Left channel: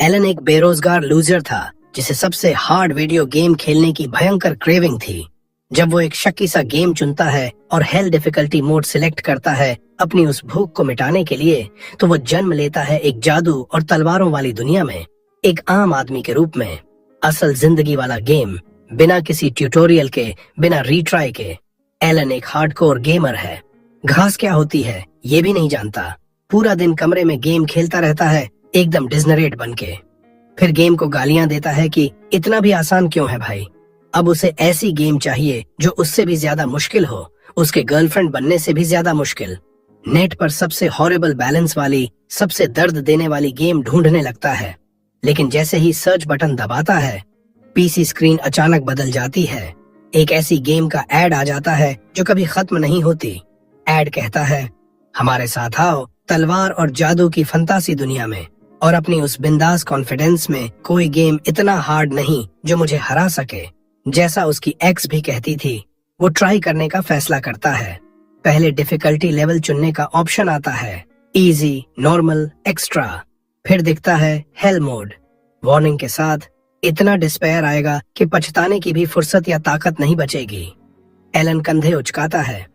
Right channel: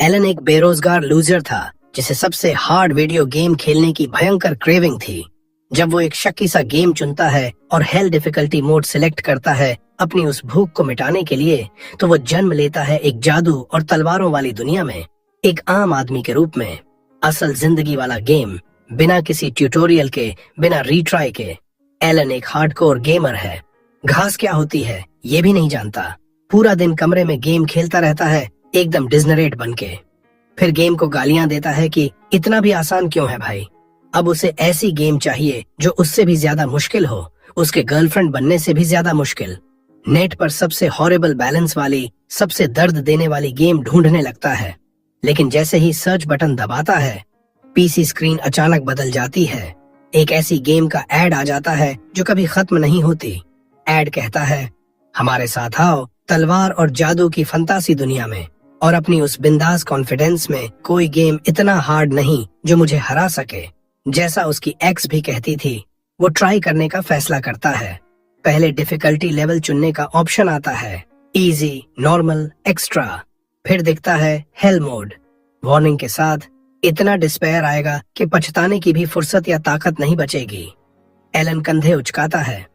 Elon एक बेरोजगार loser था जिसे सबसे हार्ड वीडियो गेम खेलने की भयंकर क्रेविंग थी। जब वो एक शक्की सा गेम चुनता है और हेल डिफिकल्टी मोड सिलेक्ट करता है अपनी उस भूख को मिटाने के लिए, तो वो जन्म लेता है एक जादू और तलवारों वाली दुनिया में, एक आम आदमी के रूप में। असल जिंदगी वाला गेम, बिना किसी ट्यूटोरियल के, बिना रीट्राई के। एलन एक हार्डकोर गेमर है। घास क्या होती है ये भी नहीं जानता। पूरा दिन कमरे में गेम खेलता रहता है, एकदम डिजनरेट बनके। फिर गेम को गालियां देता है कि इतना भी आसान क्यों है भाई। अब उसे ऐसी गेम चाहिए जो उससे भी ज्यादा मुश्किल हो, उसके गर्लफ्रेंड बनने से भी ज्यादा मुश्किल। नेट पर सबसे हॉरिबल बैलेंस वाली, सबसे दर्द देने वाली गेम ढूंढने लगता है। लेकिन जैसे ही सर्च बटन दबाता है, पीसी स्क्रीन अचानक बदल जाती है। एक ऐसी गेम का एड आ जाता है जो कभी खत्म नहीं होती। एड कहता है, हमारे साथ आओ तलवार और जादू की फंतासी दुनिया में। और अपनी उस बिंदास कॉन्फिडेंस में, कोई गेम इतना हार्ड नहीं जो मुझे हरा सके। जैसा उसकी एक्स भी कहती थी, वो ट्राई करने का फैसला करता है। पहले डिफिकल्टी लेवल चुनने का ऑप्शन आता है, इजी, नॉर्मल, एक्स्ट्रा। फिर दिखता है हेल मोड, वार्निंग के साथ, इतना डिस्पेयर आएगा कि पछताने की भी फुर्सत या ताकत नहीं बचेगी। एलन कंधे उचकाता है,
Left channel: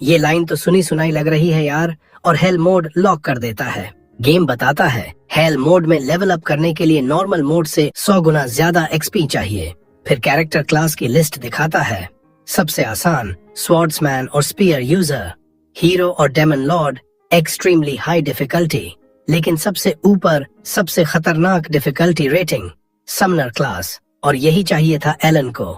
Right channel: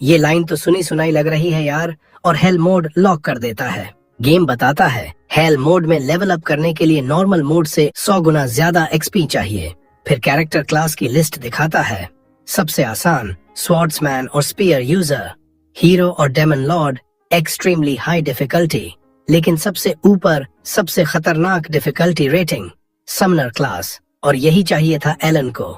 ये लाइन तो सुनी सुनाई लग रही है यार, और हेल मोड लॉक कर देता है। गेम बताता है हेल मोड में लेवल अप करने के लिए नॉर्मल मोड से 100 गुना ज्यादा एक्सपी चाहिए। फिर कैरेक्टर क्लास की लिस्ट दिखाता है। सबसे आसान स्वॉर्ड्समैन और स्पीयर यूजर, हीरो और demon lord extremely high difficulty, लेकिन सबसे ऊपर सबसे खतरनाक डिफिकल्टी रेटिंग समनर क्लास। और यही चाहिए था एलन को।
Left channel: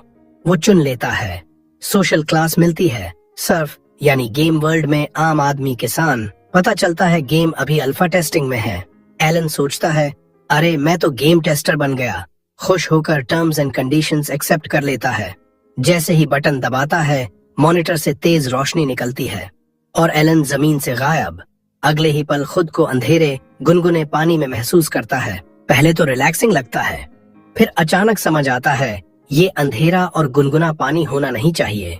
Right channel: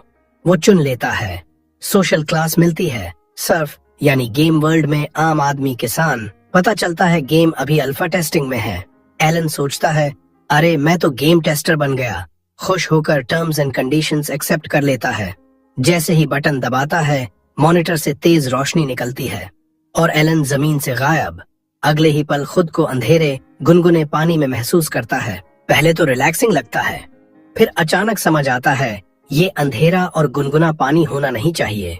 वो चुन लेता है। सोशल क्लास मिलती है, सर्फ यानी गेम वर्ल्ड में आम आदमी किसान। पता चलता है गेम अभी अल्फा टेस्टिंग में है। एलन सोचता है, अरे मैं तो गेम टेस्टर बन गया। खुश होकर टर्म्स एंड कंडीशंस एक्सेप्ट कर लेता है। जैसे ही बटन दबाता है, मॉनिटर से तेज रोशनी निकलती है और एलन जमीन से गायब। अगले ही पल खुद को अंधेरे गुनगुने पानी में महसूस करता है। पहले तो रिलैक्सिंग लगता है, फिर अचानक समझ आता है ये अंधेरा और गुनगुना पानी होना नहीं चाहिए।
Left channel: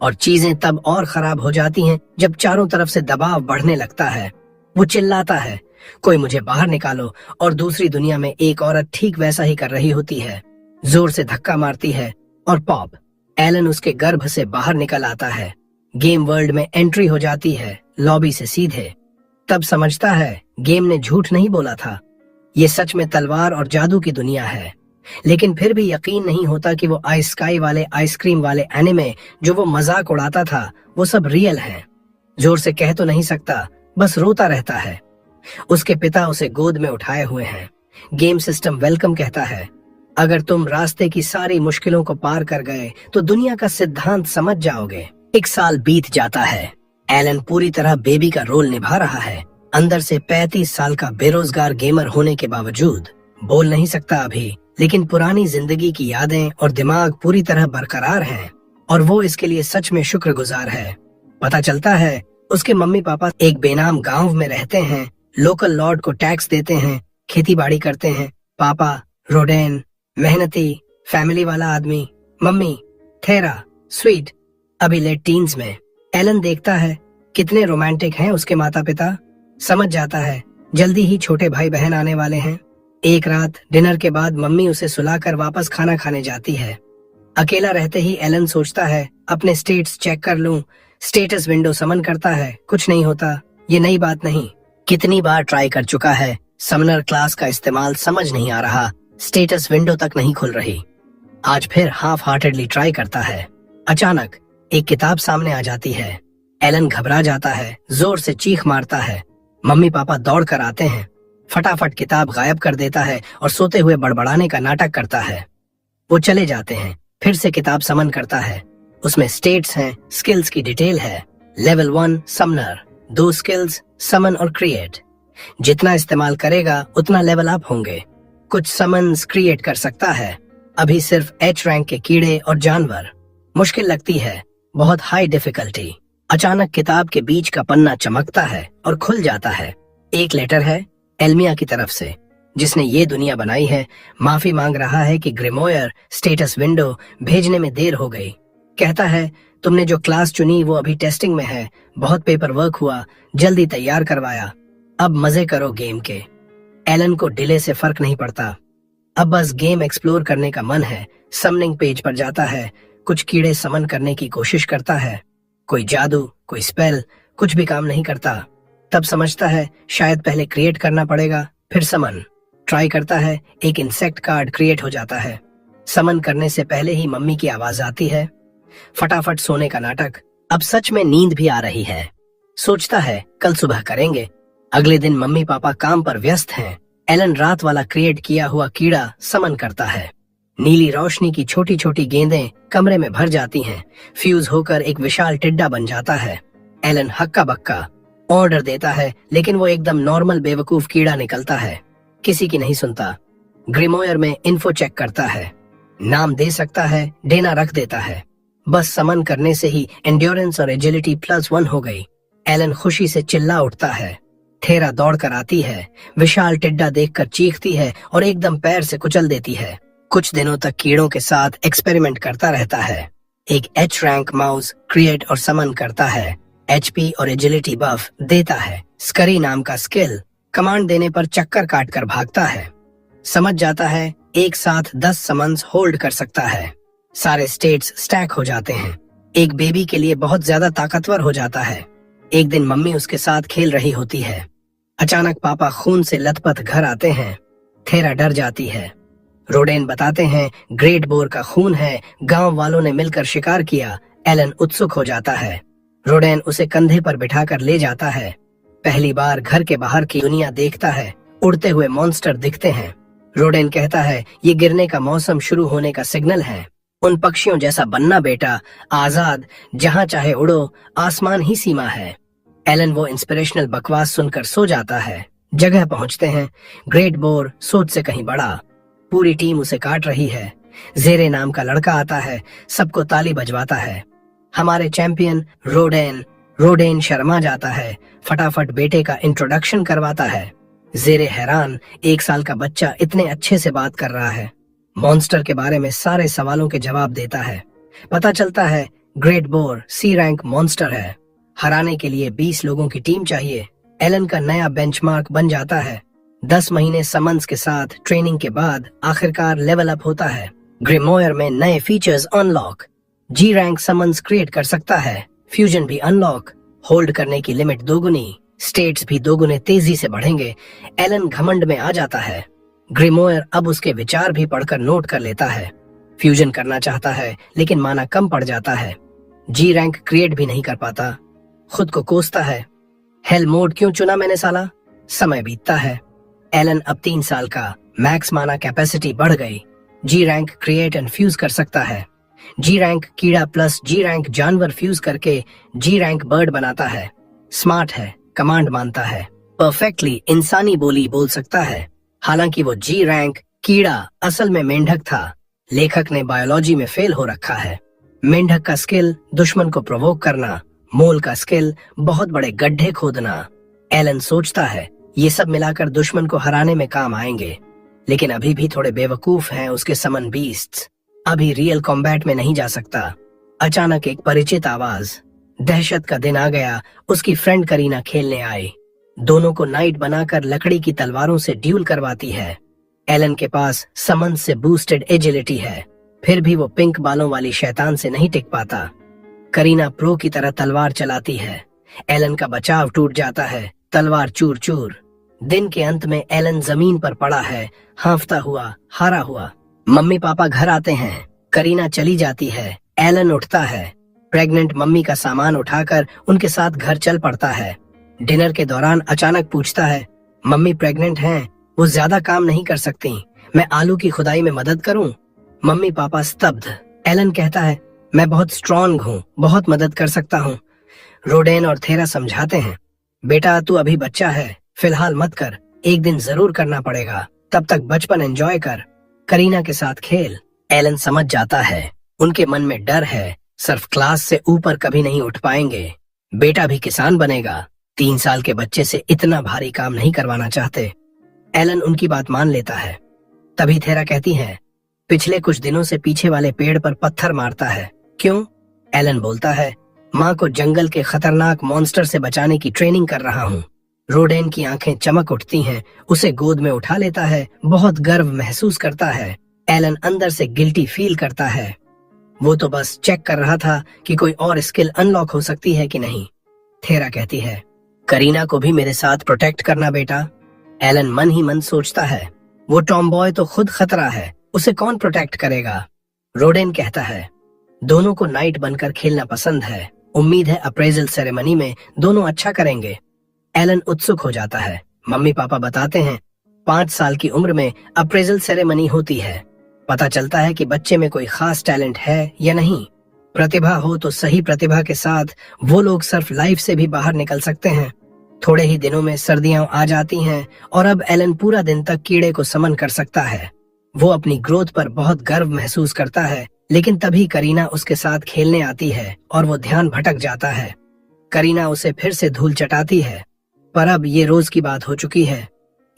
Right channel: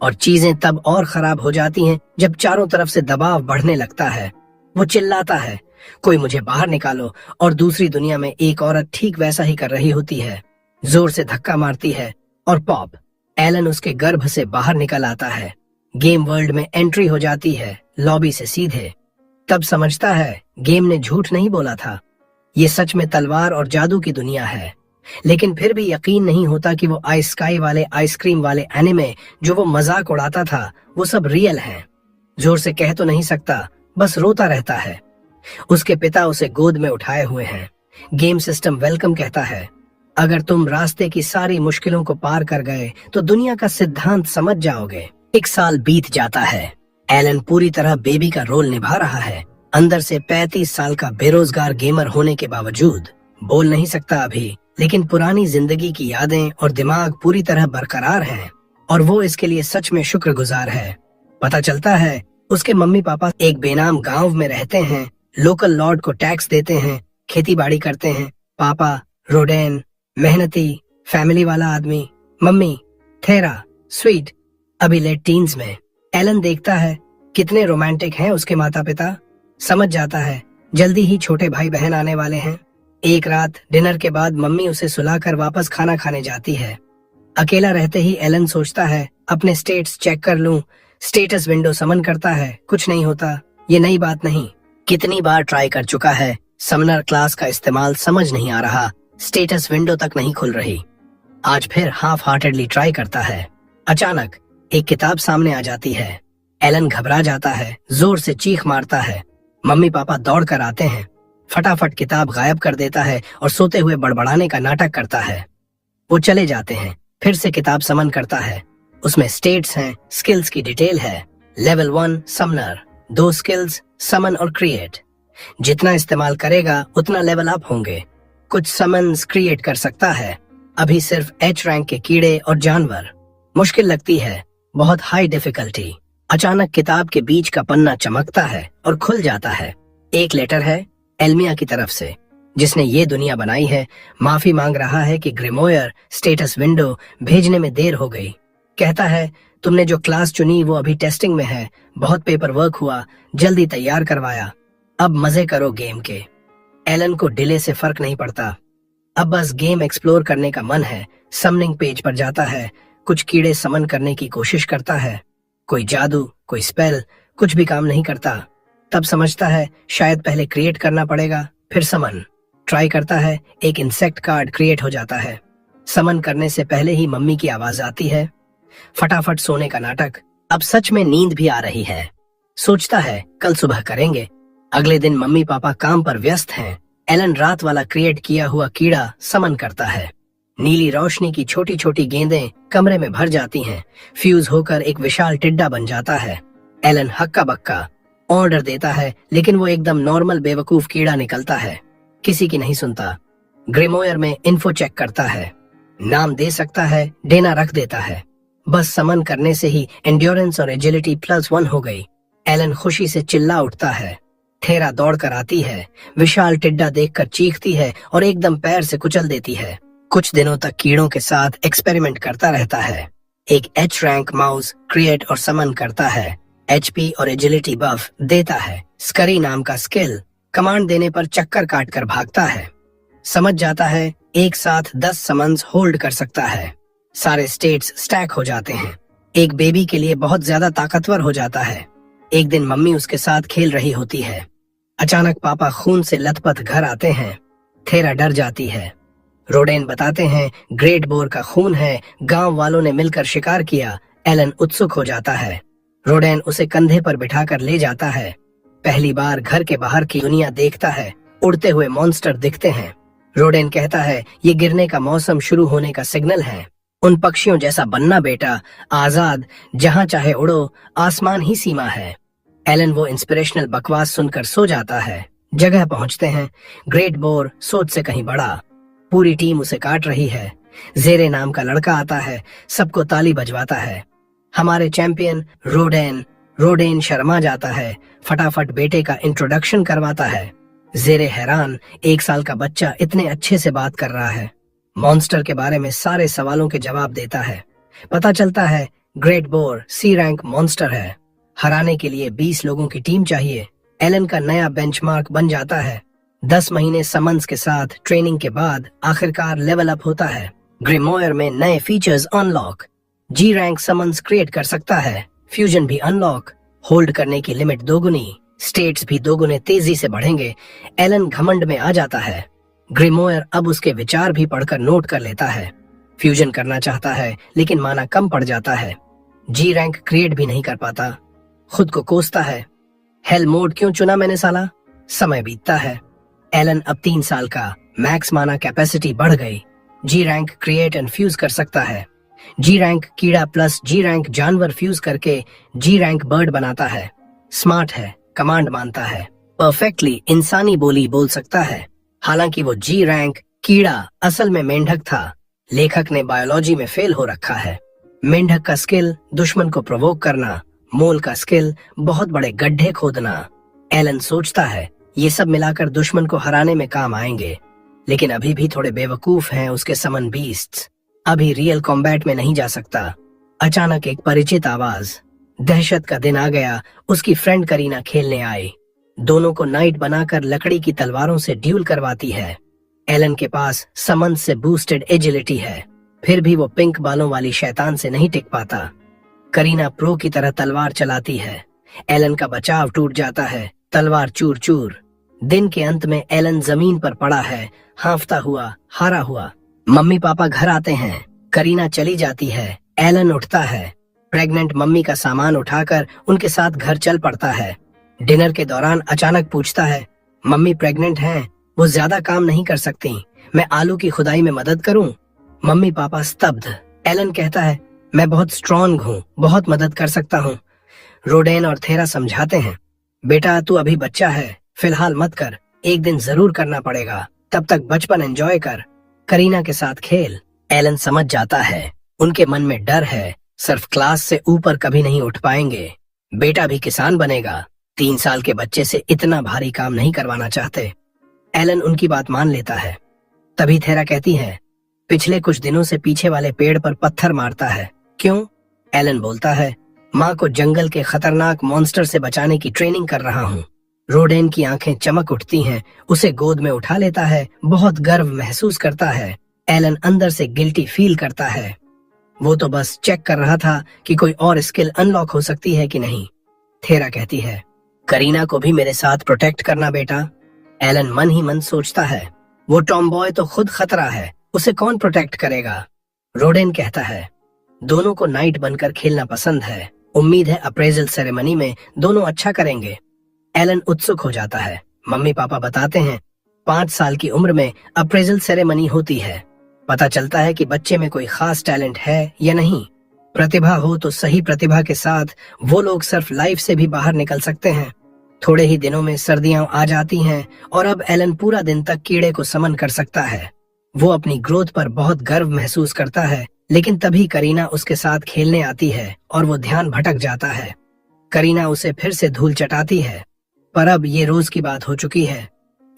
और चीजें तब और खराब हो जाती हैं जब चारों तरफ से दबाव बढ़ने लगता है। वो चिल्लाता है, कोई मुझे बाहर निकालो, और दूसरी दुनिया में एक औरत ठीक वैसा ही कर रही होती है। जोर से धक्का मारती है और पॉप, एलन उसके गर्भ से बाहर निकल आता है। गेम वर्ल्ड में एंट्री हो जाती है, लॉबी से सीधे। तब समझता है गेम ने झूठ नहीं बोला था, ये सच में तलवार और जादू की दुनिया है। लेकिन फिर भी यकीन नहीं होता कि वो आइस स्काई वाले आइसक्रीम वाले एनिमे जो वो मजाक उड़ाता था, वो सब रियल है। जोर से कह तो नहीं सकता, बस रोता रहता है। उसके पिता उसे गोद में उठाए हुए हैं। गेम सिस्टम वेलकम कहता है, अगर तुम रास्ते की सारी मुश्किलों को पार कर गए तो दुनिया का सिद्धांत समझ जाओगे। 1 साल बीत जाता है। एलन पूरी तरह बेबी का रोल निभा रहा है। अंदर से 35 साल का बेरोजगार गेमर होने के बावजूद बोल नहीं सकता अभी, लेकिन पुरानी जिंदगी की यादें और दिमाग पूरी तरह बरकरार हैं, और वो इसके लिए सच में शुक्रगुजार है। पता चलता है उसके मम्मी पापा एक बेनाम गांव में रहते हैं, लोकल लॉर्ड को टैक्स देते हैं, खेती बाड़ी करते हैं। पापा रोडेन, मेहनती, फैमिली वाला आदमी। मम्मी थेरा, स्वीट, अभी लेट टीन्स में। एलन देखता है कितने रोमांटिक हैं उसके माता पिता। समझ जाता है जल्दी ही छोटे भाई बहन आने वाले हैं। एक रात डिनर के बाद मम्मी उसे सुलाकर वापस खाना खाने जाती है। अकेला रहते ही एलन सोचता है, अपने स्टेट्स चेक कर लूं। स्टेटस विंडो समन करता है, कुछ नहीं होता। ये नई बात नहीं, कितनी बार ट्राई कर चुका है। समनर क्लास का इस्तेमाल समझ नहीं आ रहा, स्टेटस विंडो तक नहीं खुल रही। आज फिर हाफ हार्टेडली ट्राई करता है। अचानक एक किताब सामने आ जाती है। एलन घबरा जाता है, जोर से चीख मारता है। मम्मी पापा दौड़ कर आते हैं। फटाफट किताब गायब कर देता है और सोते हुए बड़बड़ाने का नाटक करता है। वो चले जाते हैं। फिर से किताब समन करता है। उसमें स्टेट्स हैं, स्किल्स की डिटेल है। लेवल 1 समनर, 2 स्किल्स समन और क्रिएट। जितना इस्तेमाल करेगा उतना लेवल अप होंगे। कुछ समन्स क्रिएट कर सकता है। अभी सिर्फ H रैंक के कीड़े और जानवर। मुश्किल लगती है, बहुत हाई डिफिकल्टी। अचानक किताब के बीच का पन्ना चमकता है और खुल जाता है। एक लेटर है एल्मिया की तरफ से, जिसने ये दुनिया बनाई है। माफी मांग रहा है कि ग्रिमोयर स्टेटस विंडो भेजने में देर हो गई। कहता है, तुमने जो क्लास चुनी वो अभी टेस्टिंग में है, बहुत पेपर वर्क हुआ, जल्दी तैयार करवाया, अब मजे करो गेम के। एलन को डिले से फर्क नहीं पड़ता। अब बस गेम एक्सप्लोर करने का मन है। समनिंग पेज पर जाता है, कुछ कीड़े समन करने की कोशिश करता है। कोई जादू, कोई स्पेल, कुछ भी काम नहीं करता। तब समझता है शायद पहले क्रिएट करना पड़ेगा, फिर समन ट्राई करता है। एक इंसेक्ट कार्ड क्रिएट हो जाता है। समन करने से पहले ही मम्मी की आवाज आती है। फटाफट सोने का नाटक। अब सच में नींद भी आ रही है। सोचता है कल सुबह करेंगे। अगले दिन मम्मी पापा काम पर व्यस्त हैं। एलन रात वाला क्रिएट किया हुआ कीड़ा समन करता है। नीली रोशनी की छोटी छोटी गेंदें कमरे में भर जाती हैं। फ्यूज होकर एक विशाल टिड्डा बन जाता है। एलन हक्का बक्का ऑर्डर देता है, लेकिन वो एकदम नॉर्मल बेवकूफ कीड़ा निकलता है। किसी की नहीं सुनता। ग्रिमोयर में इन्फो चेक करता है। नाम दे सकता है, डेना रख देता है। बस समन करने से ही एंड्योरेंस और एजिलिटी +1 हो गई। एलन खुशी से चिल्ला उठता है। थेरा दौड़कर आती है, विशाल टिड्डा देखकर चीखती है और एकदम पैर से कुचल देती है। कुछ दिनों तक कीड़ों के साथ एक्सपेरिमेंट करता रहता है। एक H रैंक माउस क्रिएट और समन करता है। HP और एजिलिटी बफ देता है। स्करी नाम का स्किल कमांड देने पर चक्कर काटकर भागता है। समझ जाता है एक साथ 10 समन्स होल्ड कर सकता है। सारे स्टेट्स स्टैक हो जाते हैं। एक बेबी के लिए बहुत ज्यादा ताकतवर हो जाता है। एक दिन मम्मी उसके साथ खेल रही होती है। अचानक पापा खून से लथपथ घर आते हैं। थेरा डर जाती है। रोडेन बताते हैं ग्रेट बोर का खून है, गांव वालों ने मिलकर शिकार किया। एलन उत्सुक हो जाता है। रोडेन उसे कंधे पर बिठाकर ले जाता है। पहली बार घर के बाहर की दुनिया देखता है। उड़ते हुए मॉन्स्टर दिखते हैं। रोडेन कहता है ये गिरने का मौसम शुरू होने का सिग्नल है। उन पक्षियों जैसा बनना बेटा, आजाद, जहां चाहे उड़ो, आसमान ही सीमा है। एलन वो इंस्पिरेशनल बकवास सुनकर सो जाता है। जगह पहुंचते हैं। ग्रेट बोर सोच से कहीं बड़ा। पूरी टीम उसे काट रही है। जेरे नाम का लड़का आता है, सबको ताली बजवाता है। हमारे चैंपियन रोडेन शर्मा जाता है। फटाफट बेटे का इंट्रोडक्शन करवाता है। जेरे हैरान, 1 साल का बच्चा इतने अच्छे से बात कर रहा है। मॉन्स्टर के बारे में सारे सवालों के जवाब देता है। पता चलता है great bore C rank monster है। हराने के लिए 20 लोगों की टीम चाहिए। एलन का नया बेंचमार्क बन जाता है। 10 महीने समन्स के साथ ट्रेनिंग के बाद आखिरकार लेवल अप होता है। ग्रिमोयर में नए features unlock. G rank summons create कर सकता है। फ्यूजन भी अनलॉक। होल्ड करने की लिमिट दोगुनी। स्टेट्स भी दोगुने तेजी से बढ़ेंगे। एलन घमंड में आ जाता है। ग्रिमोयर अब उसके विचार भी पढ़कर नोट कर लेता है। फ्यूजन करना चाहता है, लेकिन माना कम पड़ जाता है। G रैंक क्रिएट भी नहीं कर पाता। खुद को कोसता है। हेल मोड क्यों चुना मैंने साला। समय बीतता है। एलन अब 3 साल का। मैक्स माना कैपेसिटी बढ़ गई। G rank create and fuse कर सकता है। G रैंक कीड़ा प्लस G रैंक जानवर फ्यूज करके G रैंक बर्ड बनाता है। स्मार्ट है, कमांड मानता है। परफेक्टली इंसानी बोली बोल सकता है। हालांकि वो G रैंक कीड़ा असल में मेंढक था। लेखक ने बायोलॉजी में फेल हो रखा है। मेंढक का स्किल दुश्मन को प्रोवोक करना, मोल का स्किल बहुत बड़े गड्ढे खोदना। एलन सोचता है ये सब मिलाकर दुश्मन को हराने में काम आएंगे, लेकिन अभी भी थोड़े बेवकूफ हैं उसके समन बीस्ट्स। अभी रियल कॉम्बैट में नहीं जा सकता। अचानक एक परिचित आवाज। दहशत का दिन आ गया। उसकी फ्रेंड करीना खेलने आई। दोनों को नाइट बनाकर लकड़ी की तलवारों से ड्यूल करवाती है। एलन के पास समन से बूस्टेड एजिलिटी है, फिर भी वो पिंक बालों वाली शैतान से नहीं टिक पाता। करीना प्रो की तरह तलवार चलाती है। एलन का बचाव टूट जाता है। तलवार चूर चूर। दिन के अंत में एलन जमीन पर पड़ा है, हांफता हुआ, हारा हुआ। मम्मी पापा घर आते हैं। करीना चली जाती है। एलन उठता है। प्रेग्नेंट मम्मी का सामान उठाकर उनके साथ घर चल पड़ता है। डिनर के दौरान अचानक पूछता है मम्मी प्रेग्नेंट हैं, वो ज्यादा काम नहीं कर सकती, मैं आलू की खुदाई में मदद करूं? मम्मी पापा स्तब्ध। एलन कहता है मैं बहुत स्ट्रॉन्ग हूँ, बहुत मदद कर सकता हूँ। रोडेन और थेरा समझाते हैं बेटा तू अभी बच्चा है, फिलहाल मत कर, एक दिन जरूर करना पड़ेगा, तब तक बचपन एंजॉय कर, करीना के साथ खेल। एलन समझ जाता है उनके मन में डर है, सिर्फ क्लास से ऊपर कभी नहीं उठ पाएंगे। बेटा भी किसान बनेगा। 3 साल के बच्चे से इतना भारी काम नहीं करवाना चाहते। एलन उनकी बात मान लेता है। तभी थेरा कहती है पिछले कुछ दिनों से पीछे वाले पेड़ पर पत्थर मारता है, क्यों? एलन बोलता है माँ को जंगल के खतरनाक मॉन्स्टर से बचाने की ट्रेनिंग कर रहा हूँ। रोडेन की आंखें चमक उठती हैं, उसे गोद में उठा लेता है, बहुत गर्व महसूस करता है। एलन अंदर से गिल्टी फील करता है। वो तो बस चेक कर रहा था कि कोई और स्किल अनलॉक हो सकती है कि नहीं। थेरा कहती है, करीना को भी मेरे साथ प्रोटेक्ट करना बेटा। एलन मन ही मन सोचता है, वो टॉम बॉय तो खुद खतरा है, उसे कौन प्रोटेक्ट करेगा। रोडेन कहता है, दोनों को नाइट बनकर खेलना पसंद है, उम्मीद है अप्रेजल सेरेमनी में दोनों अच्छा करेंगे। एलन उत्सुक हो जाता है। मम्मी पापा बताते हैं 5 साल की उम्र में अप्रेजल सेरेमनी होती है। पता चलता है कि बच्चे में कोई खास टैलेंट है या नहीं। प्रतिभा हो तो सही प्रतिभा के साथ वो लोग सिर्फ लाइफ से भी बाहर निकल सकते हैं। थोड़े ही दिनों में सर्दियां आ जाती हैं और अब एलन पूरा दिन तक कीड़े को समन कर सकता है। वो अपनी ग्रोथ पर बहुत गर्व महसूस करता है, लेकिन तभी करीना उसके साथ खेलने आती है और वो ध्यान भटक जाता है। करीना उसे फिर से धूल चटाती है, पर अब ये रोज की बात हो चुकी है,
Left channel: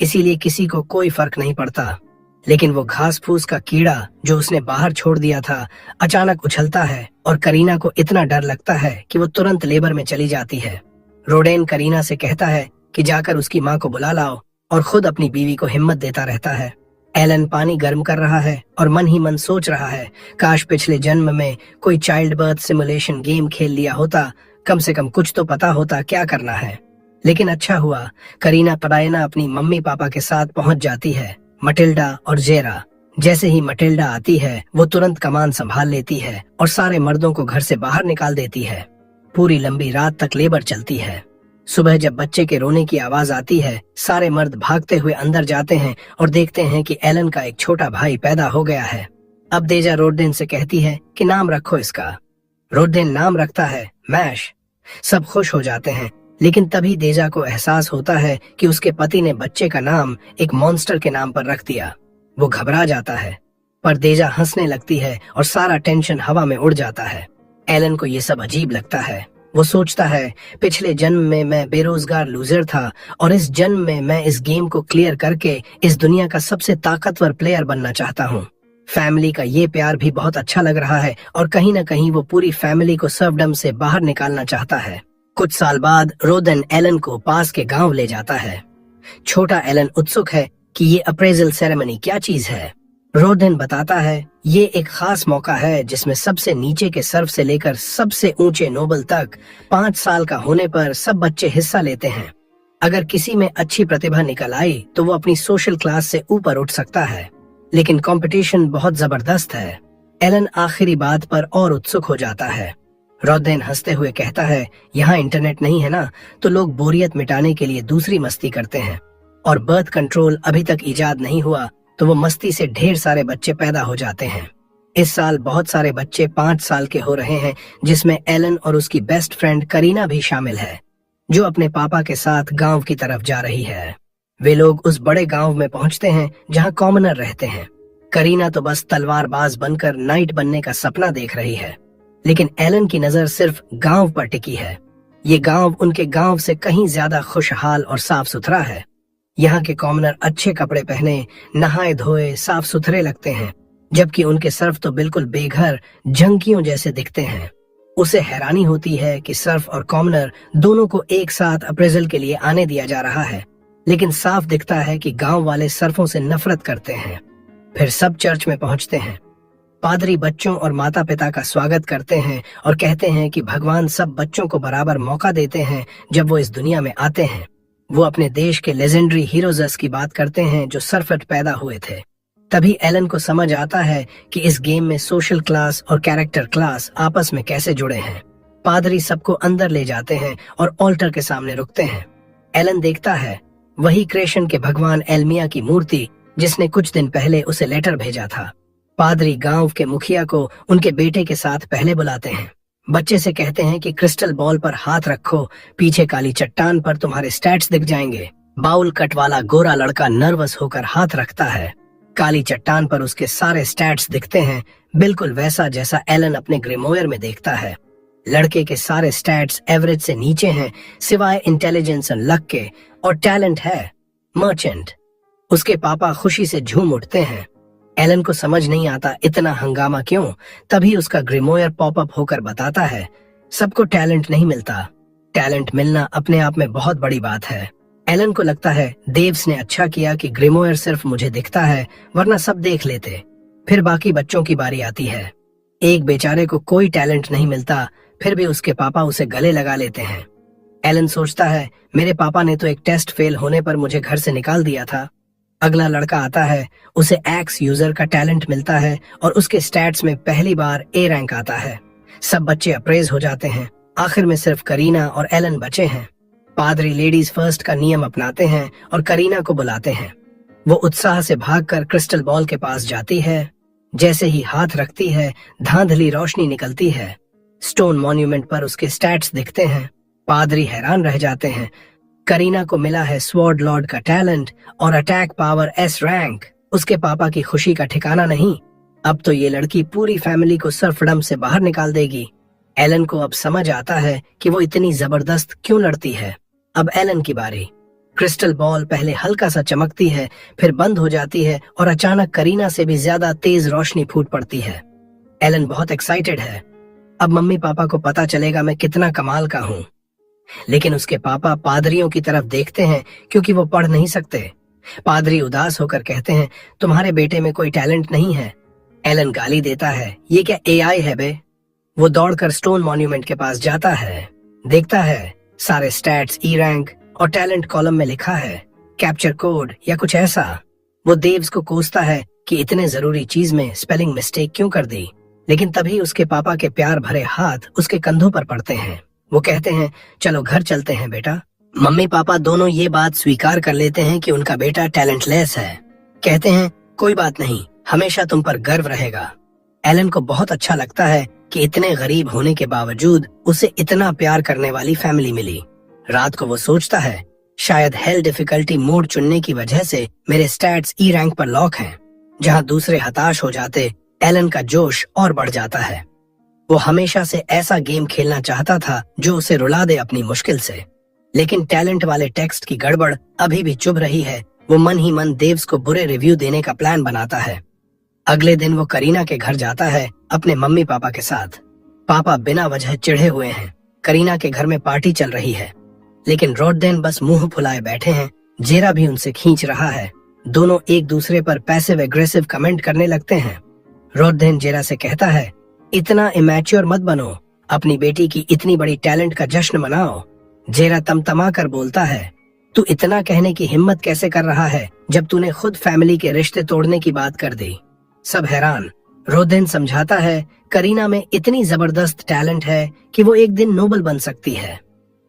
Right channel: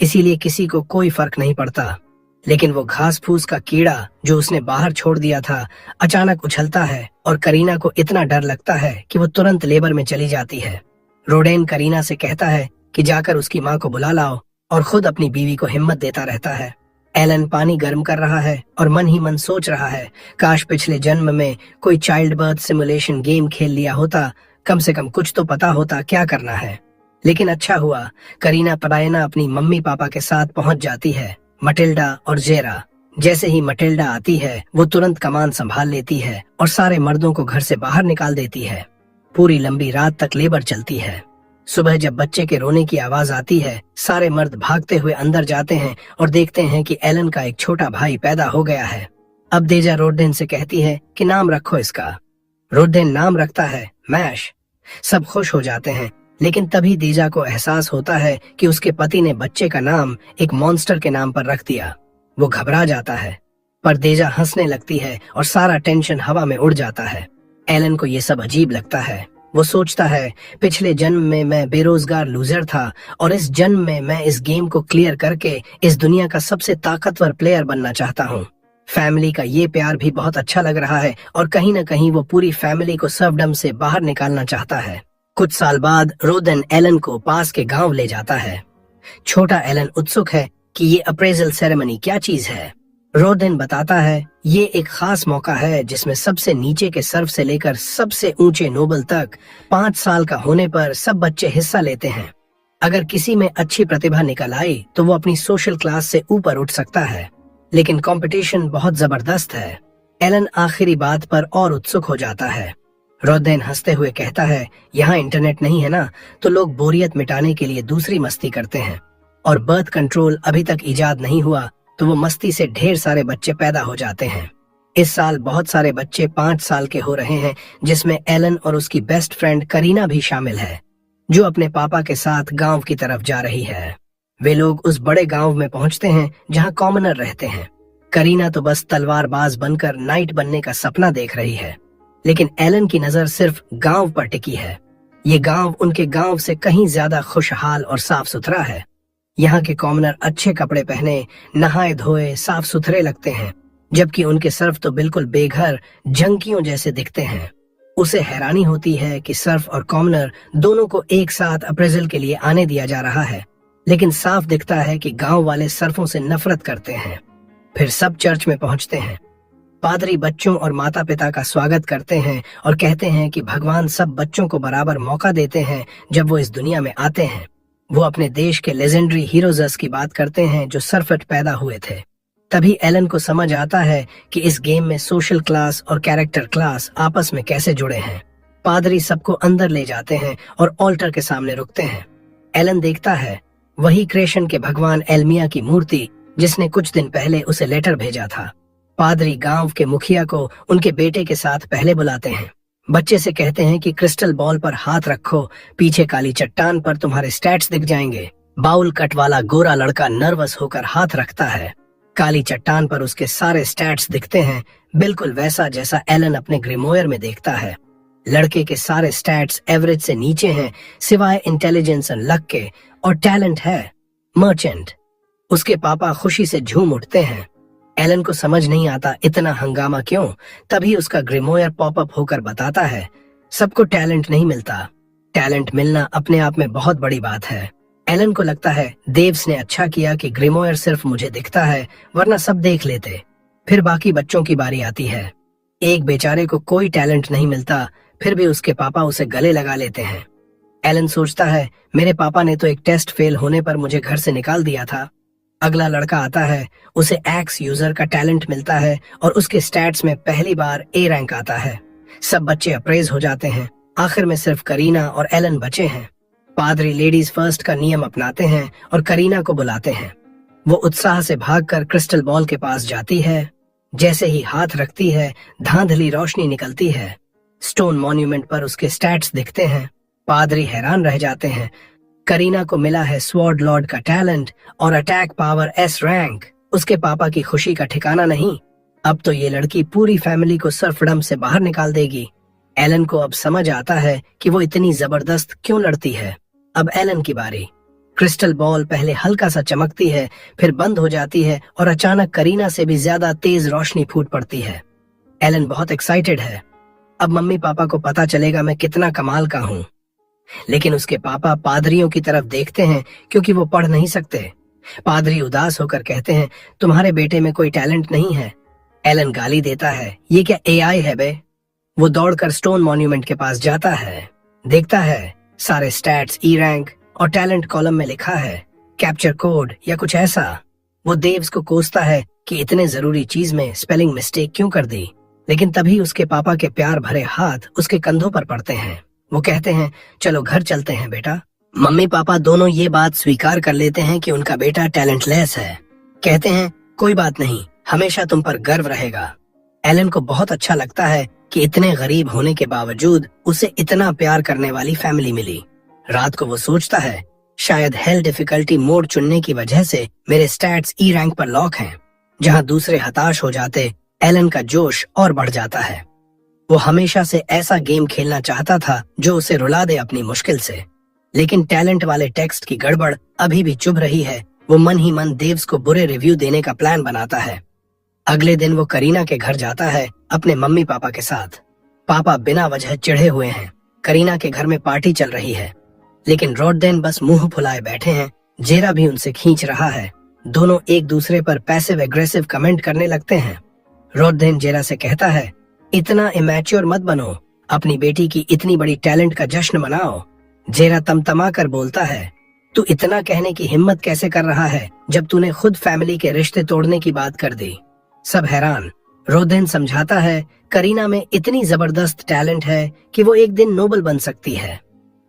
इसीलिए किसी को कोई फर्क नहीं पड़ता। लेकिन वो घास फूस का कीड़ा जो उसने बाहर छोड़ दिया था अचानक उछलता है और करीना को इतना डर लगता है कि वो तुरंत लेबर में चली जाती है। रोडेन करीना से कहता है कि जाकर उसकी माँ को बुला लाओ और खुद अपनी बीवी को हिम्मत देता रहता है। एलन पानी गर्म कर रहा है और मन ही मन सोच रहा है, काश पिछले जन्म में कोई चाइल्ड बर्थ सिमुलेशन गेम खेल लिया होता, कम से कम कुछ तो पता होता क्या करना है। लेकिन अच्छा हुआ, करीना पलायना अपनी मम्मी पापा के साथ पहुंच जाती है, मटिल्डा और जेरा। जैसे ही मटिल्डा आती है वो तुरंत कमान संभाल लेती है और सारे मर्दों को घर से बाहर निकाल देती है। पूरी लंबी रात तक लेबर चलती है। सुबह जब बच्चे के रोने की आवाज आती है, सारे मर्द भागते हुए अंदर जाते हैं और देखते हैं कि एलन का एक छोटा भाई पैदा हो गया है। अब देजा रोडेन से कहती है कि नाम रखो इसका। रोडेन नाम रखता है मैश। सब खुश हो जाते हैं, लेकिन तभी देजा को एहसास होता है कि उसके पति ने बच्चे का नाम एक मॉन्स्टर के नाम पर रख दिया। वो घबरा जाता है, पर देजा हंसने लगती है और सारा टेंशन हवा में उड़ जाता है। एलन को ये सब अजीब लगता है। वो सोचता है, पिछले जन्म में मैं बेरोजगार लूजर था और इस जन्म में मैं इस गेम को क्लियर करके इस दुनिया का सबसे ताकतवर प्लेयर बनना चाहता हूँ। फैमिली का ये प्यार भी बहुत अच्छा लग रहा है और कहीं न कहीं वो पूरी फैमिली को सर्वडम से बाहर निकालना चाहता है। कुछ साल बाद रोदेन एलन को पास के गांव ले जाता है। छोटा एलन उत्सुक है कि ये अप्रेजल सेरेमनी क्या चीज है। रोदेन बताता है, ये एक खास मौका है जिसमें सबसे नीचे के सर्व से लेकर सबसे ऊंचे नोबल तक 5 साल का होने पर सब बच्चे हिस्सा लेते हैं। अगर किसी में अच्छी प्रतिभा निकल आई तो वो अपनी सोशल क्लास से ऊपर उठ सकता है, लेकिन कंपटीशन बहुत जबरदस्त है। एलन आखिरी बात पर और उत्सुक हो जाता है। रोदेन हंसते हुए कहता है, यहाँ इंटरनेट नहीं है ना, तो लोग बोरियत मिटाने के लिए दूसरी मस्ती करते हैं, और बर्थ कंट्रोल अभी तक इजाद नहीं हुआ तो वो मस्ती से ढेर सारे बच्चे पैदा हो जाते हैं। इस साल बहुत सारे बच्चे 5 साल के हो रहे हैं, जिसमें एलन और उसकी बेस्ट फ्रेंड करीना भी शामिल है, जो अपने पापा के साथ गांव की तरफ जा रही है। वे लोग उस बड़े गांव में पहुंचते हैं जहां कॉमनर रहते हैं। करीना तो बस तलवारबाज बनकर नाइट बनने का सपना देख रही है, लेकिन एलन की नजर सिर्फ गांव पर टिकी है। ये गांव उनके गांव से कहीं ज्यादा खुशहाल और साफ सुथरा है। यहाँ के कॉमनर अच्छे कपड़े पहने, नहाए धोए, साफ सुथरे लगते हैं, जबकि उनके सर्फ तो बिल्कुल बेघर जंकियों जैसे दिखते हैं। उसे हैरानी होती है कि सर्फ और कॉमनर दोनों को एक साथ अप्रेजल के लिए आने दिया जा रहा है, लेकिन साफ दिखता है कि गांव वाले सर्फों से नफरत करते हैं। फिर सब चर्च में पहुंचते हैं। पादरी बच्चों और माता पिता का स्वागत करते हैं और कहते हैं कि भगवान सब बच्चों को बराबर मौका देते हैं जब वो इस दुनिया में आते हैं। वो अपने देश के लेजेंडरी हीरोज की बात करते हैं जो सरफट पैदा हुए थे। तभी एलन को समझ आता है कि इस गेम में सोशल क्लास और कैरेक्टर क्लास आपस में कैसे जुड़े हैं। पादरी सबको अंदर ले जाते हैं और ऑल्टर के सामने रुकते हैं। एलन देखता है वही क्रिएशन के भगवान एल्मिया की मूर्ति जिसने कुछ दिन पहले उसे लेटर भेजा था। पादरी गांव के मुखिया को उनके बेटे के साथ पहले बुलाते हैं। बच्चे से कहते हैं कि क्रिस्टल बॉल पर हाथ रखो, पीछे काली चट्टान पर तुम्हारे स्टैट्स दिख जाएंगे। बाउल कट वाला गोरा लड़का नर्वस होकर हाथ रखता है। काली चट्टान पर उसके सारे स्टैट्स दिखते हैं, बिल्कुल वैसा जैसा एलन अपने ग्रिमोयर में देखता है। लड़के के सारे स्टैट्स एवरेज से नीचे हैं, सिवाय इंटेलिजेंस और लक के, और टैलेंट है मर्चेंट। उसके पापा खुशी से झूम उठते हैं। एलन को समझ नहीं आता इतना हंगामा क्यों। तभी उसका ग्रिमोयर पॉपअप होकर बताता है, सबको टैलेंट नहीं मिलता, टैलेंट मिलना अपने आप में बहुत बड़ी बात है। एलन को लगता है देव्स ने अच्छा किया कि ग्रिमोयर सिर्फ मुझे दिखता है, वरना सब देख लेते। फिर बाकी बच्चों की बारी आती है। एक बेचारे को कोई टैलेंट नहीं मिलता, फिर भी उसके पापा उसे गले लगा लेते हैं। एलन सोचता है मेरे पापा ने तो एक टेस्ट फेल होने पर मुझे घर से निकाल दिया था। अगला लड़का आता है, उसे एक्स यूजर का टैलेंट मिलता है और उसके स्टैट्स में पहली बार ए रैंक आता है। सब बच्चे अप्रेज हो जाते हैं। आखिर में सिर्फ करीना और एलन बचे हैं। पादरी लेडीज फर्स्ट का नियम अपनाते हैं और करीना को बुलाते हैं। वो उत्साह से भागकर क्रिस्टल बॉल के पास जाती है। जैसे ही हाथ रखती है, धांधली रोशनी निकलती है। स्टोन मॉन्यूमेंट पर उसके स्टैट्स दिखते हैं। पादरी हैरान रह जाते हैं। करीना को मिला है स्वॉर्ड लॉर्ड का टैलेंट और अटैक पावर एस रैंक। उसके पापा की खुशी का ठिकाना नहीं। अब तो ये लड़की पूरी फैमिली को सर्फडम से बाहर निकाल देगी। एलन को अब समझ आता है कि वो इतनी जबरदस्त क्यों लड़ती है। अब एलन की बारी। क्रिस्टल बॉल पहले हल्का सा चमकती है, फिर बंद हो जाती है और अचानक करीना से भी ज्यादा तेज रोशनी फूट पड़ती है। एलन बहुत एक्साइटेड है। अब मम्मी पापा को पता चलेगा मैं कितना कमाल का हूँ। लेकिन उसके पापा पादरियों की तरफ देखते हैं क्योंकि वो पढ़ नहीं सकते। पादरी उदास होकर कहते हैं तुम्हारे बेटे में कोई टैलेंट नहीं है। एलन गाली देता है ये क्या एआई है बे। वो दौड़कर स्टोन मॉन्यूमेंट के पास जाता है। देखता है सारे स्टैट्स ई रैंक और टैलेंट कॉलम में लिखा है कैप्चर कोड या कुछ ऐसा। वो देव्स को कोसता है कि इतने जरूरी चीज में स्पेलिंग मिस्टेक क्यों कर दी। लेकिन तभी उसके पापा के प्यार भरे हाथ उसके कंधों पर पड़ते हैं। वो कहते हैं चलो घर चलते हैं बेटा। मम्मी पापा दोनों ये बात स्वीकार कर लेते हैं कि उनका बेटा टैलेंटलेस है। कहते हैं कोई बात नहीं, हमेशा तुम पर गर्व रहेगा। एलन को बहुत अच्छा लगता है कि इतने गरीब होने के बावजूद उसे इतना प्यार करने वाली फैमिली मिली। रात को वो सोचता है शायद हेल डिफिकल्टी मोड चुनने की वजह से मेरे स्टैट्स ई रैंक पर लॉक हैं। जहाँ दूसरे हताश हो जाते, एलन का जोश और बढ़ जाता है। वो हमेशा से ऐसा गेम खेलना चाहता था जो उसे रुला दे अपनी मुश्किल से। लेकिन टैलेंट वाले टेक्स्ट की गड़बड़ अभी भी चुभ रही है। वो मन ही मन देव्स को बुरे रिव्यू देने का प्लान बनाता है। अगले दिन वो करीना के घर जाता है अपने मम्मी पापा के साथ। पापा बिना वजह चिढ़े हुए हैं। करीना के घर में पार्टी चल रही है, लेकिन रॉडेन बस मुंह फुलाए बैठे हैं। जेरा भी उनसे खींच रहा है। दोनों एक दूसरे पर पैसिव एग्रेसिव कमेंट करने लगते हैं। रॉडेन जेरा से कहता है इतना इमैच्योर मत बनो, अपनी बेटी की इतनी बड़ी टैलेंट का जश्न मनाओ। जेरा तमतमा कर बोलता है तू इतना कहने की हिम्मत कैसे कर रहा है जब तूने खुद फैमिली के रिश्ते तोड़ने की बात कर दी। सब हैरान। रोदेन समझाता है करीना में इतनी जबरदस्त टैलेंट है कि वो एक दिन नोबल बन सकती है।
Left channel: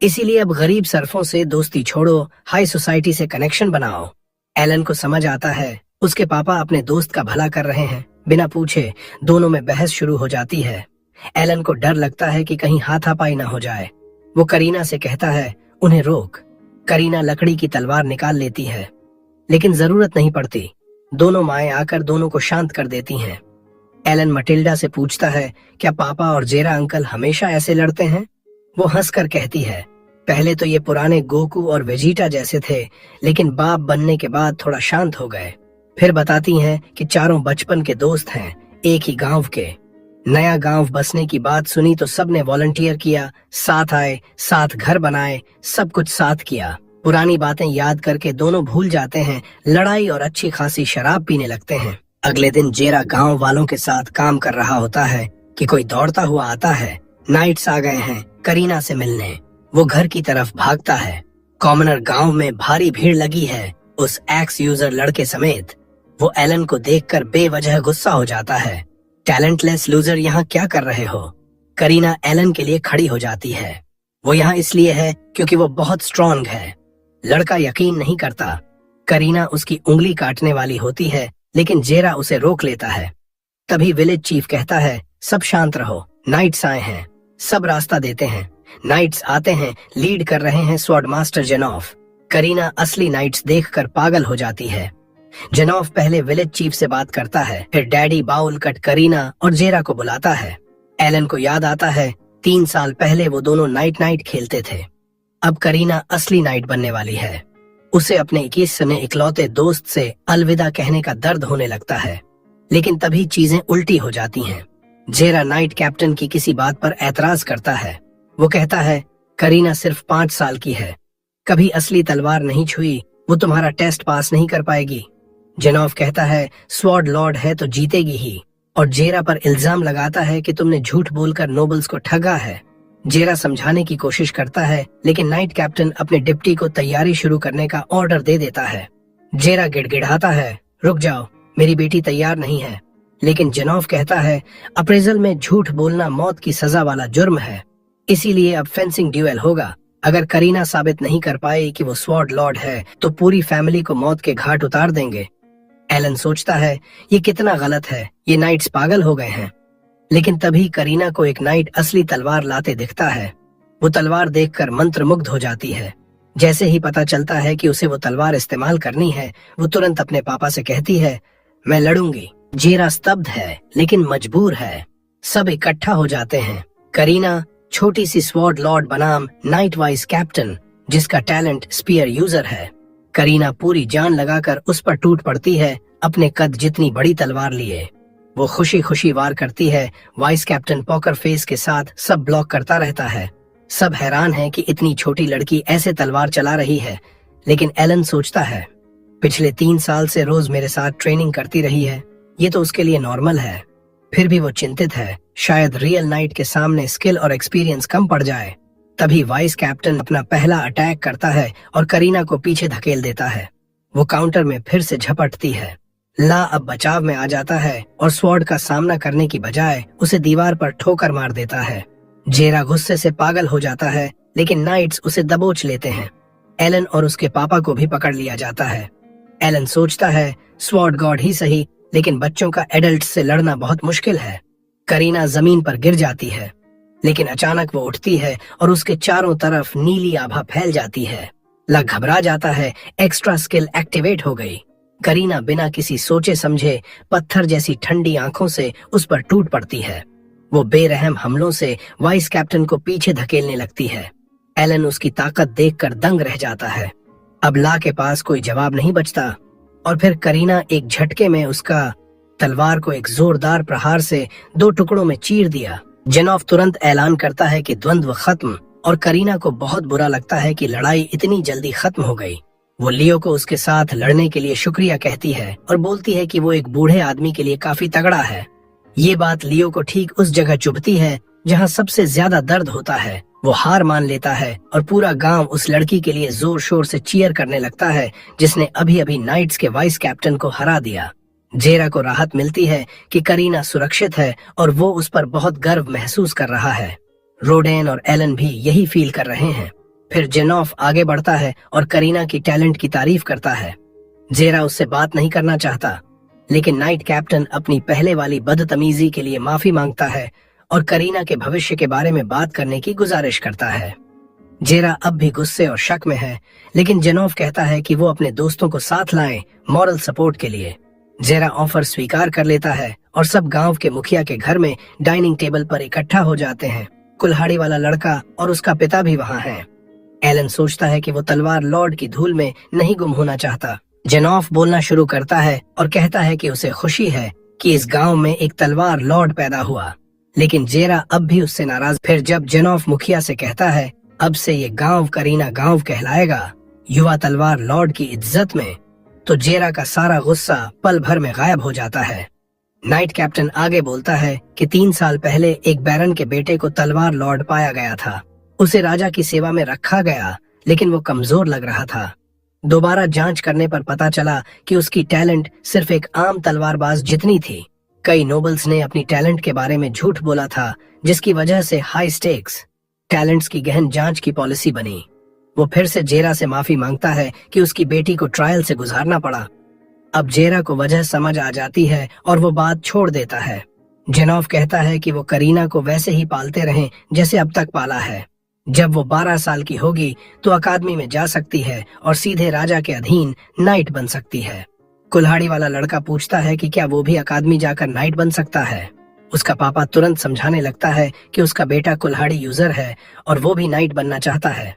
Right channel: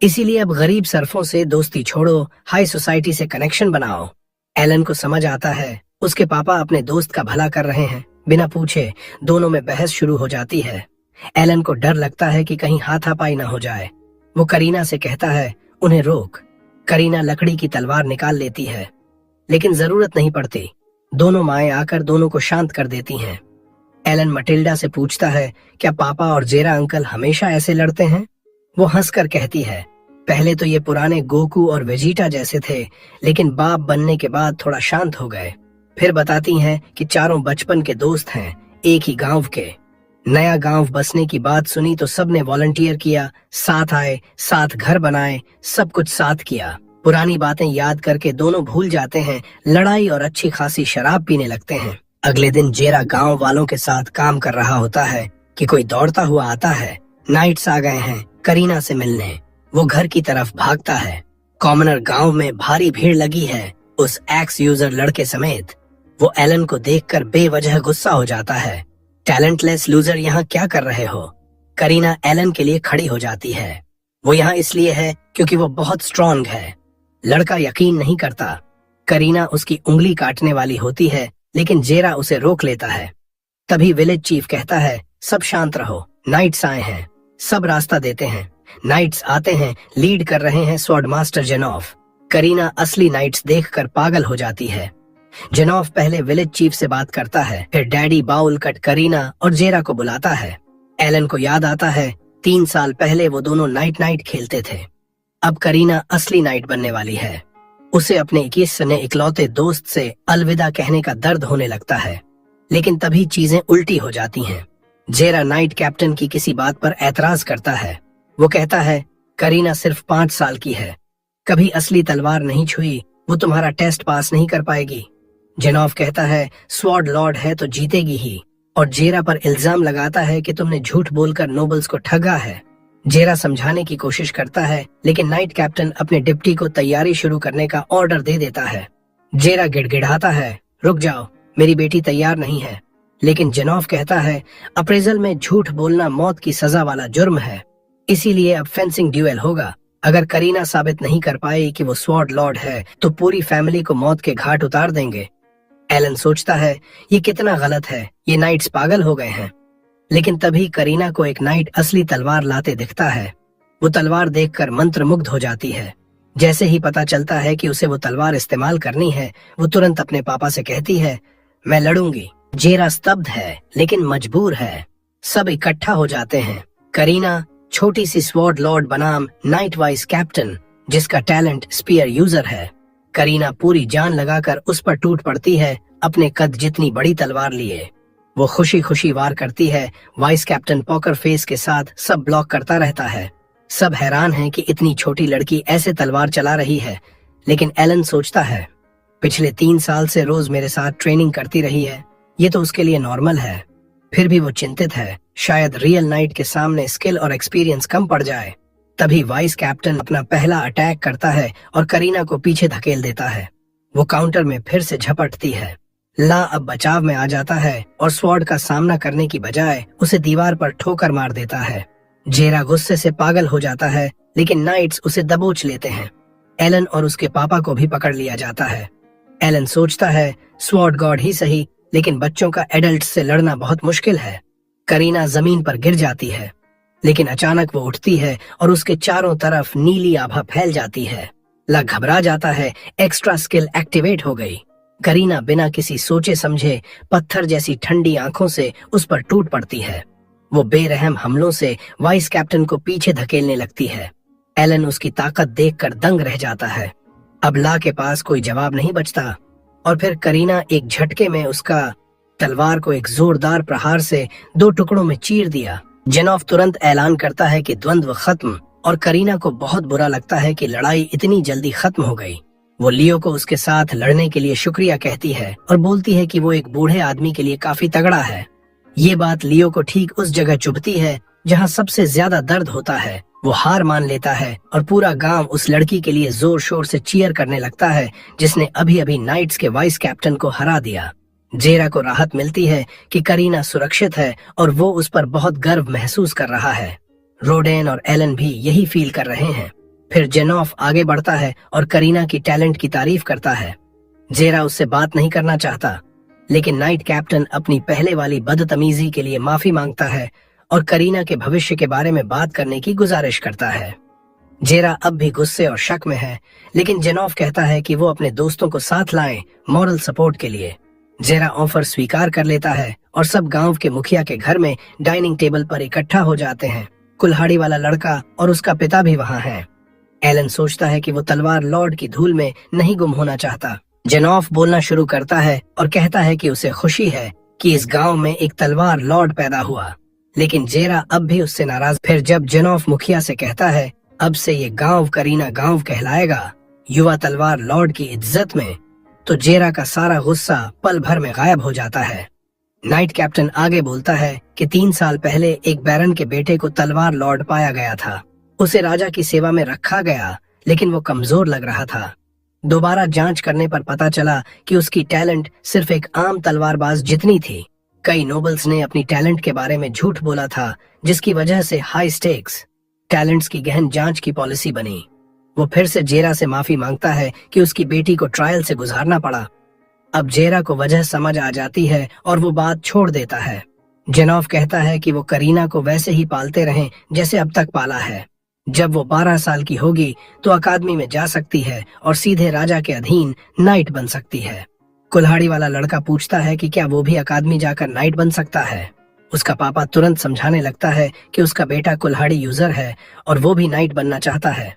इसीलिए अब गरीब सरफों से दोस्ती छोड़ो, हाई सोसाइटी से कनेक्शन बनाओ। एलन को समझ आता है उसके पापा अपने दोस्त का भला कर रहे हैं। बिना पूछे दोनों में बहस शुरू हो जाती है। एलन को डर लगता है कि कहीं हाथापाई न हो जाए। वो करीना से कहता है उन्हें रोक। करीना लकड़ी की तलवार निकाल लेती है, लेकिन जरूरत नहीं पड़ती। दोनों माएं आकर दोनों को शांत कर देती हैं। एलन मटिल्डा से पूछता है क्या पापा और जेरा अंकल हमेशा ऐसे लड़ते हैं। वो हंसकर कहती है पहले तो ये पुराने गोकू और वेजिटा जैसे थे, लेकिन बाप बनने के बाद थोड़ा शांत हो गए। फिर बताती हैं कि चारों बचपन के दोस्त हैं, एक ही गांव के। नया गांव बसने की बात सुनी तो सबने वॉलंटियर किया, साथ आए, साथ घर बनाए, सब कुछ साथ किया। पुरानी बातें याद करके दोनों भूल जाते हैं, लड़ाई और अच्छी खासी शराब पीने लगते हैं। अगले दिन जेरा गांव वालों के साथ काम कर रहा होता है कि कोई दौड़ता हुआ आता है। नाइट्स आ गए हैं करीना से मिलने। वो घर की तरफ भागता है। कॉमनर गांव में भारी भीड़ लगी है, उस एक्स यूजर लड़के समेत। वो एलन को देखकर बेवजह गुस्सा हो जाता है। टैलेंटलेस लूजर यहाँ क्या कर रहे हो। करीना एलन के लिए खड़ी हो जाती है। वो यहाँ इसलिए है क्योंकि वो बहुत स्ट्रॉन्ग है। लड़का यकीन नहीं करता। करीना उसकी उंगली काटने वाली होती है, लेकिन जेरा उसे रोक लेता है। तभी विलेज चीफ कहता है सब शांत रहो, नाइट्स आए हैं। सब रास्ता देते हैं। नाइट्स आते हैं, लीड कर रहे हैं स्वॉर्ड मास्टर जेनॉफ। करीना असली नाइट्स देखकर पागल हो जाती है। जेनॉफ पहले विलेज चीफ से बात करता है, फिर डैडी बाउल कट करीना और जेरा को बुलाता है। एलन को याद आता है 3 साल पहले वो दोनों नाइट नाइट खेलते थे। अब करीना असली नाइट बनने वाली है। उसे अपने 21 सने इकलौते दोस्त से अलविदा कहने का दर्द होने लगता है, लेकिन तभी चीजें उल्टी हो जाती हैं। जेरा नाइट कैप्टन की किसी बात पर एतराज करता है। वो कहता है करीना सिर्फ 5 साल की है, कभी असली तलवार नहीं छुई, वो तुम्हारा टेस्ट पास नहीं कर पाएगी। जेनॉफ कहता है स्वॉर्ड लॉर्ड है तो जीतेगी ही, और जेरा पर इल्जाम लगाता है कि तुमने झूठ बोलकर नोबल्स को ठगा है। जेरा समझाने की कोशिश करता है, लेकिन नाइट कैप्टन अपने डिप्टी को तैयारी शुरू करने का ऑर्डर दे देता है। जेरा गिड़गिड़ाता है, रुक जाओ, मेरी बेटी तैयार नहीं है। लेकिन जेनॉफ कहता है अप्रेजल में झूठ बोलना मौत की सजा वाला जुर्म है, इसीलिए अब फेंसिंग ड्यूएल होगा। अगर करीना साबित नहीं कर पाई कि वो स्वॉर्ड लॉर्ड है तो पूरी फैमिली को मौत के घाट उतार देंगे। एलन सोचता है ये कितना गलत है, ये नाइट्स पागल हो गए हैं। लेकिन तभी करीना को एक नाइट असली तलवार लाते दिखता है। वो तलवार देखकर मंत्रमुग्ध हो जाती है। जैसे ही पता चलता है कि उसे वो तलवार इस्तेमाल करनी है, वो तुरंत अपने पापा से कहती है मैं लड़ूंगी। जेरा स्तब्ध है लेकिन मजबूर है। सब इकट्ठा हो जाते हैं। करीना छोटी सी स्वॉर्ड लॉर्ड बनाम नाइट वाइस कैप्टन, जिसका टैलेंट स्पीयर यूजर है। करीना पूरी जान लगाकर उस पर टूट पड़ती है, अपने कद जितनी बड़ी तलवार लिए। वो खुशी खुशी वार करती है। वाइस कैप्टन पॉकर फेस के साथ सब ब्लॉक करता रहता है। सब हैरान हैं कि इतनी छोटी लड़की ऐसे तलवार चला रही है। लेकिन एलन सोचता है पिछले 3 साल से रोज मेरे साथ ट्रेनिंग करती रही है, ये तो उसके लिए नॉर्मल है। फिर भी वो चिंतित है, शायद रियल नाइट के सामने स्किल और एक्सपीरियंस कम पड़ जाए। तभी वाइस कैप्टन अपना पहला अटैक करता है और करीना को पीछे धकेल देता है। वो काउंटर में फिर से झपटती है। ला अब बचाव में आ जाता है और स्वॉर्ड का सामना करने की बजाय उसे दीवार पर ठोकर मार देता है। जेरा गुस्से से पागल हो जाता है, लेकिन नाइट्स उसे दबोच लेते हैं। एलन और उसके पापा को भी पकड़ लिया जाता है। एलन सोचता है स्वॉर्ड गॉड ही सही, लेकिन बच्चों का एडल्ट से लड़ना बहुत मुश्किल है। करीना जमीन पर गिर जाती है, लेकिन अचानक वो उठती है और उसके चारों तरफ नीली आभा फैल जाती है। ला घबरा जाता है, एक्स्ट्रा स्किल एक्टिवेट हो गई। करीना बिना किसी सोचे समझे पत्थर जैसी ठंडी आंखों से उस पर टूट पड़ती है। वो बेरहम हमलों से वाइस कैप्टन को पीछे धकेलने लगती है। एलन उसकी ताकत देखकर दंग रह जाता है। अब ला के पास कोई जवाब नहीं बचता और फिर करीना एक झटके में उसका तलवार को एक जोरदार प्रहार से 2 टुकड़ों में चीर दिया। जेनॉफ तुरंत ऐलान करता है कि द्वंद्व खत्म, और करीना को बहुत बुरा लगता है कि लड़ाई इतनी जल्दी खत्म हो गई। वो लियो को उसके साथ लड़ने के लिए शुक्रिया कहती है और बोलती है कि वो एक बूढ़े आदमी के लिए काफी तगड़ा है। ये बात लियो को ठीक उस जगह चुभती है जहाँ सबसे ज्यादा दर्द होता है। वो हार मान लेता है और पूरा गांव उस लड़की के लिए जोर शोर से चीयर करने लगता है जिसने अभी अभी नाइट्स के वाइस कैप्टन को हरा दिया। जेरा को राहत मिलती है कि करीना सुरक्षित है और वो उस पर बहुत गर्व महसूस कर रहा है। रोडेन और एलन भी यही फील कर रहे हैं। फिर जेनॉफ आगे बढ़ता है और करीना की टैलेंट की तारीफ करता है। जेरा उससे बात नहीं करना चाहता, लेकिन नाइट कैप्टन अपनी पहले वाली बदतमीजी के लिए माफी मांगता है और करीना के भविष्य के बारे में बात करने की गुजारिश करता है। जेरा अब भी गुस्से और शक में है, लेकिन जेनॉफ कहता है कि वो अपने दोस्तों को साथ लाएं मॉरल सपोर्ट के लिए। जेरा ऑफर स्वीकार कर लेता है और सब गांव के मुखिया के घर में डाइनिंग टेबल पर इकट्ठा हो जाते हैं। कुल्हाड़ी वाला लड़का और उसका पिता भी वहाँ है। एलन सोचता है कि वो तलवार लॉर्ड की धूल में नहीं गुम होना चाहता। जेनॉफ बोलना शुरू करता है और कहता है कि उसे खुशी है कि इस गांव में एक तलवार लॉर्ड पैदा हुआ, लेकिन जेरा अब भी उससे नाराज। फिर जब जेनॉफ मुखिया से कहता है अब से ये गांव करीना गांव कहलाएगा, युवा तलवार लॉर्ड की इज्जत में, तो जेरा का सारा गुस्सा पल भर में गायब हो जाता है। नाइट कैप्टन आगे बोलता है कि 3 साल पहले एक बैरन के बेटे को तलवार लॉर्ड पाया गया था। उसे राजा की सेवा में रखा गया, लेकिन वो कमजोर लग रहा था। दोबारा जांच करने पर पता चला कि उसकी टैलेंट सिर्फ एक आम तलवारबाज जितनी थी। कई नोबल्स ने अपनी टैलेंट के बारे में झूठ बोला था, जिसकी वजह से हाई स्टेक्स टैलेंट्स की गहन जांच की पॉलिसी बनी। वो फिर से जेरा से माफी मांगता है कि उसकी बेटी को ट्रायल से गुजारना पड़ा। अब जेरा को वजह समझ आ जाती है और वो बात छोड़ देता है। जेनॉफ कहता है कि वो करीना को वैसे ही पालते रहें जैसे अब तक पाला है। जब वो 12 साल की होगी तो अकादमी में जा सकती है और सीधे राजा के अधीन नाइट बन सकती है। कुल्हाड़ी वाला लड़का पूछता है कि क्या वो भी अकादमी जाकर नाइट बन सकता है। उसका पापा तुरंत समझाने लगता है कि उसका बेटा कुल्हाड़ी यूजर है और वो भी नाइट बनना चाहता है।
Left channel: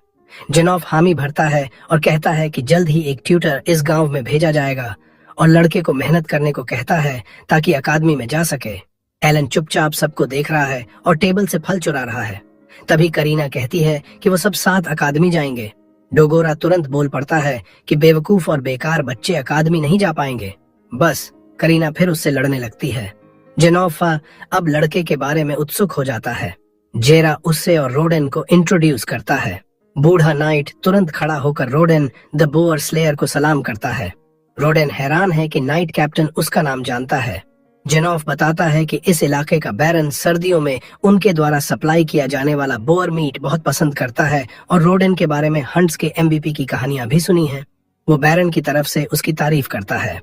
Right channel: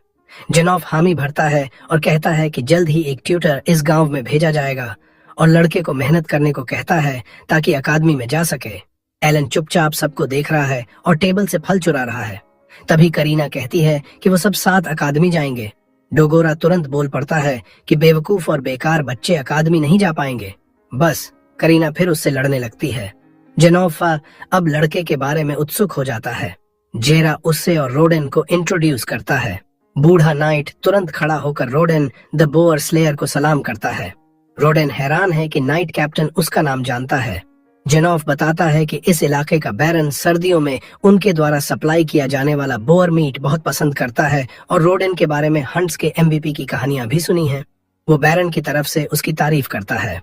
जेनॉफ हामी भरता है और कहता है कि जल्द ही एक ट्यूटर इस गांव में भेजा जाएगा और लड़के को मेहनत करने को कहता है ताकि अकादमी में जा सके। एलन चुपचाप सबको देख रहा है और टेबल से फल चुरा रहा है। तभी करीना कहती है कि वो सब साथ अकादमी जाएंगे। डोगोरा तुरंत बोल पड़ता है कि बेवकूफ और बेकार बच्चे अकादमी नहीं जा पाएंगे। बस करीना फिर उससे लड़ने लगती है। जेनोफा अब लड़के के बारे में उत्सुक हो जाता है। जेरा उससे और रोडेन को इंट्रोड्यूस करता है। बूढ़ा नाइट तुरंत खड़ा होकर रोडेन द बोअर स्लेयर को सलाम करता है। रोडेन हैरान है कि नाइट कैप्टन उसका नाम जानता है। जेनोफ बताता है कि इस इलाके का बैरन सर्दियों में उनके द्वारा सप्लाई किया जाने वाला बोअर मीट बहुत पसंद करता है और रोडेन के बारे में हंट्स के MVP की कहानियां भी सुनी हैं। वो बैरन की तरफ से उसकी तारीफ करता है।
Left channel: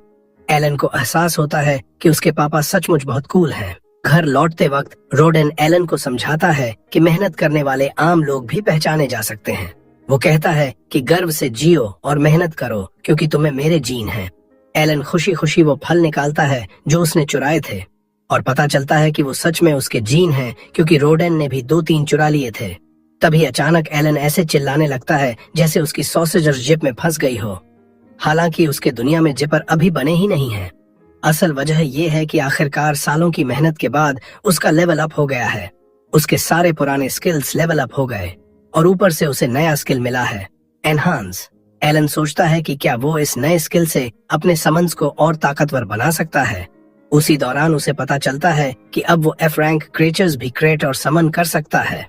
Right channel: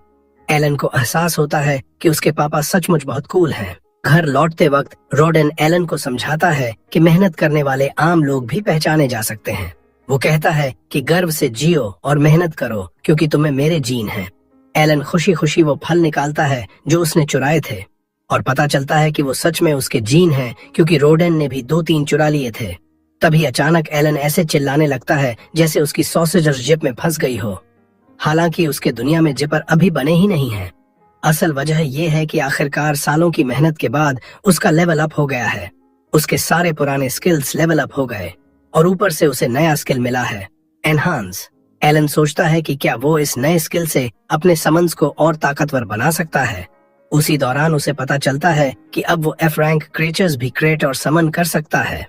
एलन को एहसास होता है कि उसके पापा सचमुच बहुत कूल हैं। घर लौटते वक्त रोडेन एलन को समझाता है कि मेहनत करने वाले आम लोग भी पहचाने जा सकते हैं। वो कहता है कि गर्व से जियो और मेहनत करो क्योंकि तुम्हें मेरे जीन हैं। एलन खुशी खुशी वो फल निकालता है जो उसने चुराए थे और पता चलता है कि वो सच में उसके जीन हैं क्योंकि रोडेन ने भी 2-3 चुरा लिए थे। तभी अचानक एलन ऐसे चिल्लाने लगता है जैसे उसकी सॉसेजर जिप में फंस गई हो। हालांकि उसके दुनिया में जिपर अभी बने ही नहीं है। असल वजह यह है कि आखिरकार सालों की मेहनत के बाद उसका लेवल अप हो गया है। उसके सारे पुराने स्किल्स लेवल अप हो गए और ऊपर से उसे नया स्किल मिला है, एनहांस। एलन सोचता है कि क्या वो इस नए स्किल से अपने समन्स को और ताकतवर बना सकता है। उसी दौरान उसे पता चलता है कि अब वो F रैंक क्रिएचर्स भी क्रिएट और समन कर सकता है।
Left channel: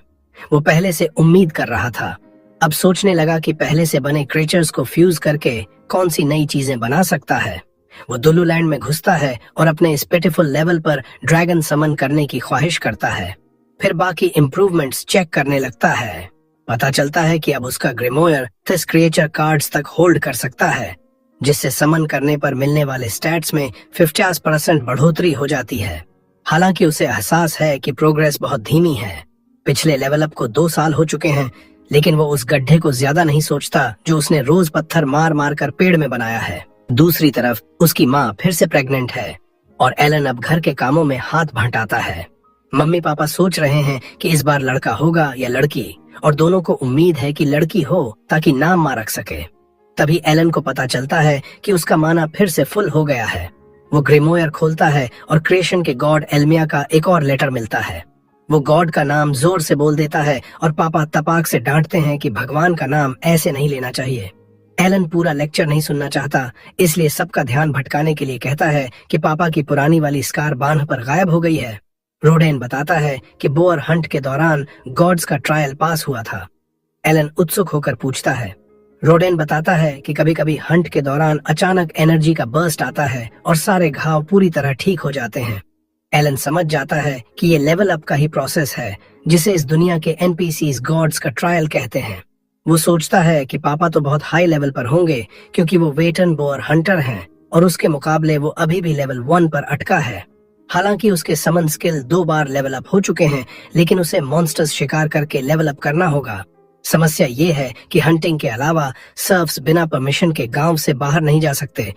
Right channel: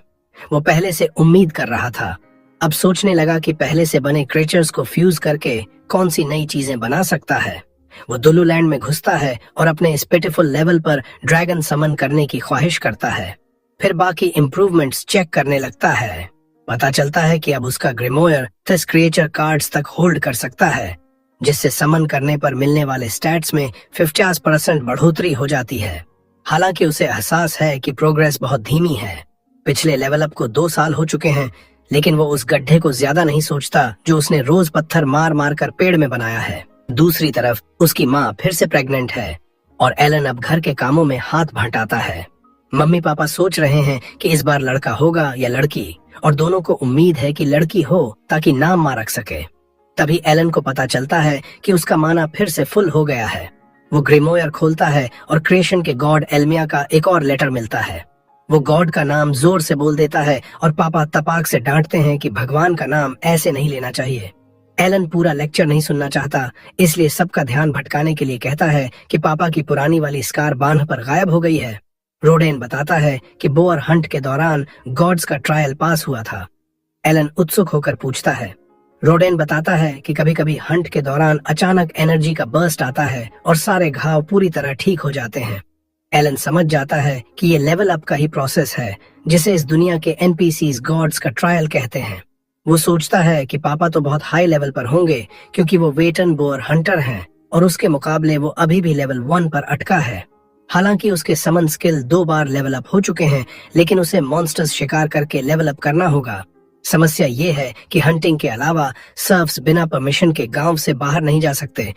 वो पहले से उम्मीद कर रहा था, अब सोचने लगा कि पहले से बने क्रिएचर्स को फ्यूज करके कौन सी नई चीजें बना सकता है। वो दुल्लू लैंड में घुसता है और अपने इस पिटिफुल लेवल पर ड्रैगन समन करने की ख्वाहिश करता है। फिर बाकी इम्प्रूवमेंट्स चेक करने लगता है। पता चलता है कि अब उसका ग्रिमोयर 10 क्रिएचर कार्ड्स तक होल्ड कर सकता है, जिससे समन करने पर मिलने वाले स्टैट्स में 50% बढ़ोतरी हो जाती है। हालांकि उसे एहसास है कि प्रोग्रेस बहुत धीमी है। पिछले लेवल अप को 2 साल हो चुके हैं, लेकिन वो उस गड्ढे को ज्यादा नहीं सोचता जो उसने रोज पत्थर मार मार कर पेड़ में बनाया है। दूसरी तरफ उसकी माँ फिर से प्रेग्नेंट है और एलन अब घर के कामों में हाथ भंटाता है। मम्मी पापा सोच रहे हैं कि इस बार लड़का होगा या लड़की, और दोनों को उम्मीद है कि लड़की हो ताकि नाम मां रख सके। तभी एलन को पता चलता है कि उसका माना फिर से फुल हो गया है। वो ग्रिमोयर खोलता है और क्रिएशन के गॉड एल्मिया का एक और लेटर मिलता है। वो गॉड का नाम जोर से बोल देता है और पापा तपाक से डांटते हैं कि भगवान का नाम ऐसे नहीं लेना चाहिए। एलन पूरा लेक्चर नहीं सुनना चाहता, इसलिए सबका ध्यान भटकाने के लिए कहता है कि पापा की पुरानी वाली स्कार बांध पर गायब हो गई है। रोडेन बताता है कि बोअर हंट के दौरान गॉड्स का ट्रायल पास हुआ था। एलन उत्सुक होकर पूछता है। रोडेन बताता है कि कभी कभी हंट के दौरान अचानक एनर्जी का बर्स्ट आता है और सारे घाव पूरी तरह ठीक हो जाते हैं। एलन समझ जाता है कि ये लेवल अप का ही प्रोसेस है, जिसे इस दुनिया के NPCs गॉड्स का ट्रायल कहते हैं। वो सोचता है कि पापा तो बहुत हाई लेवल पर होंगे क्योंकि वो वेटन बोअर हंटर हैं और उसके मुकाबले वो अभी भी लेवल 1 पर अटका है। हालांकि उसके समन स्किल 2 बार लेवल अप हो चुके हैं, लेकिन उसे मॉन्स्टर्स शिकार करके लेवल अप करना होगा। समस्या ये है कि हंटिंग के अलावा सर्फ्स बिना परमिशन के गांव से बाहर नहीं जा सकते।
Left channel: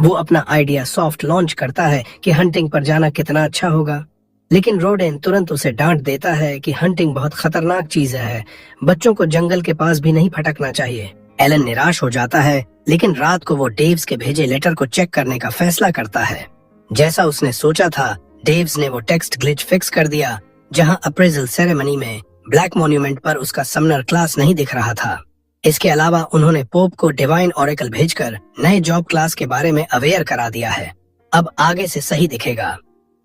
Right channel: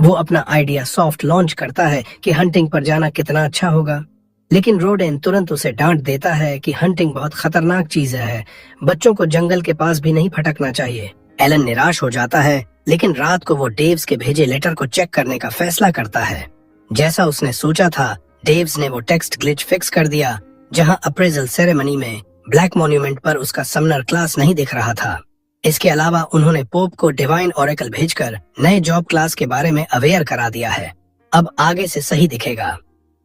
वो अपना आइडिया सॉफ्ट लॉन्च करता है कि हंटिंग पर जाना कितना अच्छा होगा, लेकिन रोडेन तुरंत उसे डांट देता है कि हंटिंग बहुत खतरनाक चीज है, बच्चों को जंगल के पास भी नहीं फटकना चाहिए। एलन निराश हो जाता है, लेकिन रात को वो डेव्स के भेजे लेटर को चेक करने का फैसला करता है। जैसा उसने सोचा था, डेव्स ने वो टेक्स्ट ग्लिच फिक्स कर दिया, जहां अप्रेजल सेरेमनी में ब्लैक मॉन्यूमेंट पर उसका समनर क्लास नहीं दिख रहा था। इसके अलावा उन्होंने पोप को डिवाइन ओरेकल भेजकर नए जॉब क्लास के बारे में अवेयर करा दिया है। अब आगे से सही दिखेगा।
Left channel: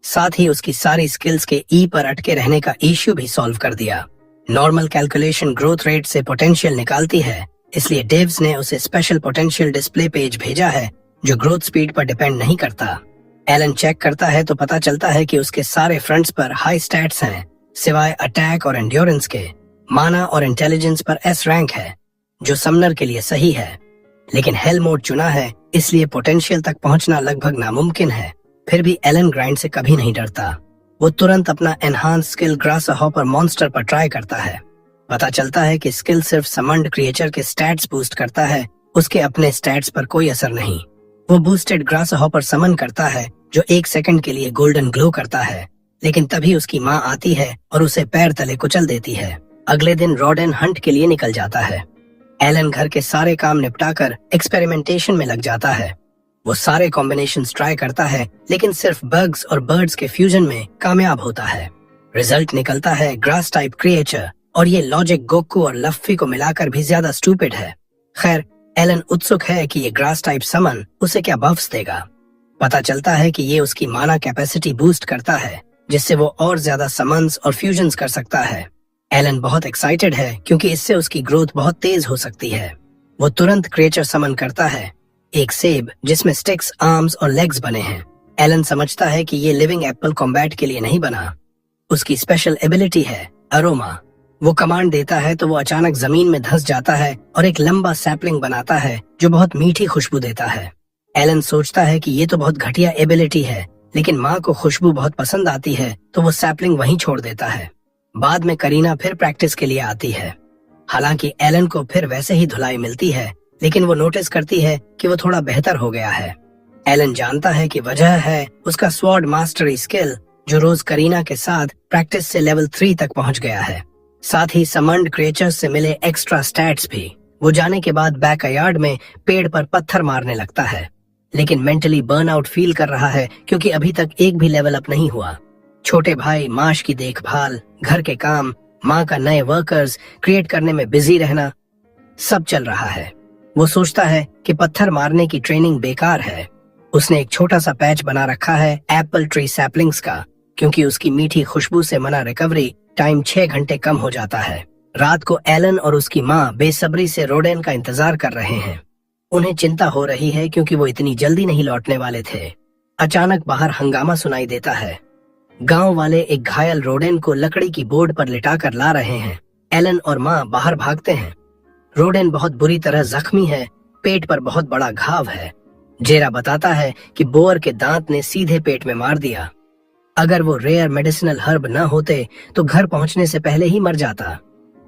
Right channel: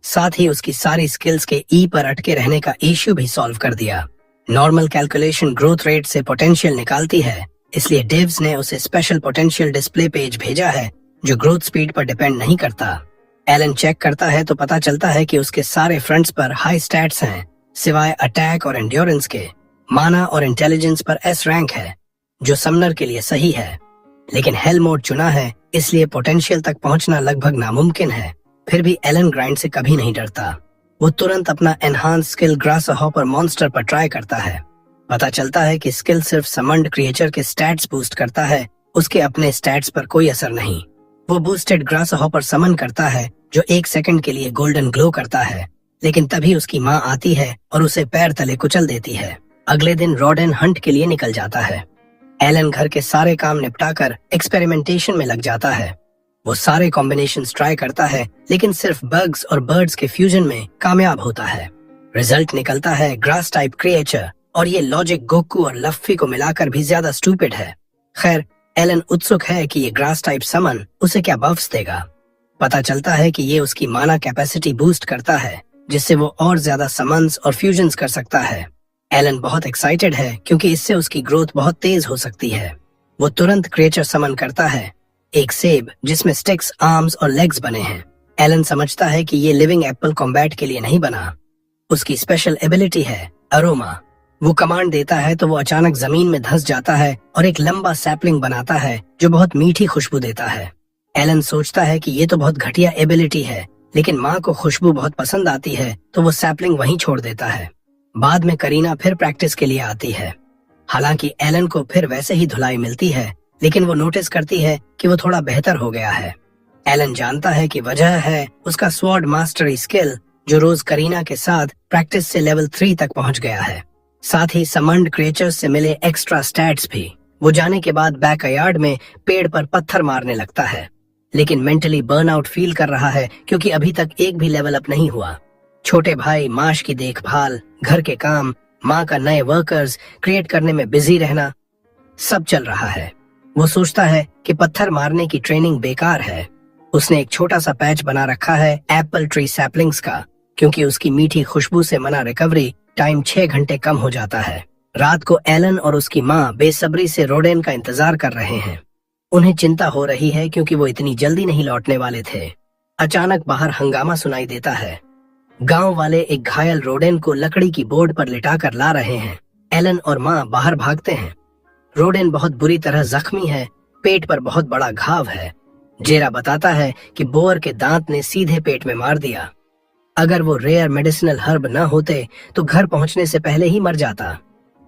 साथ ही उसकी सारी स्किल्स के ई पर अटके रहने का इश्यू भी सॉल्व कर दिया। नॉर्मल कैलकुलेशन ग्रोथ रेट से पोटेंशियल निकालती है, इसलिए डेव्स ने उसे स्पेशल पोटेंशियल डिस्प्ले पेज भेजा है जो ग्रोथ स्पीड पर डिपेंड नहीं करता। एलन चेक करता है तो पता चलता है कि उसके सारे फ्रंट्स पर हाई स्टैट्स हैं, सिवाय अटैक और एंड्योरेंस के। माना और इंटेलिजेंस पर S रैंक है, जो समनर के लिए सही है, लेकिन हेल मोड चुना है, इसलिए पोटेंशियल तक पहुंचना लगभग नामुमकिन है। फिर भी एलन ग्राइंड से कभी नहीं डरता। वो तुरंत अपना एनहांस स्किल ग्रासहॉपर मॉन्स्टर पर ट्राई करता है। पता चलता है कि स्किल सिर्फ समन्ड क्रिएचर के स्टैट्स बूस्ट करता है, उसके अपने स्टैट्स पर कोई असर नहीं। वो बूस्टेड ग्रासहॉपर समन करता है जो 1 सेकंड के लिए गोल्डन ग्लो करता है, लेकिन तभी उसकी माँ आती है और उसे पैर तले कुचल देती है। अगले दिन रोडेन हंट के लिए निकल जाता है। एलन घर के सारे काम निपटाकर एक्सपेरिमेंटेशन में लग जाता है। वो सारे कॉम्बिनेशंस ट्राई करता है, लेकिन सिर्फ बग्स और बर्ड्स के फ्यूजन में कामयाब होता है। रिजल्ट निकलता है ग्रास टाइप क्रिएचर, और ये लॉजिक गोकू और लफ्फी को मिलाकर भी ज्यादा स्टूपिड है। खैर, एलन उत्सुक है कि ये ग्रास टाइप समन उसे क्या बफ्स देगा। पता चलता है कि ये उसकी माना कैपेसिटी बूस्ट करता है, जिससे वो और ज्यादा समन्स और फ्यूजन्स कर सकता है। एलन बहुत एक्साइटेड है क्योंकि इससे उसकी ग्रोथ बहुत तेज हो सकती है। वो तुरंत क्रिएचर समन करता है, एक सेब जिसमें स्टिक्स, आर्म्स और लेग्स बने हैं। एलन समझता है कि ये लिविंग एप्पल कॉम्बैट के लिए नहीं बना। उसकी स्पेशल एबिलिटी है अरोमा। वो कमांड देता है तो वो अचानक जमीन में धंस जाता है और एक लंबा सैपलिंग बनाता है जो बहुत मीठी खुशबू देता है। एलन सोचता है कि ये तो बहुत घटिया एबिलिटी है, लेकिन माँ को खुशबू बहुत पसंद आती है तो वो सैपलिंग वहीं छोड़ देता है। बाद में करीना फिर प्रैक्टिस के लिए आती है। हालांकि एलन को फिर वैसे ही धुलाई मिलती है, लेकिन वो नोटिस करती है कि वो थोड़ा बेहतर हो गया है। एलन जानता है कि वजह है उसका स्वॉर्ड मास्टरी स्किल, जो रोज करीना के साथ प्रैक्टिस से लेवल 3 तक पहुंच गया है। साथ ही समन्ड क्रिएचर्स से मिले एक्स्ट्रा स्टैट्स भी। वो जाने के बाद बैकयार्ड में पेड़ पर पत्थर मारने लगता है, लेकिन मेंटली बर्नआउट फील कर रहा है क्योंकि अभी तक एक भी लेवल अप नहीं हुआ। छोटे भाई माश की देखभाल, घर के काम, माँ का नए वर्कर्स क्रिएट करने में बिजी रहना, सब चल रहा है। वो सोचता है कि पत्थर मारने की ट्रेनिंग बेकार है। उसने एक छोटा सा पैच बना रखा है एप्पल ट्री सैपलिंग्स का, क्योंकि उसकी मीठी खुशबू से मना रिकवरी टाइम 6 घंटे कम हो जाता है। रात को एलन और उसकी माँ बेसब्री से रोडेन का इंतजार कर रहे हैं। उन्हें चिंता हो रही है क्योंकि वो इतनी जल्दी नहीं लौटने वाले थे। अचानक बाहर हंगामा सुनाई देता है। गांव वाले एक घायल रोडेन को लकड़ी की बोर्ड पर लिटाकर ला रहे हैं। एलन और माँ बाहर भागते हैं। रोडेन बहुत बुरी तरह जख्मी है, पेट पर बहुत बड़ा घाव है। जेरा बताता है कि बोअर के दांत ने सीधे पेट में मार दिया। अगर वो रेयर मेडिसिनल हर्ब न होते तो घर पहुंचने से पहले ही मर जाता।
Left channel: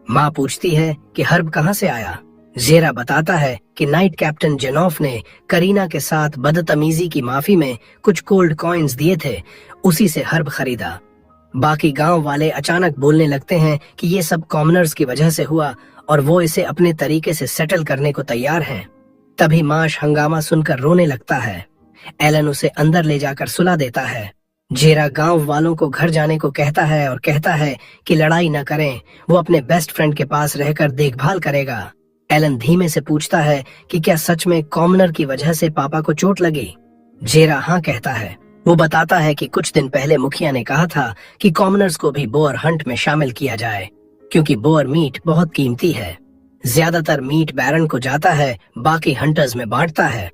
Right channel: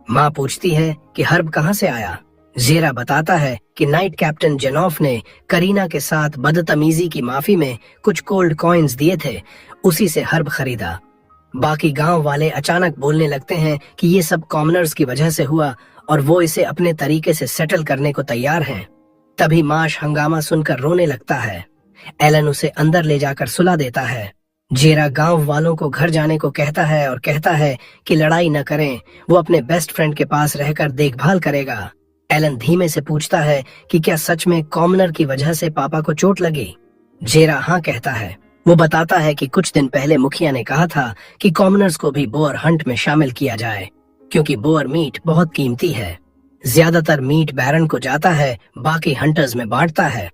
माँ पूछती है कि हर्ब कहाँ से आया। जेरा बताता है कि नाइट कैप्टन जेनॉफ ने करीना के साथ बदतमीजी की माफी में कुछ कोल्ड कॉइन्स दिए थे, उसी से हर्ब खरीदा। बाकी गांव वाले अचानक बोलने लगते हैं कि ये सब कॉमनर्स की वजह से हुआ और वो इसे अपने तरीके से सेटल करने को तैयार हैं। तभी माश हंगामा सुनकर रोने लगता है। एलन उसे अंदर ले जाकर सुला देता है। जेरा गांव वालों को घर जाने को कहता है और कहता है कि लड़ाई न करें, वो अपने बेस्ट फ्रेंड के पास रहकर देखभाल करेगा। एलन धीमे से पूछता है कि क्या सच में कॉमनर की वजह से पापा को चोट लगी। जेरा हाँ कहता है। वो बताता है कि कुछ दिन पहले मुखिया ने कहा था कि कॉमनर्स को भी बोअर हंट में शामिल किया जाए, क्योंकि बोअर मीट बहुत कीमती है। ज्यादातर मीट बैरन को जाता है, बाकी हंटर्स में बांटता है।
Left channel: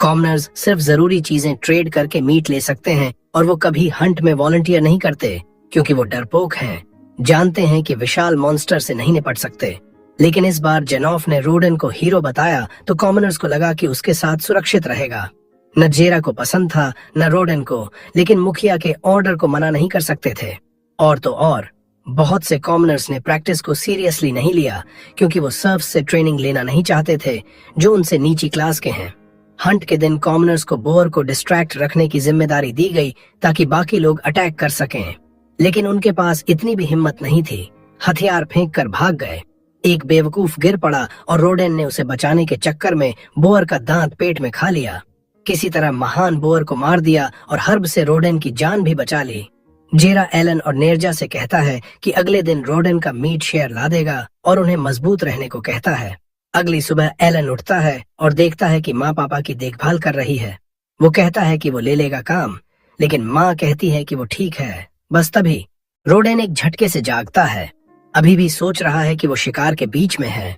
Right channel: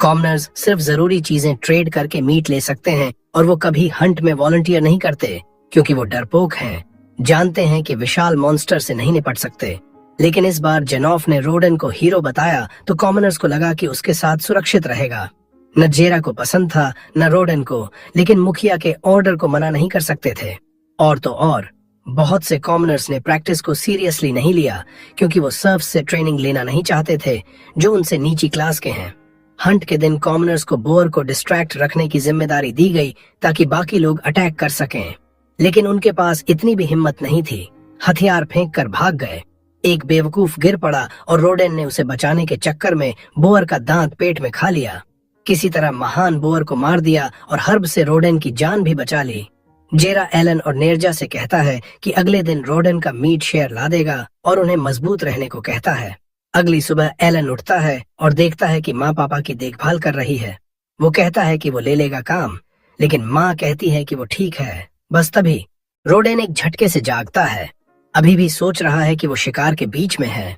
कॉमनर्स सिर्फ जरूरी चीजें ट्रेड करके मीट ले सकते हैं और वो कभी हंट में वॉलंटियर नहीं करते, क्योंकि वो डरपोक हैं, जानते हैं कि विशाल मॉन्स्टर से नहीं निपट सकते। लेकिन इस बार जेनॉफ ने रोडेन को हीरो बताया तो कॉमनर्स को लगा कि उसके साथ सुरक्षित रहेगा। न जेरा को पसंद था न रोडेन को, लेकिन मुखिया के ऑर्डर को मना नहीं कर सकते थे। और तो और बहुत से कॉमनर्स ने प्रैक्टिस को सीरियसली नहीं लिया, क्योंकि वो सर्फ से ट्रेनिंग लेना नहीं चाहते थे जो उनसे नीची क्लास के हैं। हंट के दिन कॉमनर्स को बोअर को डिस्ट्रैक्ट रखने की जिम्मेदारी दी गई ताकि बाकी लोग अटैक कर सकें, लेकिन उनके पास इतनी भी हिम्मत नहीं थी। हथियार फेंक कर भाग गए। एक बेवकूफ गिर पड़ा और रोडेन ने उसे बचाने के चक्कर में बोअर का दांत पेट में खा लिया। किसी तरह महान बोअर को मार दिया और हर्ब से रोडेन की जान भी बचा ली। जेरा एलन और नेर्जा से कहता है कि अगले दिन रोडेन का मीट शेयर ला देगा और उन्हें मजबूत रहने को कहता है। अगली सुबह एलन उठता है और देखता है कि माँ पापा की देखभाल कर रही है। वो कहता है कि वो ले लेगा काम, लेकिन माँ कहती है कि वो ठीक है। बस तभी रोडेन एक झटके से जागता है। अभी भी सोच रहा है कि वो शिकार के बीच में है।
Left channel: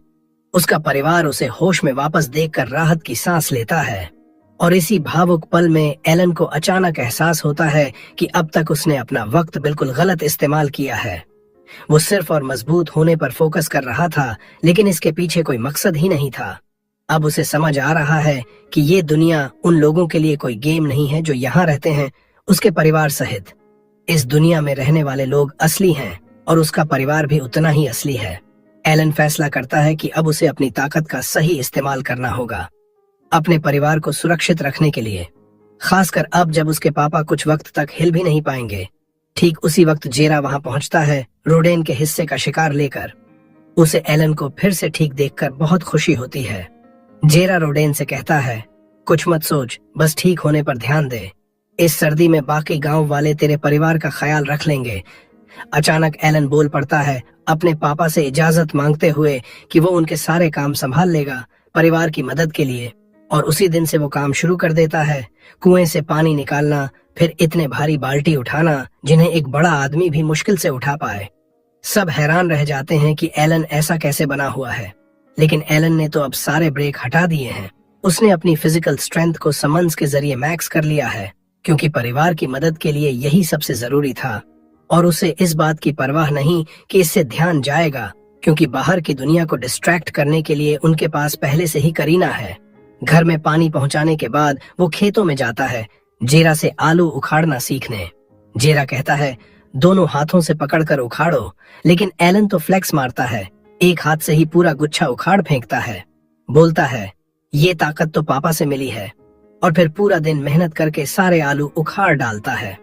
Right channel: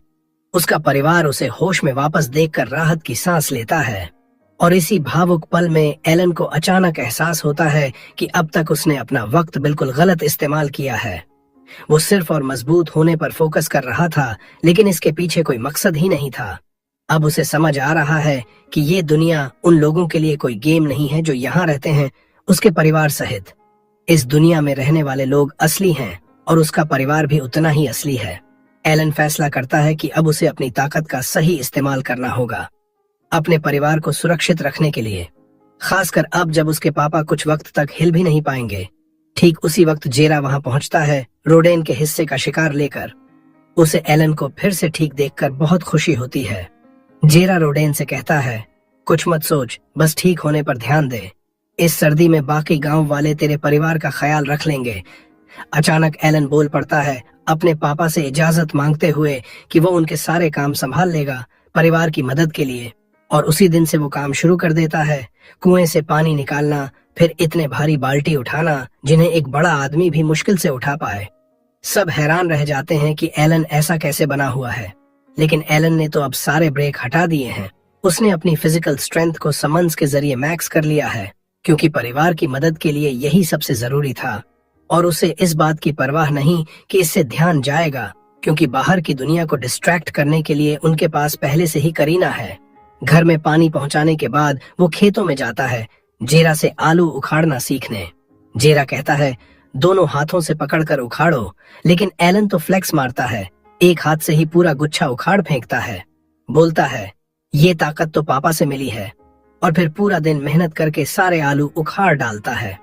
उसका परिवार उसे होश में वापस देखकर राहत की सांस लेता है। और इसी भावुक पल में एलन को अचानक एहसास होता है कि अब तक उसने अपना वक्त बिल्कुल गलत इस्तेमाल किया है। वो सिर्फ और मजबूत होने पर फोकस कर रहा था, लेकिन इसके पीछे कोई मकसद ही नहीं था। अब उसे समझ आ रहा है कि ये दुनिया उन लोगों के लिए कोई गेम नहीं है जो यहाँ रहते हैं, उसके परिवार सहित। इस दुनिया में रहने वाले लोग असली हैं और उसका परिवार भी उतना ही असली है। एलन फैसला करता है कि अब उसे अपनी ताकत का सही इस्तेमाल करना होगा, अपने परिवार को सुरक्षित रखने के लिए, खासकर अब जब उसके पापा कुछ वक्त तक हिल भी नहीं पाएंगे। ठीक उसी वक्त जेरा वहां पहुंचता है, रोडेन के हिस्से का शिकार लेकर। उसे एलन को फिर से ठीक देखकर बहुत खुशी होती है। जेरा रोडेन से कहता है, कुछ मत सोच, बस ठीक होने पर ध्यान दे। इस सर्दी में बाकी गांव वाले तेरे परिवार का ख्याल रख लेंगे। अचानक एलन बोल पड़ता है, अपने पापा से इजाजत मांगते हुए कि वो उनके सारे काम संभाल लेगा, परिवार की मदद के लिए, और उसी दिन से वो काम शुरू कर देता है। कुएं से पानी निकालना, फिर इतने भारी बाल्टी उठाना जिन्हें एक बड़ा आदमी भी मुश्किल से उठा पाए। सब हैरान रह जाते हैं कि एलन ऐसा कैसे बना हुआ है, लेकिन एलन ने तो अब सारे ब्रेक हटा दिए हैं। उसने अपनी फिजिकल स्ट्रेंथ को समन्स के जरिए मैक्स कर लिया है, क्योंकि परिवार की मदद के लिए यही सबसे जरूरी था। और उसे इस बात की परवाह नहीं कि इससे ध्यान जाएगा, क्योंकि बाहर की दुनिया को डिस्ट्रैक्ट करने के लिए उनके पास पहले से ही करीना है। घर में पानी पहुंचाने के बाद वो खेतों में जाता है जेरा से आलू उखाड़ना सीखने। जेरा कहता है, दोनों हाथों से पकड़कर उखाड़ो, लेकिन एलन तो फ्लेक्स मारता है, एक हाथ से ही पूरा गुच्छा उखाड़ फेंकता है। बोलता है, ये ताकत तो पापा से मिली है। और फिर पूरा दिन मेहनत करके सारे आलू उखाड़ डालता है।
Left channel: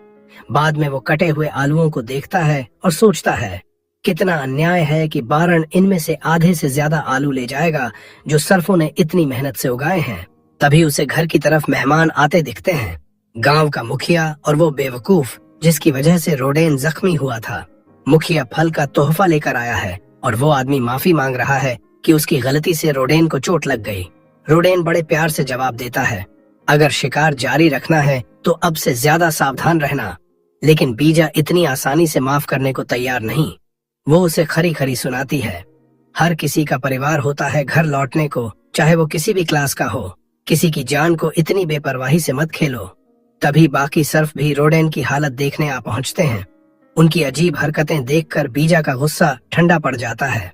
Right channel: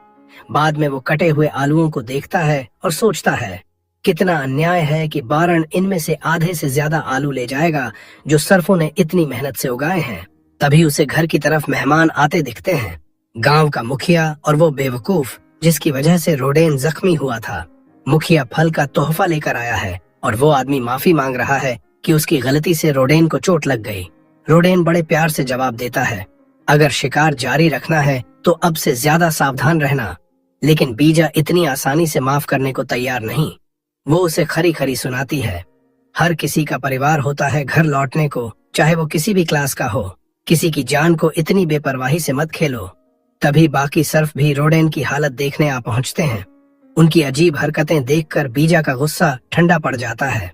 बाद में वो कटे हुए आलूओं को देखता है और सोचता है, कितना अन्याय है कि बारन इनमें से आधे से ज्यादा आलू ले जाएगा जो सर्फों ने इतनी मेहनत से उगाए हैं। तभी उसे घर की तरफ मेहमान आते दिखते हैं, गांव का मुखिया और वो बेवकूफ जिसकी वजह से रोडेन जख्मी हुआ था। मुखिया फल का तोहफा लेकर आया है और वो आदमी माफी मांग रहा है कि उसकी गलती से रोडेन को चोट लग गई। रोडेन बड़े प्यार से जवाब देता है, अगर शिकार जारी रखना है तो अब से ज्यादा सावधान रहना। लेकिन बीजा इतनी आसानी से माफ करने को तैयार नहीं। वो उसे खरी खरी सुनाती है, हर किसी का परिवार होता है घर लौटने को, चाहे वो किसी भी क्लास का हो। किसी की जान को इतनी बेपरवाही से मत खेलो। तभी बाकी सर्फ भी रोडेन की हालत देखने आ पहुंचते हैं। उनकी अजीब हरकतें देखकर बीजा का गुस्सा ठंडा पड़ जाता है।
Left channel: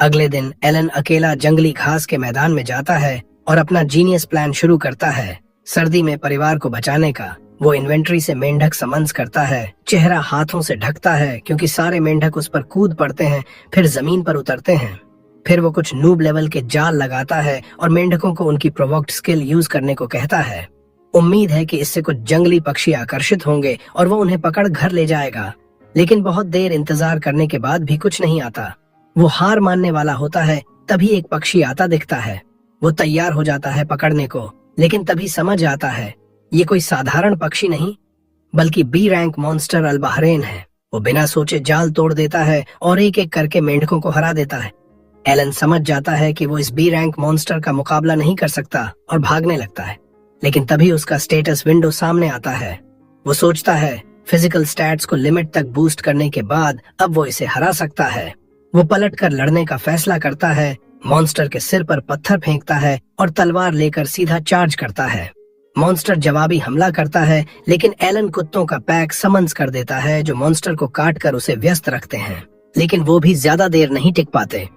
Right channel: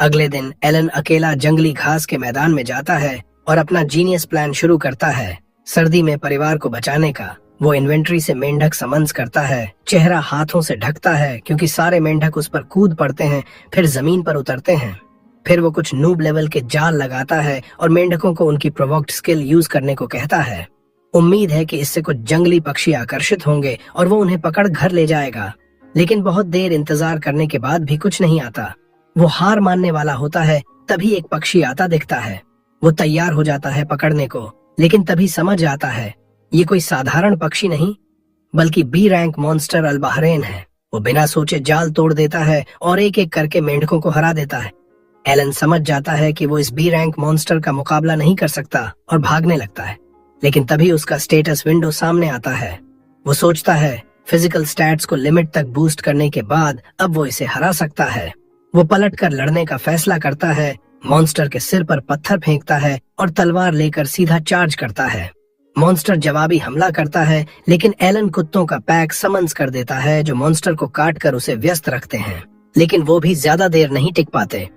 अगले दिन एलन अकेला जंगली घास के मैदान में जाता है और अपना जीनियस प्लान शुरू करता है, सर्दी में परिवार को बचाने का। वो इन्वेंट्री से मेंढक समन्स करता है, चेहरा हाथों से ढकता है क्योंकि सारे मेंढक उस पर कूद पड़ते हैं, फिर जमीन पर उतरते हैं। फिर वो कुछ नूब लेवल के जाल लगाता है और मेंढकों को उनकी प्रोवोक्ड स्किल यूज करने को कहता है। उम्मीद है कि इससे कुछ जंगली पक्षी आकर्षित होंगे और वो उन्हें पकड़ घर ले जाएगा। लेकिन बहुत देर इंतजार करने के बाद भी कुछ नहीं आता। वो हार मानने वाला होता है, तभी एक पक्षी आता दिखता है। वो तैयार हो जाता है पकड़ने को, लेकिन तभी समझ आता है ये कोई साधारण पक्षी नहीं बल्कि बी रैंक मॉन्स्टर अल्बाहरेन है। वो बिना सोचे जाल तोड़ देता है और एक एक करके मेंढकों को हरा देता है। एलन समझ जाता है कि वो इस बी रैंक मॉन्स्टर का मुकाबला नहीं कर सकता और भागने लगता है। लेकिन तभी उसका स्टेटस विंडो सामने आता है। वो सोचता है फिजिकल स्टैट्स को लिमिट तक बूस्ट करने के बाद अब वो इसे हरा सकता है। वो पलटकर लड़ने का फैसला करता है, मॉन्स्टर के सिर पर पत्थर फेंकता है और तलवार लेकर सीधा चार्ज करता है। मॉन्स्टर जवाबी हमला करता है, लेकिन एलन कुत्तों का पैक समन्स कर देता है जो मॉन्स्टर को काट कर उसे व्यस्त रखते हैं। लेकिन वो भी ज्यादा देर नहीं टिक पाते।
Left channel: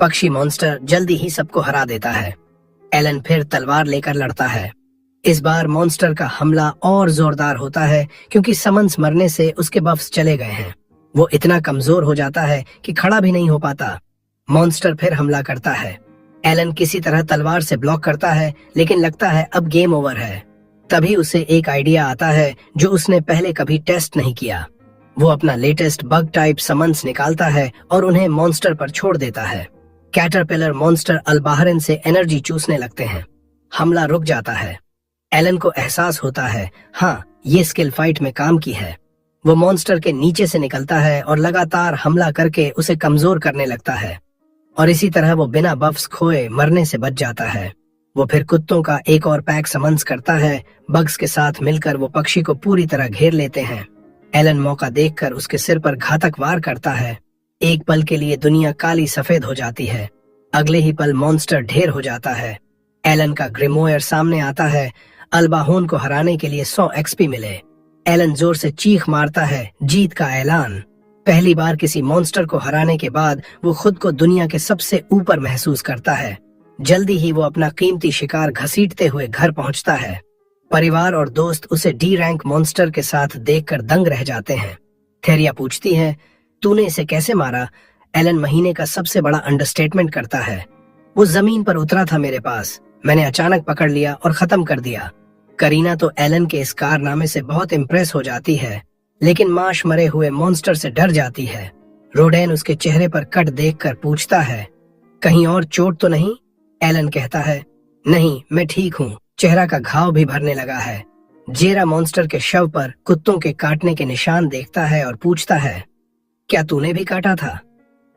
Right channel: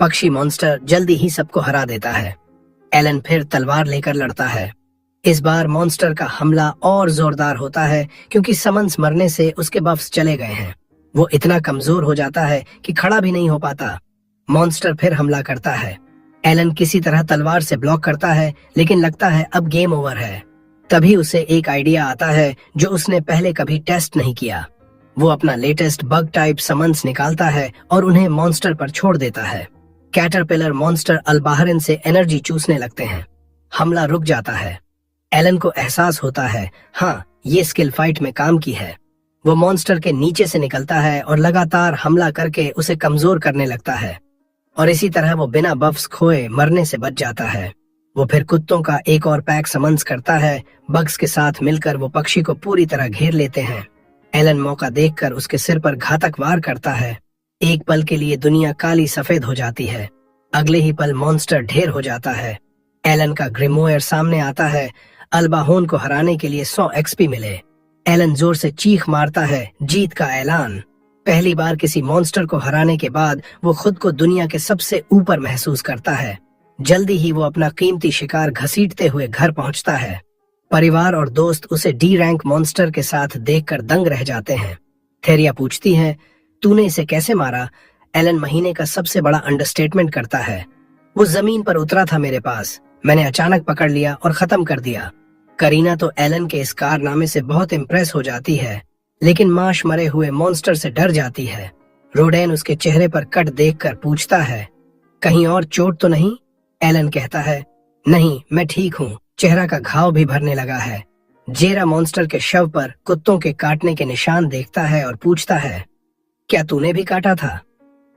पक्षी मॉन्स्टर जल्दी ही सबको हरा देता है। एलन फिर तलवार लेकर लड़ता है। इस बार मॉन्स्टर का हमला और जोरदार होता है क्योंकि समन्स मरने से उसके बफ्स चले गए हैं। वो इतना कमजोर हो जाता है कि खड़ा भी नहीं हो पाता। मॉन्स्टर फिर हमला करता है। एलन किसी तरह तलवार से ब्लॉक करता है, लेकिन लगता है अब गेम ओवर है। तभी उसे एक आइडिया आता है जो उसने पहले कभी टेस्ट नहीं किया। वो अपना लेटेस्ट बग टाइप समन्स निकालता है और उन्हें मॉन्स्टर पर छोड़ देता है। कैटरपिलर मॉन्स्टर अल्बाहरेन से एनर्जी चूसने लगते हैं। हमला रुक जाता है। एलन को एहसास होता है, हाँ, ये स्किल फाइट में काम की है। वो मॉन्स्टर के नीचे से निकलता है और लगातार हमला करके उसे कमजोर करने लगता है, और इसी तरह वो बिना बफ्स खोए मरने से बच जाता है। वो फिर कुत्तों का एक और पैक समन्स करता है। बग्स के साथ मिलकर वो पक्षी को पूरी तरह घेर लेते हैं। एलन मौका देखकर उसके सिर पर घातक वार करता है। एक पल के लिए दुनिया काली सफेद हो जाती है। अगले ही पल मॉन्स्टर ढेर हो जाता है। एलन का ग्रिमोयर सामने आता है। अल्बाहोन को हराने के लिए 100 एक्सपी मिले। एलन जोर से चीख मारता है, जीत का ऐलान। पहली बार किसी मॉन्स्टर को हराने के बाद वो खुद को दुनिया के सबसे ऊपर महसूस करता है। जल्दी ही वो अपना कीमती शिकार घसीटते हुए घर पहुंचता है। परिवार और दोस्त उसे डी रैंक मॉन्स्टर के साथ देखकर दंग रह जाते हैं। थेरिया पूछती है, तूने इसे कैसे मारा? एलन महीने का सबसे बड़ा अंडरस्टेटमेंट करता है। वो जमीन पर उतरा था मेरे पास, मैंने अचानक पकड़ लिया और खत्म कर दिया। करीना तो एलन के इस कारनामे से बहुत इम्प्रेस हो जाती है, लेकिन माश मरे हुए मॉन्स्टर से डर जाती है। रोडेन उसके चेहरे पर कट देखकर पूछता है, कहीं और चोट तो नहीं? एलन कहता है, नहीं, मैं ठीक हूँ, चेहरा का घाव भी भरने लगा है। जेरा मॉन्स्टर के शव पर कुत्तों के काटने के निशान देखता है और पूछता है, क्या तूने भी काटा था?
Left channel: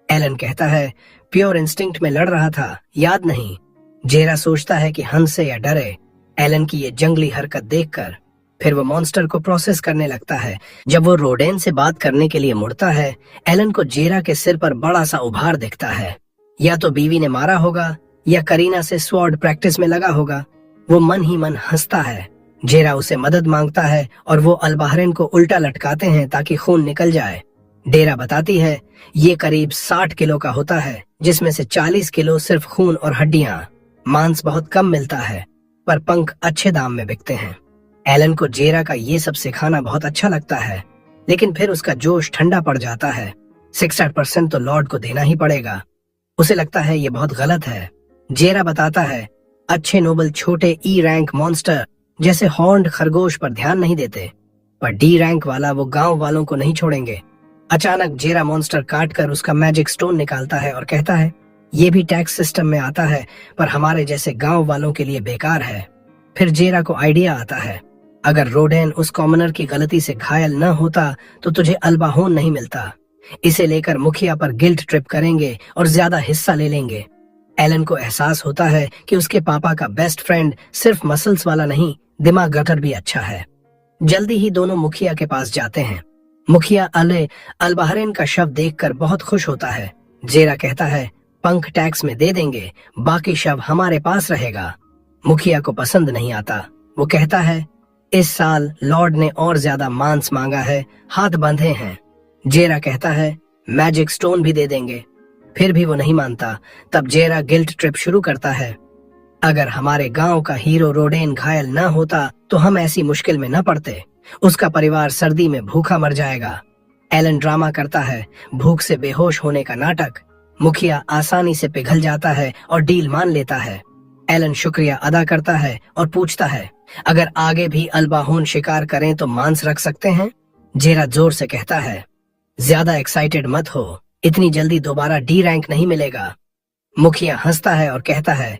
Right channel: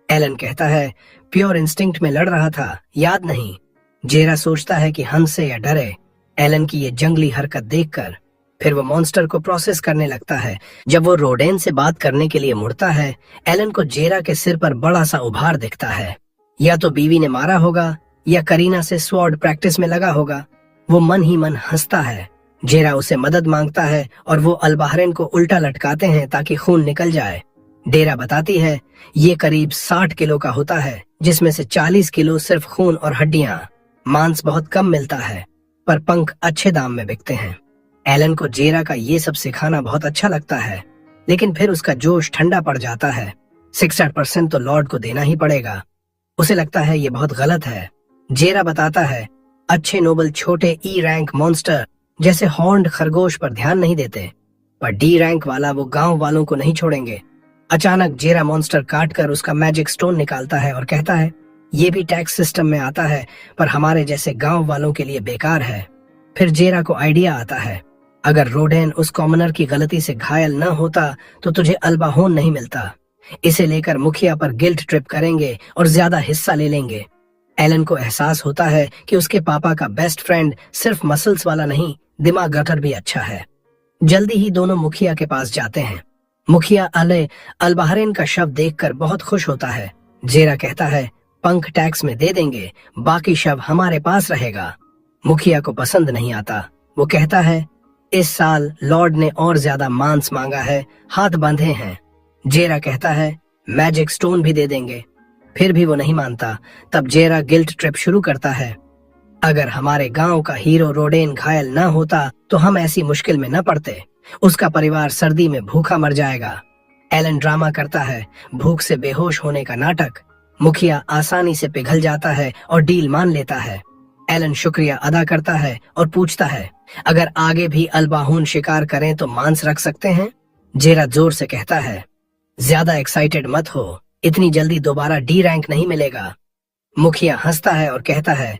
एलन कहता है, प्योर इंस्टिंक्ट में लड़ रहा था, याद नहीं? जेरा सोचता है कि हंसे या डरे एलन की ये जंगली हरकत देखकर। फिर वो मॉन्स्टर को प्रोसेस करने लगता है। जब वो रोडेन से बात करने के लिए मुड़ता है, एलन को जेरा के सिर पर बड़ा सा उभार दिखता है। या तो बीवी ने मारा होगा या करीना से स्वॉर्ड प्रैक्टिस में लगा होगा। वो मन ही मन हंसता है। जेरा उसे मदद मांगता है और वो अलबाहरिन को उल्टा लटकाते हैं ताकि खून निकल जाए। डेरा बताती है ये करीब 60 किलो का होता है, जिसमें से 40 किलो सिर्फ खून और हड्डियां। मांस बहुत कम मिलता है, पर पंख अच्छे दाम में बिकते हैं। एलन को जेरा का ये सब सिखाना बहुत अच्छा लगता है, लेकिन फिर उसका जोश ठंडा पड़ जाता है। 60% तो लॉर्ड को देना ही पड़ेगा। उसे लगता है ये बहुत गलत है। जेरा बताता है अच्छे नोबल छोटे ई रैंक मॉन्स्टर जैसे हॉर्न्ड खरगोश पर ध्यान नहीं देते, पर डी रैंक वाला वो गांव वालों को नहीं छोड़ेंगे। अचानक जेरा मॉन्स्टर काट कर उसका मैजिक स्टोन निकालता है और कहता है ये भी टैक्स सिस्टम में आता है, पर हमारे जैसे गांव वालों के लिए बेकार है। फिर जेरा को आइडिया आता है अगर रोडेन उस कॉमनर की गलती से घायल न होता तो तुझे अल्बाहोन नहीं मिलता। इसे लेकर मुखिया पर गिल्ट ट्रिप करेंगे और ज्यादा हिस्सा ले लेंगे। एलन को एहसास होता है कि उसके पापा का बेस्ट फ्रेंड सिर्फ मसल्स वाला नहीं, दिमाग रखकर भी अच्छा है। जल्दी ही दोनों मुखिया के पास जाते हैं। मुखिया अलबाहरेन का शव देखकर बहुत खुश होता है। जेरा कहता है पंख टैक्स में दे देंगे, बाकी शव हमारे पास रहेगा। मुखिया को पसंद नहीं आता। वो कहता है इस साल लॉर्ड ने और ज्यादा मांस मांगा है, हाथ बंधे हैं। जेरा कहता है मैजिक स्टोन भी दे देंगे। फिर भी वो नहीं मानता। तब जेरा गिल्ट ट्रिप शुरू करता है अगर हमारे गांव का हीरो रोडेन घायल न होता तो हम ऐसी मुश्किल में न पड़ते। उसका परिवार सर्दी में भूखा मर जाएगा। एलन ड्रामा करता है, भूख से बेहोश होने का नाटक। मुखिया आसानी से पिघल जाता है और डील मान लेता है। एलन शुक्रिया अदा करता है और पूछता है अगर आगे भी अल्बाहोन शिकार करें तो मांस रख सकते हैं। जेरा जोर से कहता है ज्यादा एक्साइटेड मत हो, इतनी जल्दी दोबारा डी रैंक नहीं मिलेगा। मुखिया हंसता है और कहता है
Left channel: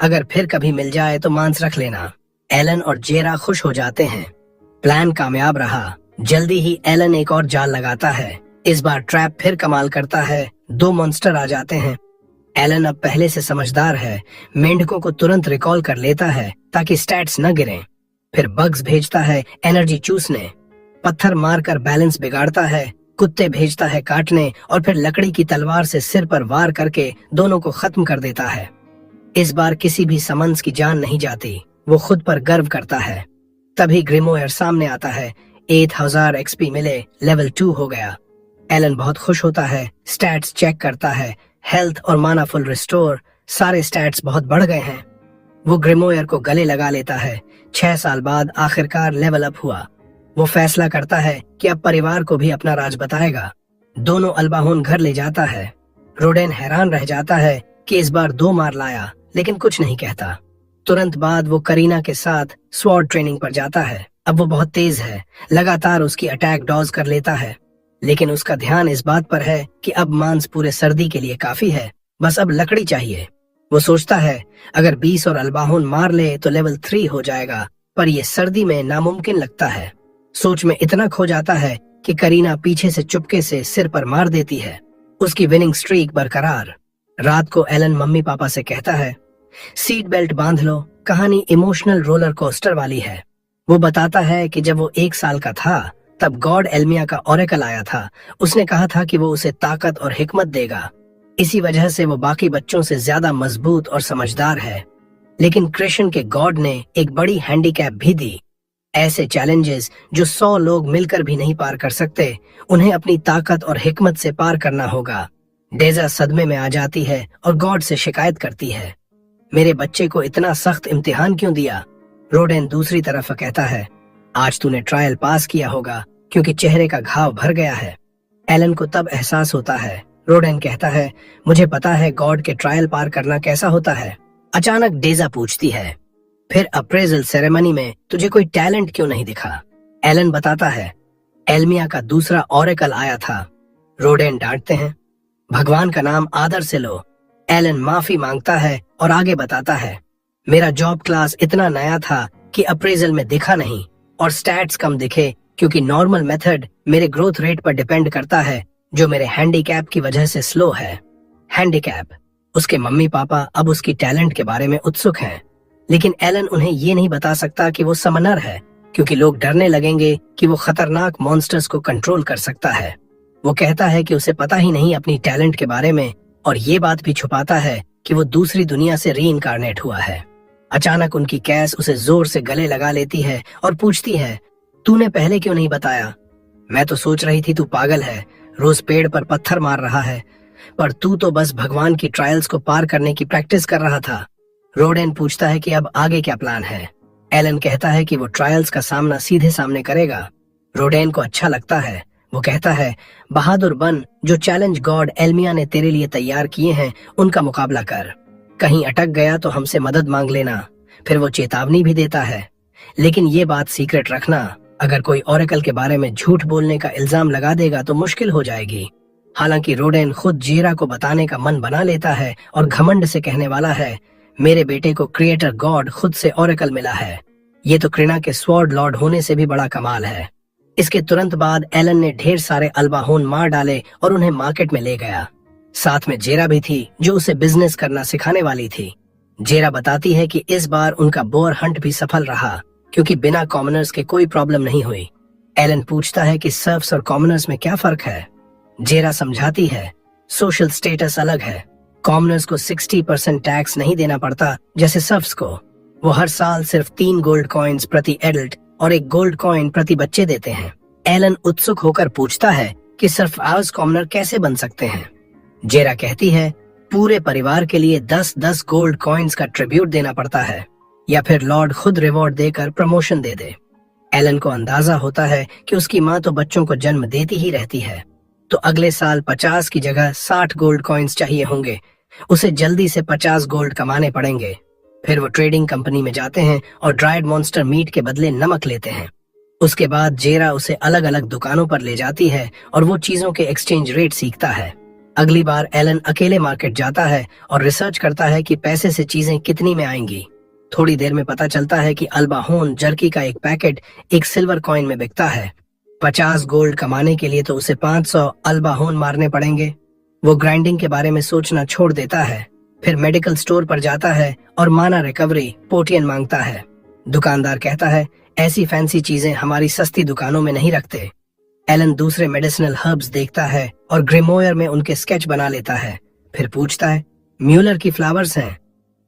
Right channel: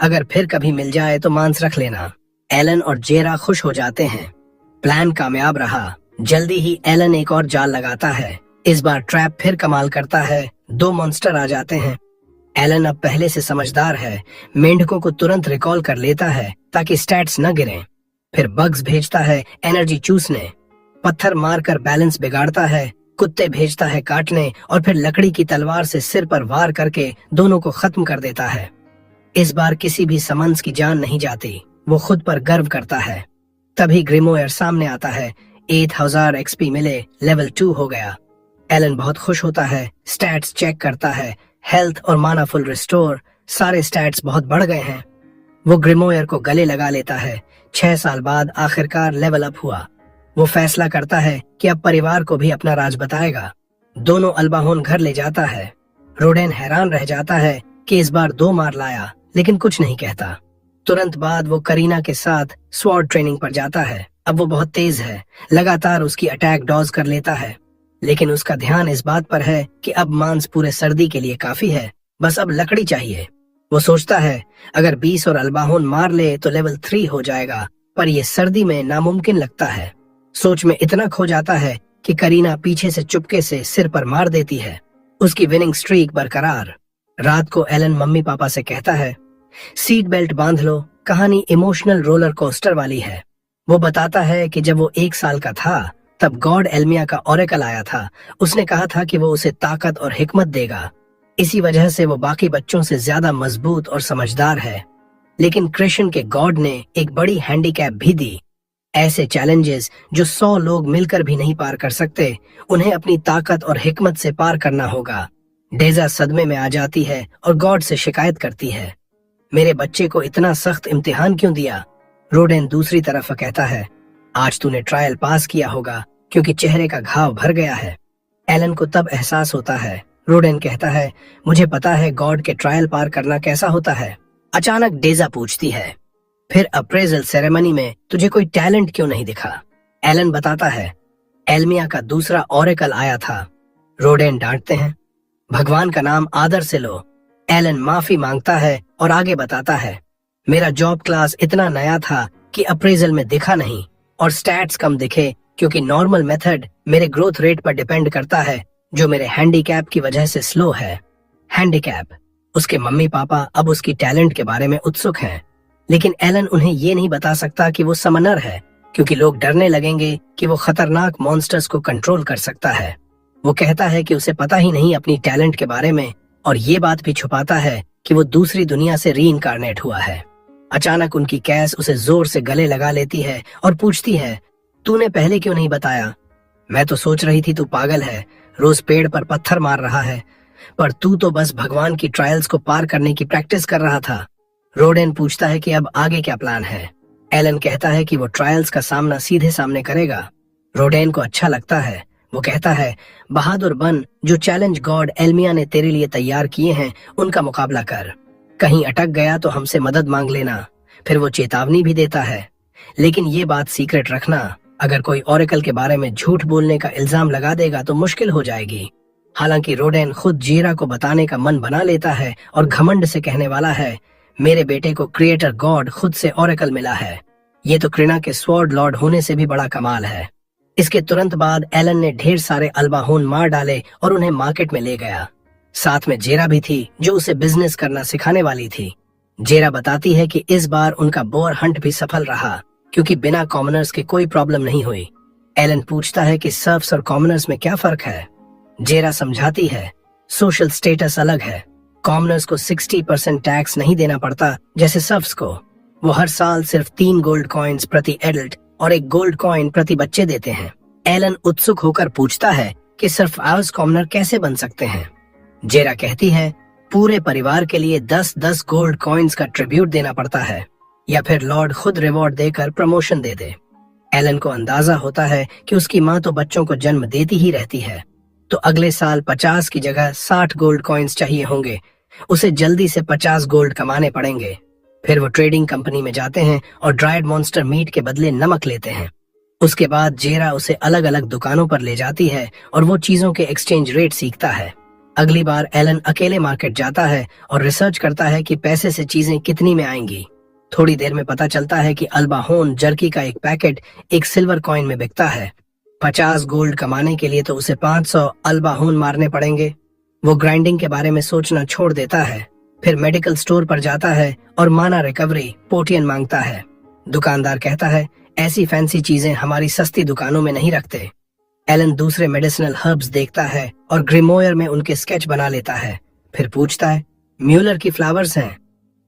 अगर फिर कभी मिल जाए तो मांस रख लेना। एलन और जेरा खुश हो जाते हैं। प्लान कामयाब रहा। जल्दी ही एलन एक और जाल लगाता है। इस बार ट्रैप फिर कमाल करता है। 2 मॉन्स्टर आ जाते हैं। एलन अब पहले से समझदार है। मेंढकों को तुरंत रिकॉल कर लेता है ताकि स्टैट्स न गिरें। फिर बग्स भेजता है एनर्जी चूसने। पत्थर मारकर बैलेंस बिगाड़ता है। कुत्ते भेजता है काटने और फिर लकड़ी की तलवार से सिर पर वार करके दोनों को खत्म कर देता है। इस बार किसी भी समंस की जान नहीं जाती। वो खुद पर गर्व करता है। तभी ग्रिमोयर सामने आता है। 8000 एक्सपी मिले, लेवल 2 हो गया। एलन बहुत खुश होता है। स्टैट्स चेक करता है। हेल्थ और माना फुल रिस्टोर, सारे स्टैट्स बहुत बढ़ गए हैं। वो ग्रिमोयर को गले लगा लेता है। 6 साल बाद आखिरकार लेवल अप हुआ। वो फैसला करता है कि अब परिवार को भी अपना राज बताएगा। दोनों अल्बाहोन घर ले जाता है। रोडेन हैरान रह जाता है कि इस बार 2 मार लाया, लेकिन कुछ नहीं कहता। तुरंत बाद वो करीना के साथ स्वॉर्ड ट्रेनिंग पर जाता है। अब वो बहुत तेज है। लगातार उसकी अटैक डॉज कर लेता है, लेकिन उसका ध्यान इस बात पर है कि अब मांस पूरे सर्दी के लिए काफी है, बस अब लकड़ी चाहिए। वो सोचता है अगर 20 और अल्बाहोन मार ले तो लेवल 3 हो जाएगा, पर ये सर्दी में नामुमकिन लगता है। सोच में इतना खो जाता है कि करीना पीछे से चुपके से सिर पर मार देती है। उसकी विनिंग स्ट्रीक बरकरार। रात को एलन मम्मी पापा से कहता है सीट बेल्ट बांध लो, कहानी इमोशनल रोलर कोस्टर वाली है। वो बताता है कि जब वो 1 साल का था तब गॉड एल्मिया का ओरेकल आया था। उसने कहा था कि वो उसे ताकत और हिकमत देगा। इसी वजह से वो बाकी बच्चों से ज्यादा मजबूत और समझदार है। लेकिन कृष्ण के गॉड ने एक बड़ी हैंडीकैप भी दी। ऐसे चैलेंजेस जो 100 लोग मिलकर भी नहीं पार कर सकते, उन्हें अपनी ताकत और हिकमत से पार करना होगा। डेजा सदमे में आ जाती है और गॉड से शिकायत करती है मेरे बच्चे को इतना सख्त इम्तिहान क्यों दिया। रोडेन दूसरी तरफ कहता है आज तूने ट्रायल पास किया होगा क्योंकि चेहरे का घाव भर गया है। एलन को तब एहसास होता है। रोडेन कहता है मुझे पता है गॉड के ट्रायल पार करना कैसा होता है। अचानक डेजा पूछती है फिर अप्रेजल सेरेमनी में तुझे कोई टैलेंट क्यों नहीं दिखा। एलन बताता है एल्मिया का दूसरा ओरेकल आया था। रोडेन डांटते हैं भगवान का नाम आदर से लो। एलन माफी मांगता है और आगे बताता है मेरा जॉब क्लास इतना नया था कि अप्रेजल में दिखा नहीं और स्टैट्स कम दिखे, क्योंकि नॉर्मल मेथड मेरे ग्रोथ रेट पर डिपेंड करता है जो मेरे हैंडीकैप की वजह से स्लो है। हैंडीकैप उसके मम्मी पापा अब उसकी टैलेंट के बारे में उत्सुक हैं, लेकिन एलन उन्हें ये नहीं बता सकता कि वो समनर है, क्योंकि लोग डरने लगेंगे कि वो खतरनाक मॉन्स्टर्स को कंट्रोल कर सकता है। वो कहता है कि उसे पता ही नहीं अपनी टैलेंट के बारे में, और ये बात भी छुपाता है कि वो दूसरी दुनिया से रीइंकारनेट हुआ है। अचानक उनकी कैस उसे जोर से गले लगा लेती है और पूछती है, तूने पहले क्यों नहीं बताया? मैं तो सोच रही थी तू पागल है, रोज पेड़ पर पत्थर मार रहा है, पर तू तो बस भगवान की ट्रायल्स को पार करने की प्रैक्टिस कर रहा था। रोडेन पूछता है कि अब आगे क्या प्लान है। एलन कहता है कि वो ट्रायल्स का सामना सीधे सामने करेगा। रोडेन को अच्छा लगता है। वो कहता है, बहादुर बन, जो चैलेंज गॉड एल्मिया ने तेरे लिए तैयार किए हैं उनका मुकाबला कर। कहीं अटक गया तो हमसे मदद मांग लेना। फिर वो चेतावनी भी देता है, लेकिन ये बात सीक्रेट रखना। अगर कोई ओरेकल के बारे में झूठ बोलने का इल्जाम लगा देगा तो मुश्किल हो जाएगी। हालांकि रोडेन खुद जेरा को बताने का मन बना लेता है और घमंड से कहने वाला है, मेरे बेटे को क्रिएटर गॉड खुद से ओरेकल मिला है। ये तो कृणा के स्वॉर्ड लॉर्ड होने से भी बड़ा कमाल है। इसके तुरंत बाद एलन ने ढेर सारे अल्बाहोन मार डाले और उन्हें मार्केट में ले गया। साथ में जेरा भी थी, जो उसे बिजनेस करना सिखाने वाली थी। जेरा बताती है कि इस बार उनका बोअर हंट भी सफल रहा, क्योंकि बिना कॉमनर्स के कोई प्रॉब्लम नहीं हुई। एलन पूछता है कि सर्फ्स और कॉमनर्स में क्या फर्क है। जेरा समझाती है, सोशल स्टेटस अलग है। कॉमनर्स को 60% टैक्स नहीं देना पड़ता जैसे सर्फ्स को। वो हर साल सिर्फ 3 गोल्ड कॉइन्स प्रति एडल्ट और 1 गोल्ड कॉइन प्रति बच्चे देते हैं। एलन उत्सुक होकर पूछता है कि सर्फ आवर्स कॉमनर कैसे बन सकते हैं। जेरा कहती है, पूरे परिवार के लिए 10-10 गोल्ड कॉइन्स का ट्रिब्यूट देना पड़ता है, या फिर लॉर्ड खुद रिवॉर्ड देकर प्रमोशन दे दे। एलन को अंदाजा होता है कि उसकी माँ तो बच्चों को जन्म देती ही रहती है, तो अगले साल 50 की जगह 60 गोल्ड कॉइन्स चाहिए होंगे। उसे जल्दी से 50 गोल्ड कमाने पड़ेंगे। फिर वो ट्रेडिंग कंपनी में जाते हैं और ड्राइड मॉन्स्टर मीट के बदले नमक लेते हैं। उसके बाद जेरा उसे अलग अलग दुकानों पर ले जाती है और वो चीजों के एक्सचेंज रेट सीखता है। अगली बार एलन अकेले मार्केट जाता है और रिसर्च करता है कि पैसे से चीजें कितनी में आएंगी। थोड़ी देर में पता चलता है कि अल्बाहोन जर्की का एक पैकेट 1 सिल्वर कॉइन में बिकता है। 50 गोल्ड कमाने के लिए तो उसे 500 अल्बाहोन मारने पड़ेंगे। वो ग्राइंडिंग के बारे में सोचना छोड़ देता है। फिर मेडिकल स्टोर पर जाता है और माना रिकवरी पोटियन मांगता है। दुकानदार कहता है, ऐसी फैंसी चीजें हमारी सस्ती दुकानों में नहीं रखते। एलन दूसरे मेडिसिनल हर्ब्स देखता है और ग्रेमोयर में उनके स्केच बना लेता है। फिर पूछता है, म्यूलर की फ्लावर्स हैं।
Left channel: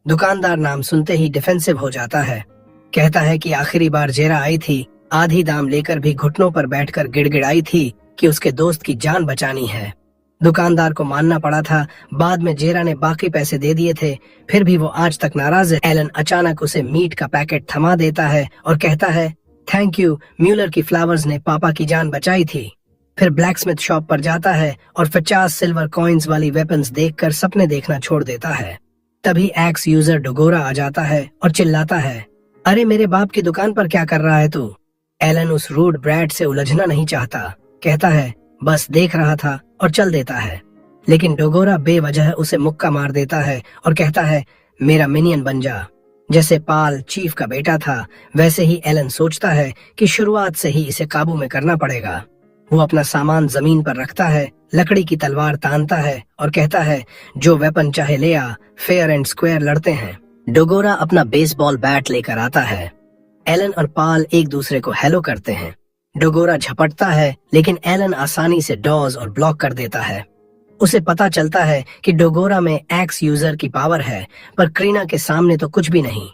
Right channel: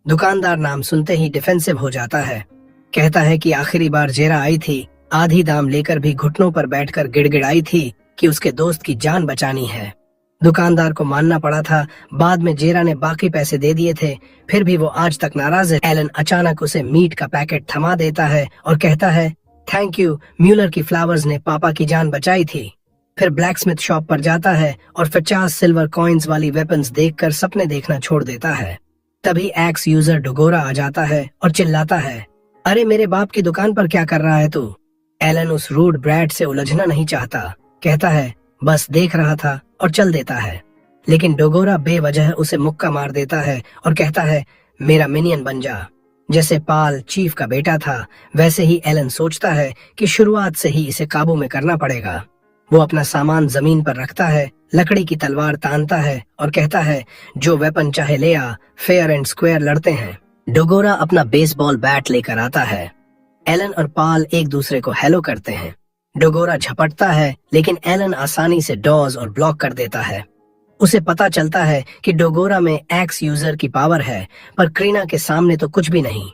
दुकानदार नाम सुनते ही डिफेंसिव हो जाता है। कहता है कि आखिरी बार जेरा आई थी, आधी दाम लेकर भी घुटनों पर बैठकर गिड़गिड़ाई थी कि उसके दोस्त की जान बचानी है। दुकानदार को मानना पड़ा था। बाद में जेरा ने बाकी पैसे दे दिए थे, फिर भी वो आज तक नाराज है। एलन अचानक उसे मीट का पैकेट थमा देता है और कहता है, थैंक यू, म्यूलर की फ्लावर्स ने पापा की जान बचाई थी। फिर ब्लैकस्मिथ शॉप पर जाता है और 50 सिल्वर कॉइन्स वाली वेपन्स देखकर सपने देखना छोड़ देता है। तभी एक्स यूजर डोगोरा आ जाता है और चिल्लाता है, अरे मेरे बाप की दुकान पर क्या कर रहा है तू? एलन उस रूड ब्रैड से उलझना नहीं चाहता। कहता है, बस देख रहा था, और चल देता है। लेकिन डोगोरा बेवजह उसे मुक्का मार देता है और कहता है, मेरा मिनियन बन जा। जैसे पाल चीफ का बेटा था, वैसे ही एलन सोचता है कि शुरुआत से ही इसे काबू में करना पड़ेगा। वो अपना सामान जमीन पर रखता है, लकड़ी की तलवार तानता है और कहता है, जो वेपन चाहे ले आ, फेयर एंड स्क्वायर लड़ते हैं। डोगोरा अपना बेसबॉल बैट लेकर आता है। एलन और पाल एक दूसरे को हेलो करते हैं। डोगोरा झपटता है, लेकिन एलन आसानी से डॉज और ब्लॉक कर देता है। उसे पता चलता है कि डोगोरा में एक्स यूजर की पावर है, पर क्रीना के सामने तो कुछ भी नहीं।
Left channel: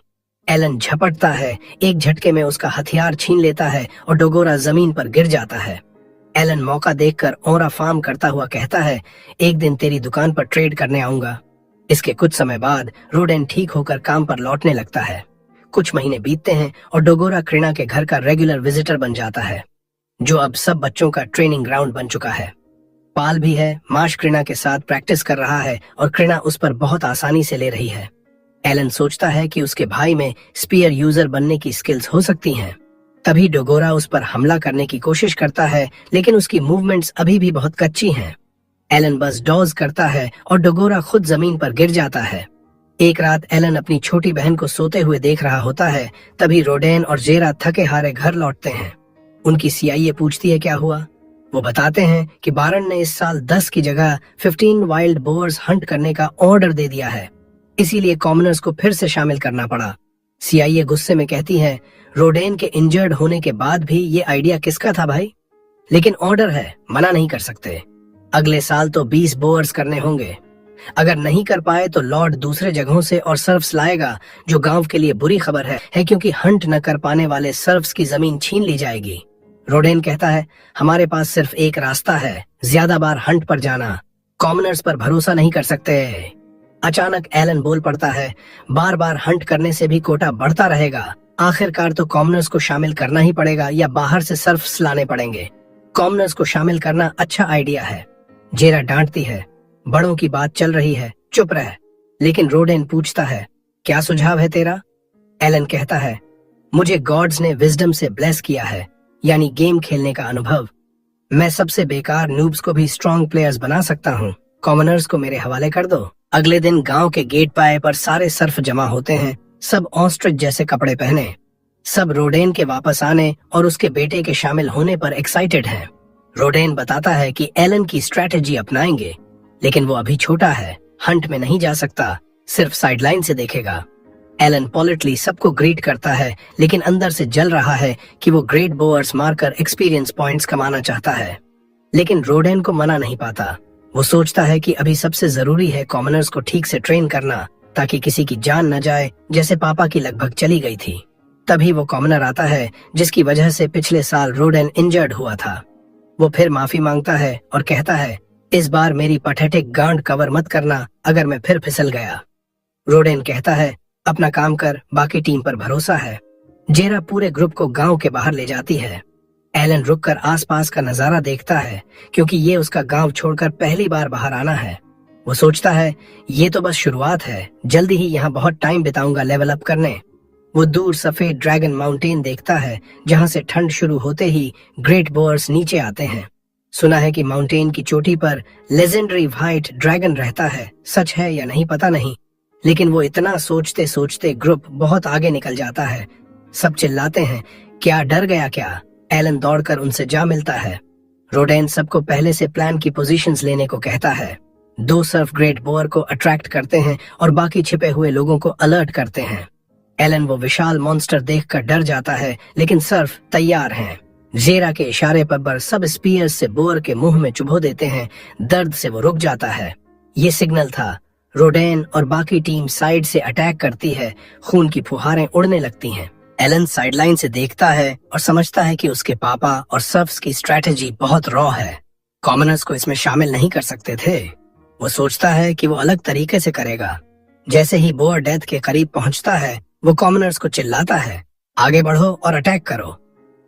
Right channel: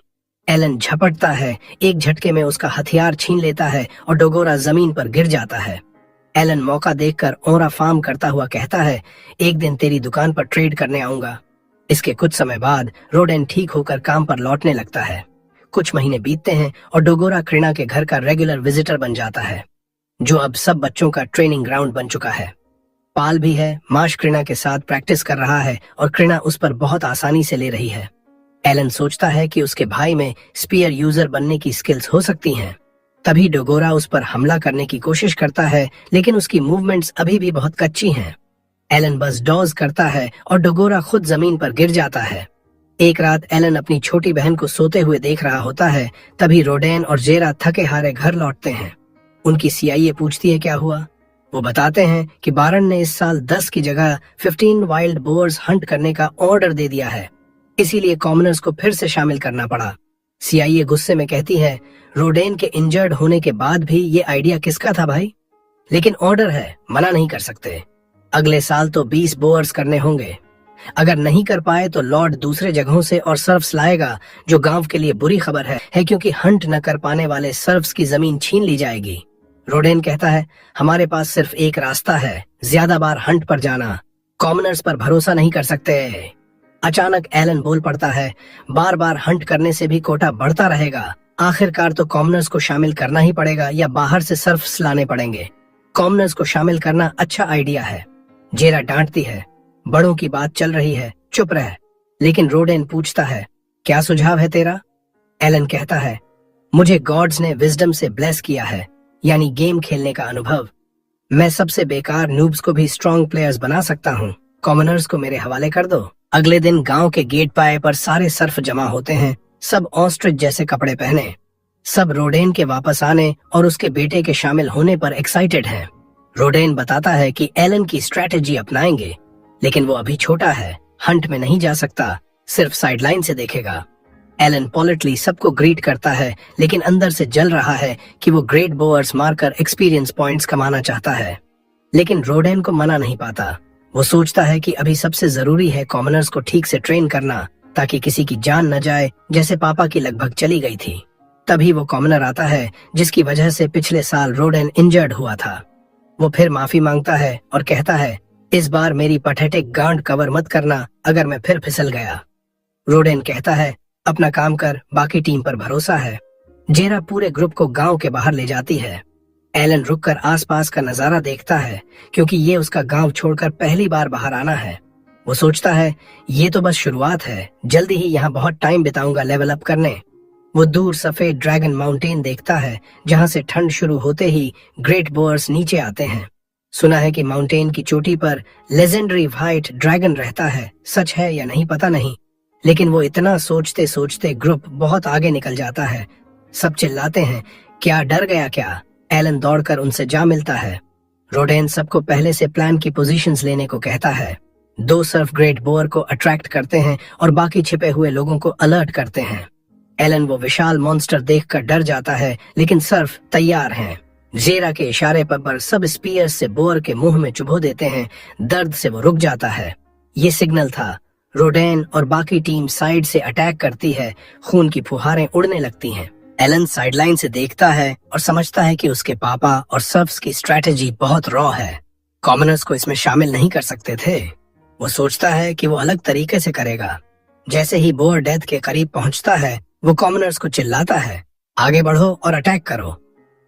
एलन झपटता है, एक झटके में उसका हथियार छीन लेता है और डोगोरा जमीन पर गिर जाता है। एलन मौका देखकर ओरा फार्म करता हुआ कहता है, एक दिन तेरी दुकान पर ट्रेड करने आऊंगा। इसके कुछ समय बाद रोडेन ठीक होकर काम पर लौटने लगता है। कुछ महीने बीतते हैं और डोगोरा क्रीना के घर का रेगुलर विजिटर बन जाता है, जो अब सब बच्चों का ट्रेनिंग ग्राउंड बन चुका है। पाल भी है, माश क्रीना के साथ प्रैक्टिस कर रहा है और क्रीना उस पर बहुत आसानी से ले रही है। एलन सोचता है कि उसके भाई में स्पीयर यूजर बनने की स्किल्स हो सकती हैं। तभी डोगोरा उस पर हमला करने की कोशिश करता है, लेकिन उसकी मूवमेंट्स अभी भी बहुत कच्ची हैं। एलन बस डॉज करता है और डोगोरा खुद जमीन पर गिर जाता है। एक रात एलन अपनी छोटी बहन को सोते हुए देख रहा होता है। तभी रोडेन और जेरा थके हारे घर लौटते हैं। उनकी सीआईए पूछती है क्या हुआ। वो बताते हैं कि बारन ने इस साल 10 की जगह 15 वाइल्ड बोअर्स हंट करने का ऑर्डर दे दिया है, इसीलिए कॉमनर्स को फिर से शामिल करना पड़ा। सीआईए गुस्से में कहती है, रोडेन के इंजर्ड होने के बाद भी ये आइडिया किसका था भाई? लेकिन ऑर्डर है, मना नहीं कर सकते। अगले साल तो 20 बोअर्स करने होंगे। अगर नहीं कर पाए तो लॉर्ड दूसरे जगहों से और सर्फ्स लाएगा, जो गांव के लिए बुरी खबर है क्योंकि हंट न कर पाने वाले सर्फ्स की जमीन छीन ली जाएगी। रोडेन कहता है, हमारे पास सिर्फ एक रास्ता है, ज्यादा बार हंट पर जाना। कॉमनर्स पर भरोसा नहीं कर सकते। अचानक एलन बोल पड़ता है, बार बार हंट करने से भी कोटा बढ़ता रहेगा। आखिरकार तो कॉमनर्स को शामिल करना ही पड़ेगा या बाहर से सर्फ्स लाने पड़ेंगे। कॉमनर्स को शामिल करना अच्छा आइडिया है। जेरा डांटती है, बड़ों की बात चल रही है, चुप रह। लेकिन रोडेन पूछता है, क्या सुझाव है तेरा? एलन कहता है, मुझे गॉड्स ने विजडम से ब्लेस किया है, यानी गेम खेलने का अनुभव। मैं सबसे बेकार नूब्स को भी स्ट्रॉन्ग प्लेयर्स बना सकता हूँ। कॉमनर्स को मेरे हवाले कर दो। अगले दिन गांव के गेट पाए पर सारे सर्फ जमा होते हैं, सब ऑस्ट्रिच जैसे कपड़े पहने। सब रोडेन के वापस आने और उसके बेटे के शामिल होने पर एक्साइटेड हैं। रोडेन बताता है कि एलन की स्ट्रेटजी अपनाएंगे, लेकिन वो अभी छोटा है, हंट में नहीं जा सकता, सिर्फ साइडलाइन से देखेगा। एलन पोलिटली सबको ग्रीट करता है, लेकिन अंदर से जल रहा है कि वो ग्रेट बोअर्स मारकर एक्सपीरियंस पॉइंट्स कमाना चाहता है। लेकिन रोडेन को मना नहीं पाता। वो सोचता है कि अभी सबसे जरूरी है कॉमनर्स को ठीक से ट्रेन करना, ताकि किसी की जान न जाए, जैसे पापा की लगभग चली गई थी। तभी वो कॉमनर आता है जिसकी वजह से पिछले साल रोडेन इंजर्ड हुआ था। वो फिर माफी मांगता है और कहता है, इस बार मेरी पथेटिक गांड कवर मत करना अगर मैं फिर फिसल गया। रोडेन कहता है, अपना काम कर, बाकी टीम पर भरोसा है। जेरा पूरे ग्रुप को गांव के बाहर ले जाती है। एलन रुककर आसपास का नजारा देखता है, क्योंकि ये उसका गांव छोड़कर पहली बार बाहर आना है। वो सोचता है, ये तो बस शुरुआत है, जल्दी ही यहाँ बहुत टाइम बिताऊंगा लेवल अप करने। वो दूर सफेद ड्रैगन माउंटेन देखता है, जहाँ से ठंड शुरू होते ही ग्रेट बोअर्स नीचे आते हैं। सुना है कि माउंटेन की चोटी पर लेजेंडरी व्हाइट ड्रैगन रहता है, सच है या नहीं पता नहीं, लेकिन वो इतना सोचते सोचते ग्रुप बहुत आगे निकल जाता है। सब चिल्लाते हैं, क्या डर गया क्या? एलन दौड़कर उनसे जा मिलता है। रोडेन सबको पहले से प्लान की पोजीशंस लेने को कहता है। 2 सर्फ ग्रेट बोअर को अट्रैक्ट करते हैं और बाकी छिपे हुए लोगों को अलर्ट करते हैं। एलन वो विशाल मॉन्स्टर देखकर डर जाता है, लेकिन सर्फ तैयार हैं। जेरा के इशारे पर सब स्पीयर से बोअर के मुंह में चुभो देते हैं। दर्द से वो रुक जाता है। ये सिग्नल था। रोडेन और बाकी टीम साइड से अटैक करती है। खून की फुहारें उड़ने लगती हैं। एलन साइडलाइन से देखता है और समझता है कि उसके पापा और सर्फ्स की स्ट्रेटेजी बहुत रॉ है। कॉमनर्स को इसमें शामिल नहीं कर सकते थे। वो सोचता है कि वो अलग तरीके से करेगा। जैसे ही बोअर डेथ के करीब पहुंचता है, वो कॉमनर्स को चिल्लाता है, आगे बढ़ो और अटैक करो।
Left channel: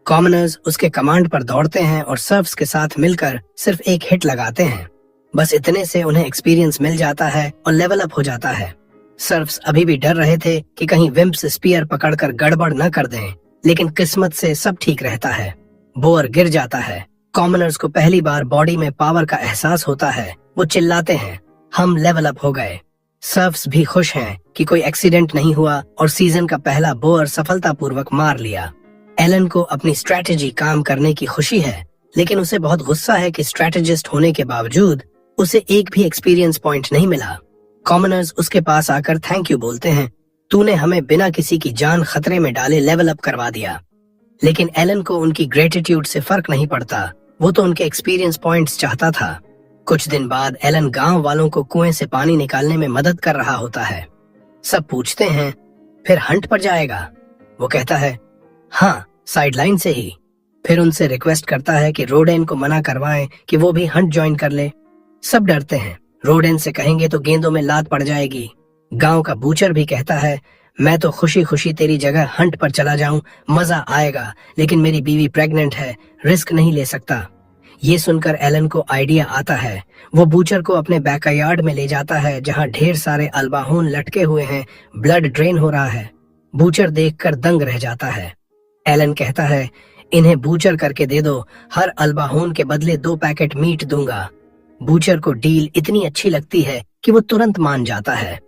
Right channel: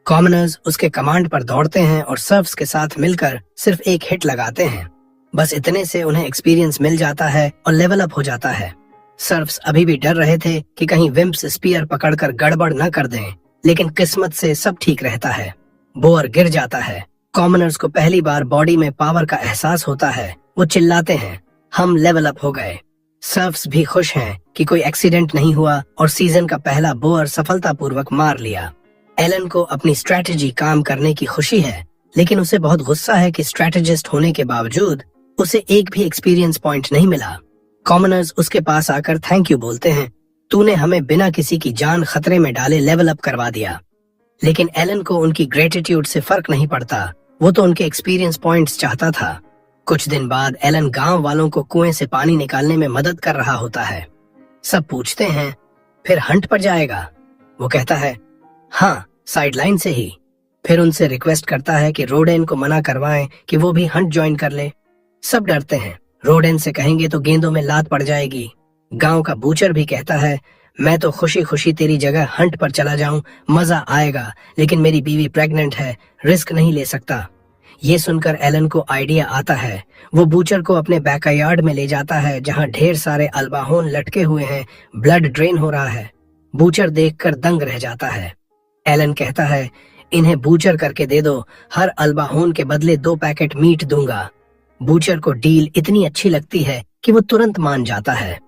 कॉमनर्स उसके कमांड पर दौड़ते हैं और सर्फ्स के साथ मिलकर सिर्फ एक हिट लगाते हैं। बस इतने से उन्हें एक्सपीरियंस मिल जाता है और लेवल अप हो जाता है। सर्फ्स अभी भी डर रहे थे कि कहीं विम्प्स स्पीयर पकड़कर गड़बड़ न कर दें, लेकिन किस्मत से सब ठीक रहता है। बोअर गिर जाता है। कॉमनर्स को पहली बार बॉडी में पावर का एहसास होता है। वो चिल्लाते हैं, हम लेवल अप हो गए। सर्फ्स भी खुश हैं कि कोई एक्सीडेंट नहीं हुआ और सीजन का पहला बोअर सफलतापूर्वक मार लिया। एलन को अपनी स्ट्रेटेजी काम करने की खुशी है, लेकिन उसे बहुत गुस्सा है कि स्ट्रेटेजिस्ट होने के बावजूद उसे एक भी एक्सपीरियंस पॉइंट नहीं मिला। कॉमनर्स उसके पास आकर थैंक यू बोलते हैं, तूने हमें बिना किसी की जान खतरे में डाले लेवल अप करवा दिया। लेकिन एलन को उनकी ग्रेटिट्यूड से फर्क नहीं पड़ता। वो तो उनके एक्सपीरियंस पॉइंट्स चाहता था। कुछ दिन बाद एलन गांव वालों को कुएं से पानी निकालने में मदद कर रहा होता है। सब पूछते हैं, फिर हंट पर जाएगा? वो कहता है, हाँ, साइडलाइन से ही। फिर उनसे रिक्वेस्ट करता है कि रोडेन को मना करवाएं कि वो भी हंट ज्वाइन कर ले। सब डरते हैं, रोडेन से कहेंगे तो गेंदों में लात पड़ जाएगी। गांव का बूचर भी कहता है, मैं तो खुशी खुशी तेरी जगह हंट पर चला जाऊं, मजा आएगा, लेकिन मेरी बीवी प्रेग्नेंट है, रिस्क नहीं ले सकता। ये सुनकर एलन को आइडिया आता है। वो बूचर को अपने बैकयार्ड में ले जाता है, जहां ढेर सारे अल्बाहोन लटके हुए हैं, ब्लड ड्रेन हो रहा है। बूचर देखकर दंग रह जाता है। एलन कहता है, इन्हें बूचर करके दे दो, हर अल्बाहोन के बदले 2 पैकेट मीट दूंगा। बूचर को डील इतनी अच्छी लगती है कि वो तुरंत मान जाता है।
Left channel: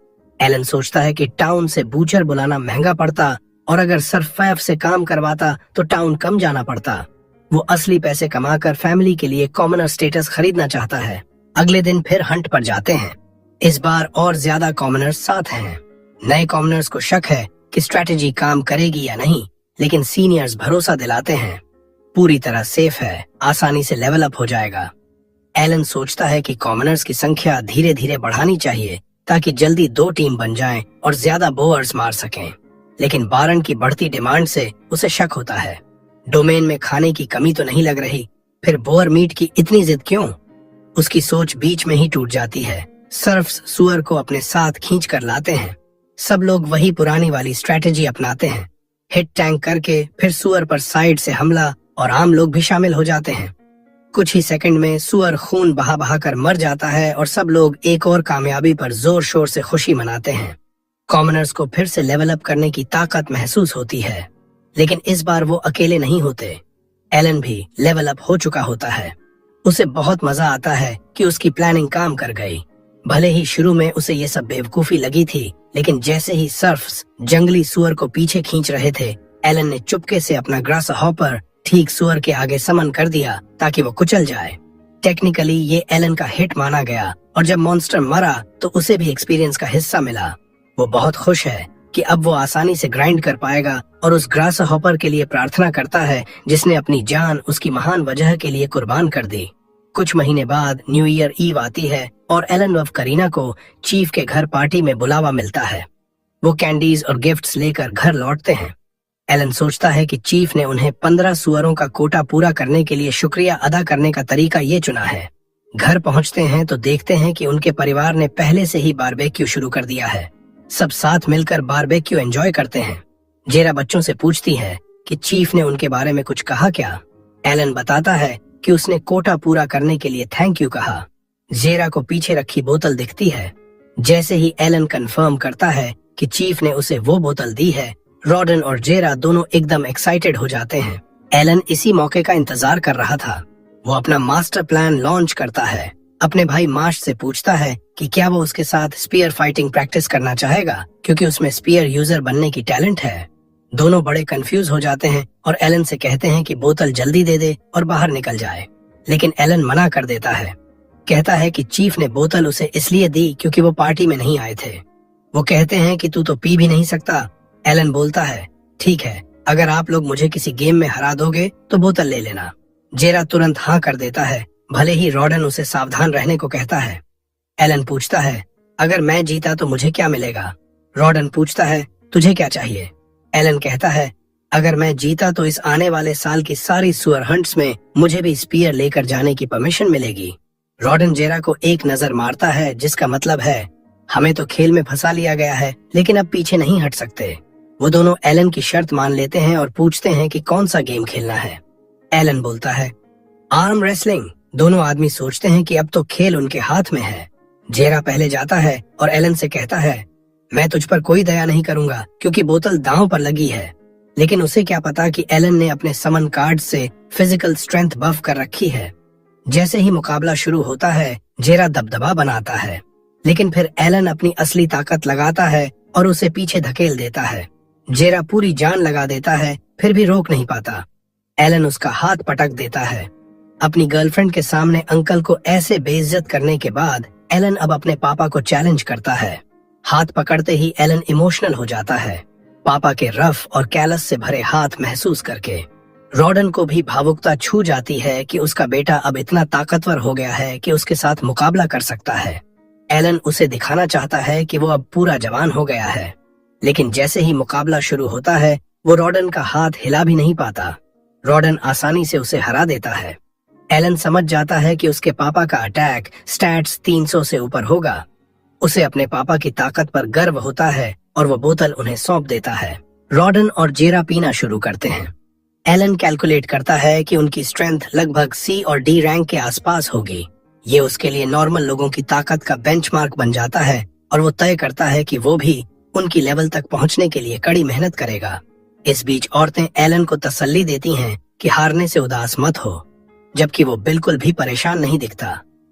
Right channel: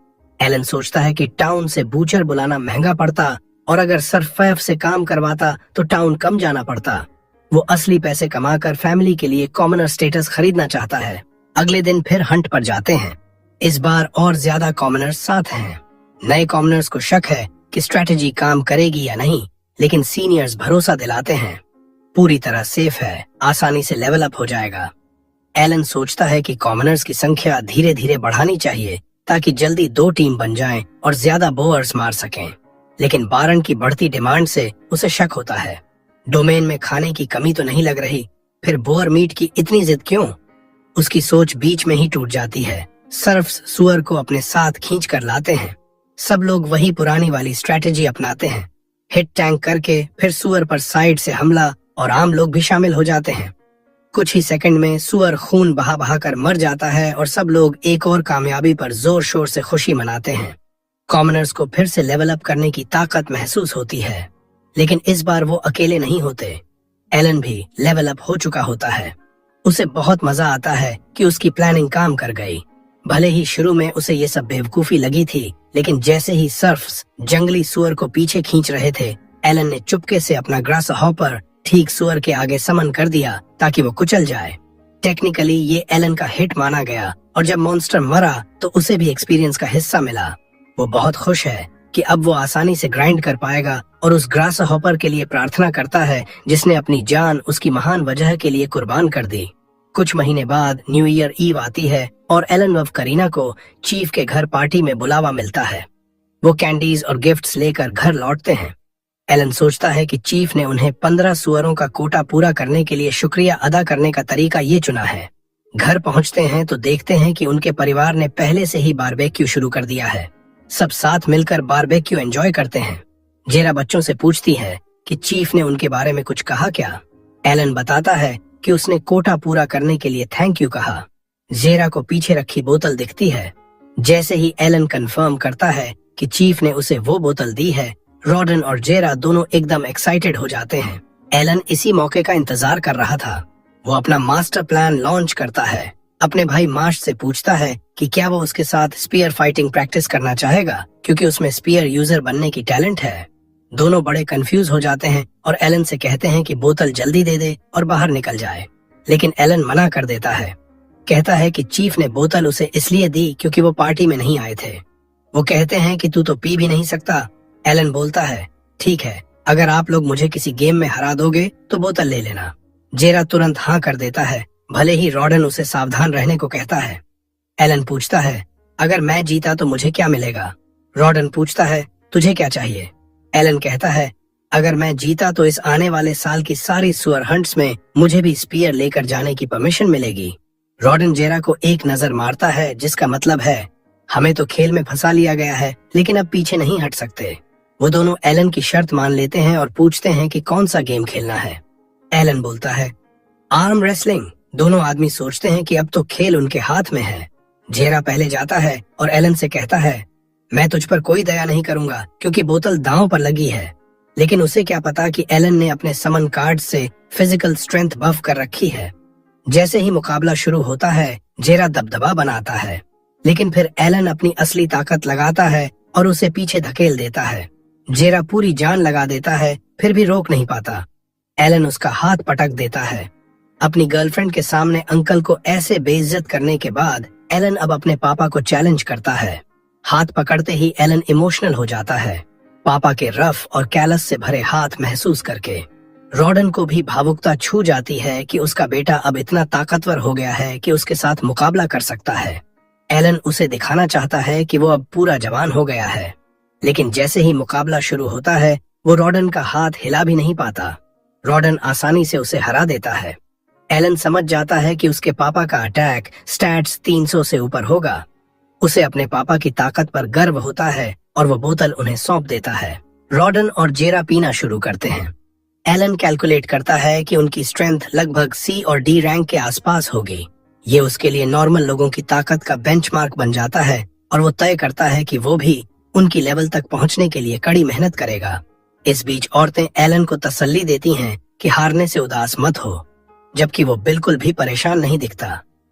एलन सोचता है कि टाउन से बूचर बुलाना महंगा पड़ता और अगर सर्फैफ से काम करवाता तो टाउन कम जाना पड़ता। वो असली पैसे कमाकर फैमिली के लिए कॉमनर स्टेटस खरीदना चाहता है। अगले दिन फिर हंट पर जाते हैं। इस बार और ज्यादा कॉमनर्स साथ हैं। नए कॉमनर्स को शक है कि स्ट्रेटेजी काम करेगी या नहीं, लेकिन सीनियर्स भरोसा दिलाते हैं पूरी तरह सेफ है, आसानी से लेवल अप हो जाएगा। एलन सोचता है कि कॉमनर्स की संख्या धीरे धीरे बढ़ानी चाहिए ताकि जल्दी 2 टीम बन जाएं और ज्यादा बोअर्स मार सकें, लेकिन बारन की बढ़ती डिमांड से उसे शक होता है। डोमेन में खाने की कमी तो नहीं लग रही, फिर बोअर मीट की इतनी जिद क्यों? उसकी सोच बीच में ही टूट जाती है। सर्फ्स सुअर को अपने साथ खींच कर लाते हैं। सब लोग वही पुरानी वाली स्ट्रेटेजी अपनाते हैं, हिट टैंक करके फिर सुअर पर साइड से हमला, और आम लोग भी शामिल हो जाते हैं। कुछ ही सेकंड में सुअर खून बहा बहा कर मर जाता है और सब लोग एक और कामयाबी पर जोर शोर से खुशी मनाते हैं। कॉमनर्स को फिर से लेवल अप करने की ताकत महसूस होती है, लेकिन इस बार वो अकेले नहीं होते। एलन भी लेवल अप हो चुका होता है। उसे बहुत मजा आता है कि उसकी प्लानिंग काम कर गई। भले ही शुरू में उसे ये सब बेवकूफी लगी थी, लेकिन जैसे ही सर्फ्स जंगली सुअर को पीछे खींच रहे थे, एलन ने चुपके से अपना ग्रास हॉपर ठीक सुअर के आगे समन कर दिया ताकि वो कुचल जाए। टेक्निकली ये एलन का हिट माना गया, और जब मॉन्स्टर मरा तो उसे भी एक्सपीरियंस का हिस्सा मिला। वो बहुत खुश है कि अब वो आसानी से ग्राइंड कर पाएगा और उस ग्रास हॉपर के लिए प्रार्थना करता है जिसने अपनी जान उसकी महान वजह के लिए कुर्बान कर दी। कुछ महीने बाद न्यू ईयर ईव आती है और एलन व करीना को चीफ के घर पार्टी में बुलावा मिलता है। वो कैंडीज और गिफ्ट्स लेकर घर लौटते हैं। एलन सोचता है कि चीफ ने उन्हें 15 सुअरों का कोटा पूरा करने के लिए शुक्रिया अदा करने का तरीका ये चुना है। घर पहुंचते हैं तो देखते हैं कि उनके परिवार ने पहले से ही बारबेक्यू शुरू कर दिया है। सब साथ मिलकर बारबेक्यू एंजॉय करते हैं। जेरा बच्चों से पूछती है कि चीफ ने उनके बारे में कुछ कहा क्या। एलन बताता है कि उसने कोटा पूरा करने के लिए थैंक यू कहा। जेरा को पीछे रखी बोतल दिखती है। जैसे ही एलन कंफर्म करता है कि चीफ ने उसे वो बोतल दी है, रॉडन और जेरा दोनों एकदम एक्साइटेड हो जाते हैं। एलन इसी मौके का इंतजार कर रहा था। वो अपना मास्टर प्लान लॉन्च करता है। अपने भाई मार्श से पूछता है कि क्या वो उसके साथ स्पीयर फाइटिंग प्रैक्टिस करना चाहेगा, क्योंकि उसमें स्पीयर यूजर बनने की टैलेंट है। दोनों बड़े कंफ्यूज हो जाते हैं और एलन से कहते हैं कि बोतल जल्दी दे दे और बाहर निकल जाए, लेकिन एलन मना कर देता है। कहता है कि चीफ ने बोतल उसे इसलिए दी क्योंकि वो पार्टी में नहीं आए थे। वो कहते हैं कि तू तो पी भी नहीं सकता। एलन बोलता है, ठीक है, अगर आप लोग मुझे किसी गेम में हरा दोगे तो बोतल ले लेना। जेरा तुरंत हाँ कर देता है, भले ही रॉडन उसे सावधान रहने को कहता है। एलन पूछता है, अगर मैं जीता तो मुझे क्या मिलेगा? रॉडन पूछता है, तुझे क्या चाहिए? एलन कहता है, अगर मैं जीता तो इस आने वाले साल की सारी सुअर हंट्स में मुझे भी स्पीयर लेकर जाने की परमिशन मिलेगी। रॉडन जेरा को एक नजर मारता है, जिसका मतलब है हमें तो खेल में फंसा लिया गया है, लेकिन अब पीछे नहीं हट सकते। वो दोनों एलन की शर्त मान लेते हैं और पूछते हैं कि कौन सा गेम खेलना है। एलन बोलता है, आर्म रेसलिंग। दोनों आदमी सोचते हैं कि अब तो खेल उनके हाथ में है। जेरा पहले जाता है और एलन से कहता है, मैं तुझ पर कोई दया नहीं करूंगा क्योंकि बोतल दांव पर लगी है। लेकिन उसे क्या पता कि एलन ने अपने समन कार्ड से फिजिकल स्ट्रेंथ बफ कर रखी है। जैसे ही मुकाबला शुरू होता है, जेरा दबदबा बनाता है, लेकिन फिर एलन अपनी असली ताकत लगाता है और उसे पीछे धकेल देता है। जेरा पूरी जान लगा देता है, फिर भी रोक नहीं पाता। एलन उसका हाथ पटक देता है। अपनी गर्लफ्रेंड के सामने अंकल को ऐसे बेइज्जत करने के बाद एलन अब अपने पापा को चैलेंज करता है। हाथ पकड़ते ही एलन इमोशनल हो जाता है, पापा के रफ और कैलस से भरे हाथ महसूस करके। रॉडन को भी भावुकता छू जाती है कि उसका बेटा अब इतना ताकतवर हो गया है कि उसके साथ मुकाबला कर सकता है। एलन उसे दिखाना चाहता है कि वो अब पूरा जवान हो गया है, लेकिन जैसे ही मुकाबला शुरू होता है, वो रॉडन का हाथ हिला भी नहीं पाता। रॉडन आसानी से उसे हरा देता है। एलन समझ जाता है कि उसके पापा का अटैक स्टैट्स 300 से ऊपर होगा। उसे अपने पापा की ताकत पर गर्व होता है और वो बोतल उन्हें सौंप देता है। रॉडन और जेरा पीना शुरू करते हैं। एलन कैलकुलेट करता है कि उनकी स्ट्रेंथ लगभग सी और डी रैंक के आसपास होगी। ये उसके लिए नॉर्मल लोगों की ताकत का बेंचमार्क बन जाता है और वो तय करता है कि वो भी उनकी लेवल तक पहुंचने के लिए कड़ी मेहनत करेगा। इस बीच औरतें एलन को तसल्ली देती हैं कि हारने से उदास मत हो, जबकि वो बिल्कुल भी परेशान नहीं दिखता।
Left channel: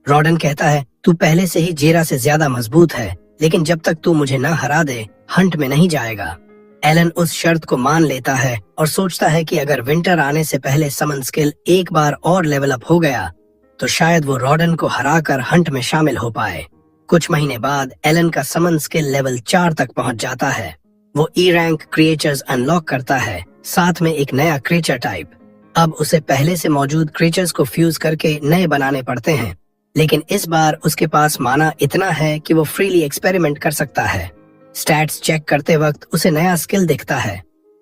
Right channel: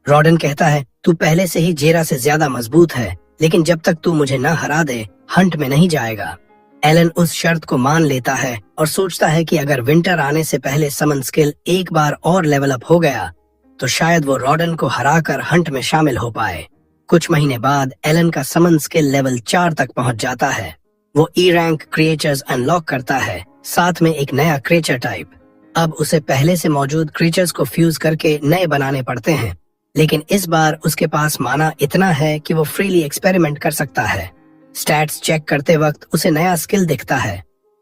रॉडन कहता है, तू पहले से ही जेरा से ज्यादा मजबूत है, लेकिन जब तक तू मुझे न हरा दे, हंट में नहीं जाएगा। एलन उस शर्त को मान लेता है और सोचता है कि अगर विंटर आने से पहले समन स्किल एक बार और लेवल अप हो गया तो शायद वो रॉडन को हराकर हंट में शामिल हो पाए। कुछ महीने बाद एलन का समन स्किल लेवल 4 तक पहुंच जाता है। वो ई रैंक क्रिएचर्स अनलॉक करता है, साथ में एक नया क्रिएचर टाइप। अब उसे पहले से मौजूद क्रिएचर्स को फ्यूज करके नए बनाने पड़ते हैं, लेकिन इस बार उसके पास माना इतना है कि वो फ्रीली एक्सपेरिमेंट कर सकता है। स्टैट्स चेक करते वक्त उसे नया स्किल दिखता है,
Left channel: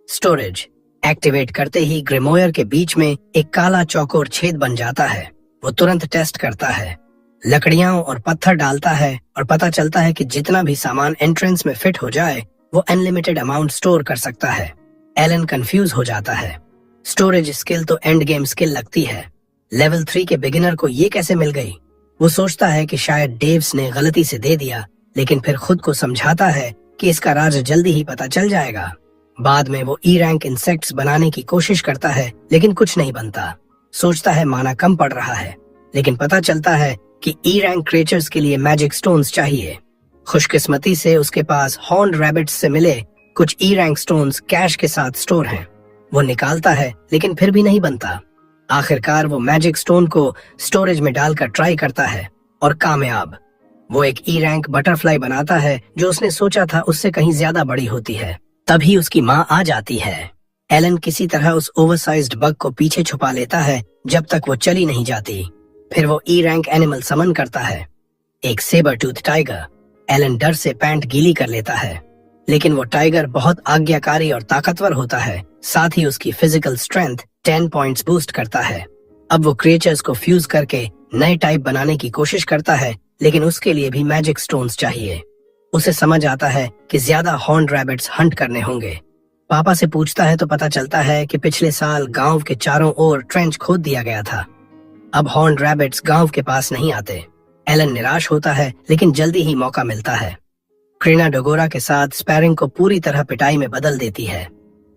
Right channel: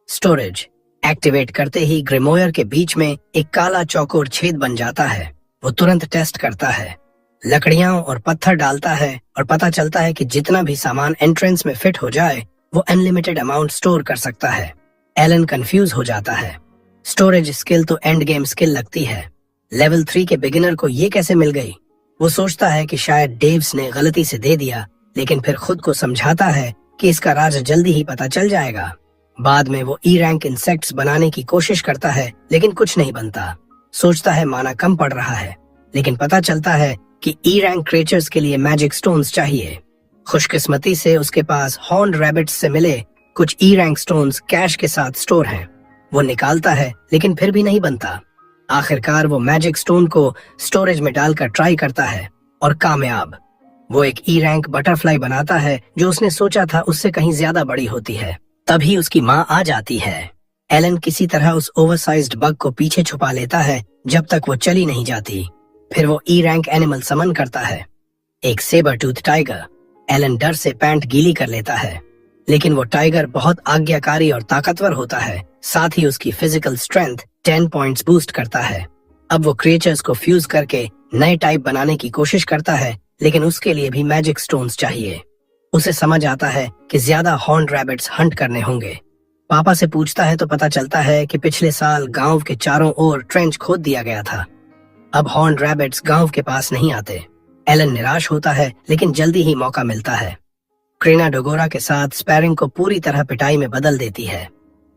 स्टोरेज। एक्टिवेट करते ही ग्रिमोयर के बीच में एक काला चौकोर छेद बन जाता है। वो तुरंत टेस्ट करता है, लकड़ियां और पत्थर डालता है और पता चलता है कि जितना भी सामान एंट्रेंस में फिट हो जाए वो अनलिमिटेड अमाउंट स्टोर कर सकता है। एलन कंफ्यूज हो जाता है। स्टोरेज स्किल तो एंड गेम स्किल लगती है, लेवल 3 के बिगिनर को ये कैसे मिल गई? वो सोचता है कि शायद डेव्स ने गलती से दे दिया, लेकिन फिर खुद को समझाता है कि इसका राज जल्दी ही पता चल जाएगा। बाद में वो ई रैंक इंसेक्ट्स बनाने की कोशिश करता है, लेकिन कुछ नहीं बनता। सोचता है माना कम पड़ रहा है, लेकिन पता चलता है कि ई रैंक क्रिएचर्स के लिए मैजिक स्टोन्स चाहिए। खुशकिस्मती से उसके पास हॉर्न्ड रैबिट्स से मिले कुछ ई रैंक स्टोन्स कैश के साथ स्टोर हैं। वो निकालता है, लेकिन फिर भी नहीं बनता। आखिरकार वो मैजिक स्टोन को स्टोरेज में डालकर ट्राई करता है और कामयाब। वो एक ई रैंक बटरफ्लाई बनाता है जो उसने सोचा था उससे कहीं ज्यादा बड़ी होती है। तभी उसकी माँ आ जाती है। एलन किसी तरह उस ओवरसाइज्ड बग को पीछे छुपा लेता है जब तक वो चली नहीं जाती। फिर वो ई रैंक एनिमल समन करता है, एक सेबर टूथ टाइगर। एलन डर से पैंट गीली कर लेता है, लेकिन वो टाइगर बहुत आज्ञाकारी और ताकतवर होता है। साथ ही उसकी फिजिकल स्ट्रेंथ 10 पॉइंट्स बूस्ट करता है। अब वो क्रिएचर्स को फ्यूज करके नए टाइप बनाने की कोशिश करता है, लेकिन उसके लिए भी मैजिक स्टोन्स चाहिए। उसे समझ आता है कि ज्यादा हॉर्न्ड रैबिट्स हंट करने होंगे। पापा से पूछता है तो पता चलता है कि पिछले साल गांव के चारों ओर ट्रेंच खोद दिया गया था। अब हॉर्न्ड रैबिट्स गांव के पास नहीं आते। एलन निराश होता है, लेकिन जल्दी ही मौका मिलता है। क्रेना डोगोरा के साथ स्पैरिंग को पूरी तरह पिटाई में बदल देती है।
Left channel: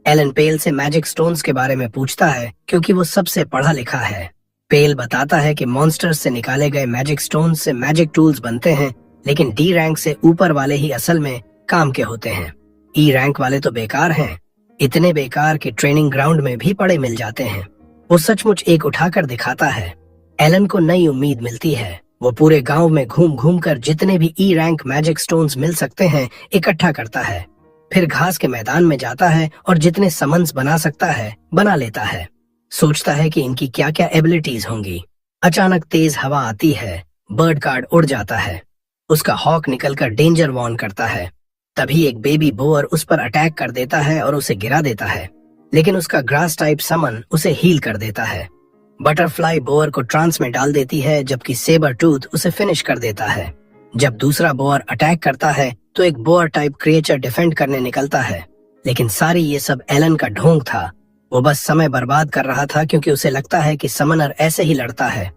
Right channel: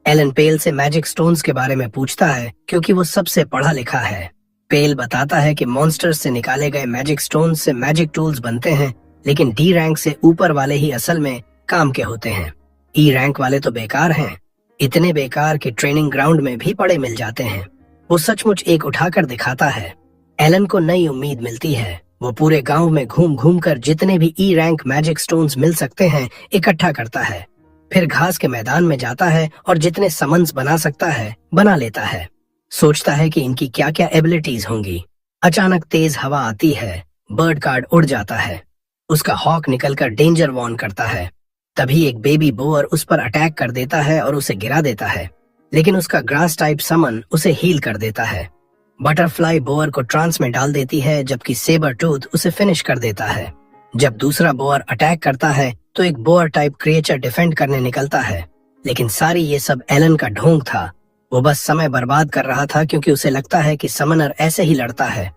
एलन पेल से मैजिक स्टोन्स के बारे में पूछता है, क्योंकि वो सबसे पढ़ा लिखा है। पेल बताता है कि मॉन्स्टर्स से निकाले गए मैजिक स्टोन्स से मैजिक टूल्स बनते हैं, लेकिन डी रैंक से ऊपर वाले ही असल में काम के होते हैं। ई रैंक वाले तो बेकार हैं, इतने बेकार कि ट्रेनिंग ग्राउंड में भी पड़े मिल जाते हैं। वो सचमुच एक उठाकर दिखाता है। एलन को नई उम्मीद मिलती है। वो पूरे गांव में घूम घूम कर जितने भी ई रैंक मैजिक स्टोन्स मिल सकते हैं इकट्ठा करता है। फिर घास के मैदान में जाता है और जितने समन्स बना सकता है बना लेता है। सोचता है कि इनकी क्या क्या एबिलिटीज होंगी। अचानक तेज हवा आती है, बर्ड कार्ड उड़ जाता है। उसका हॉक निकलकर डेंजर वॉर्न करता है। तभी एक बेबी बोअर उस पर अटैक कर देता है और उसे गिरा देता है, लेकिन उसका ग्रास टाइप समन उसे हील कर देता है। बटरफ्लाई बोअर को ट्रांस में डाल देती है, जबकि सेबर टूथ उसे फिनिश कर देता है। जब दूसरा बोअर अटैक करता है तो एक बोअर टाइप क्रिएचर डिफेंड करने निकलता है, लेकिन सारी ये सब एलन का ढोंग था। वो बस समय बर्बाद कर रहा था, क्योंकि उसे लगता है कि समनर ऐसे ही लड़ता है।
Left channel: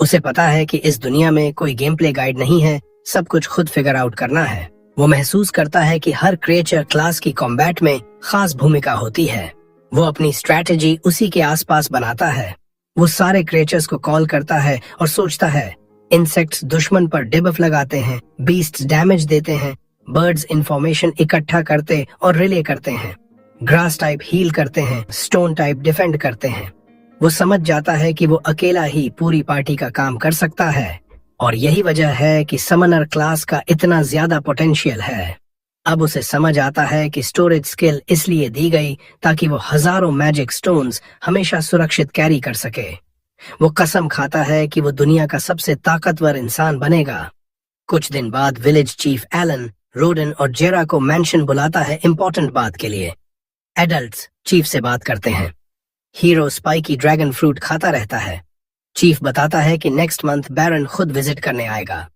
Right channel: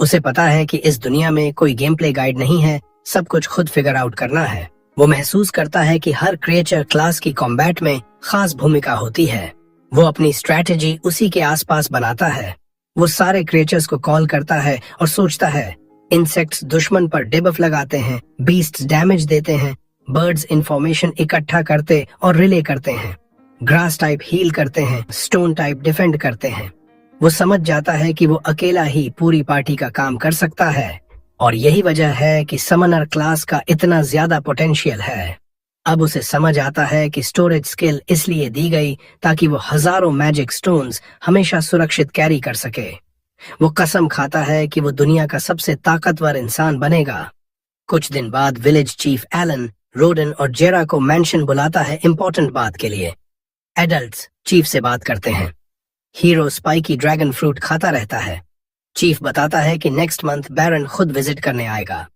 उसे पता है कि इस दुनिया में कोई गेम प्ले गाइड नहीं है, सब कुछ खुद फिगर आउट करना है। वो महसूस करता है कि हर क्रिएचर क्लास की कॉम्बैट में खास भूमिका होती है। वो अपनी स्ट्रैटेजी उसी के आसपास बनाता है। वो सारे क्रिएचर्स को कॉल करता है और सोचता है, इंसेक्ट्स दुश्मन पर डिबफ लगाते हैं, बीस्ट्स डैमेज देते हैं, बर्ड्स इंफॉर्मेशन इकट्ठा करते और रिले करते हैं, ग्रास टाइप हील करते हैं, स्टोन टाइप डिफेंड करते हैं। वो समझ जाता है कि वो अकेला ही पूरी पार्टी का काम कर सकता है, और यही वजह है कि समनर क्लास का इतना ज्यादा पोटेंशियल है। अब उसे समझ आता है कि स्टोरेज स्किल इसलिए दी गई ताकि वो हजारों मैजिक स्टोन्स हमेशा सुरक्षित कैरी कर सके। वो कसम खाता है कि वो दुनिया का सबसे ताकतवर इंसान बनेगा। कुछ दिन बाद विलेज चीफ एलन, रोडन और जेरा को मेंशन बुलाता है इम्पोर्टेंट बात के लिए। एडल्ट्स चीफ से बात करते हैं। हीरो स्पाइकी ड्रैगन फ्रूट खाता रहता है। चीफ बताता है कि नेक्स्ट मंथ बैरन खुद विजिट करने आएगा।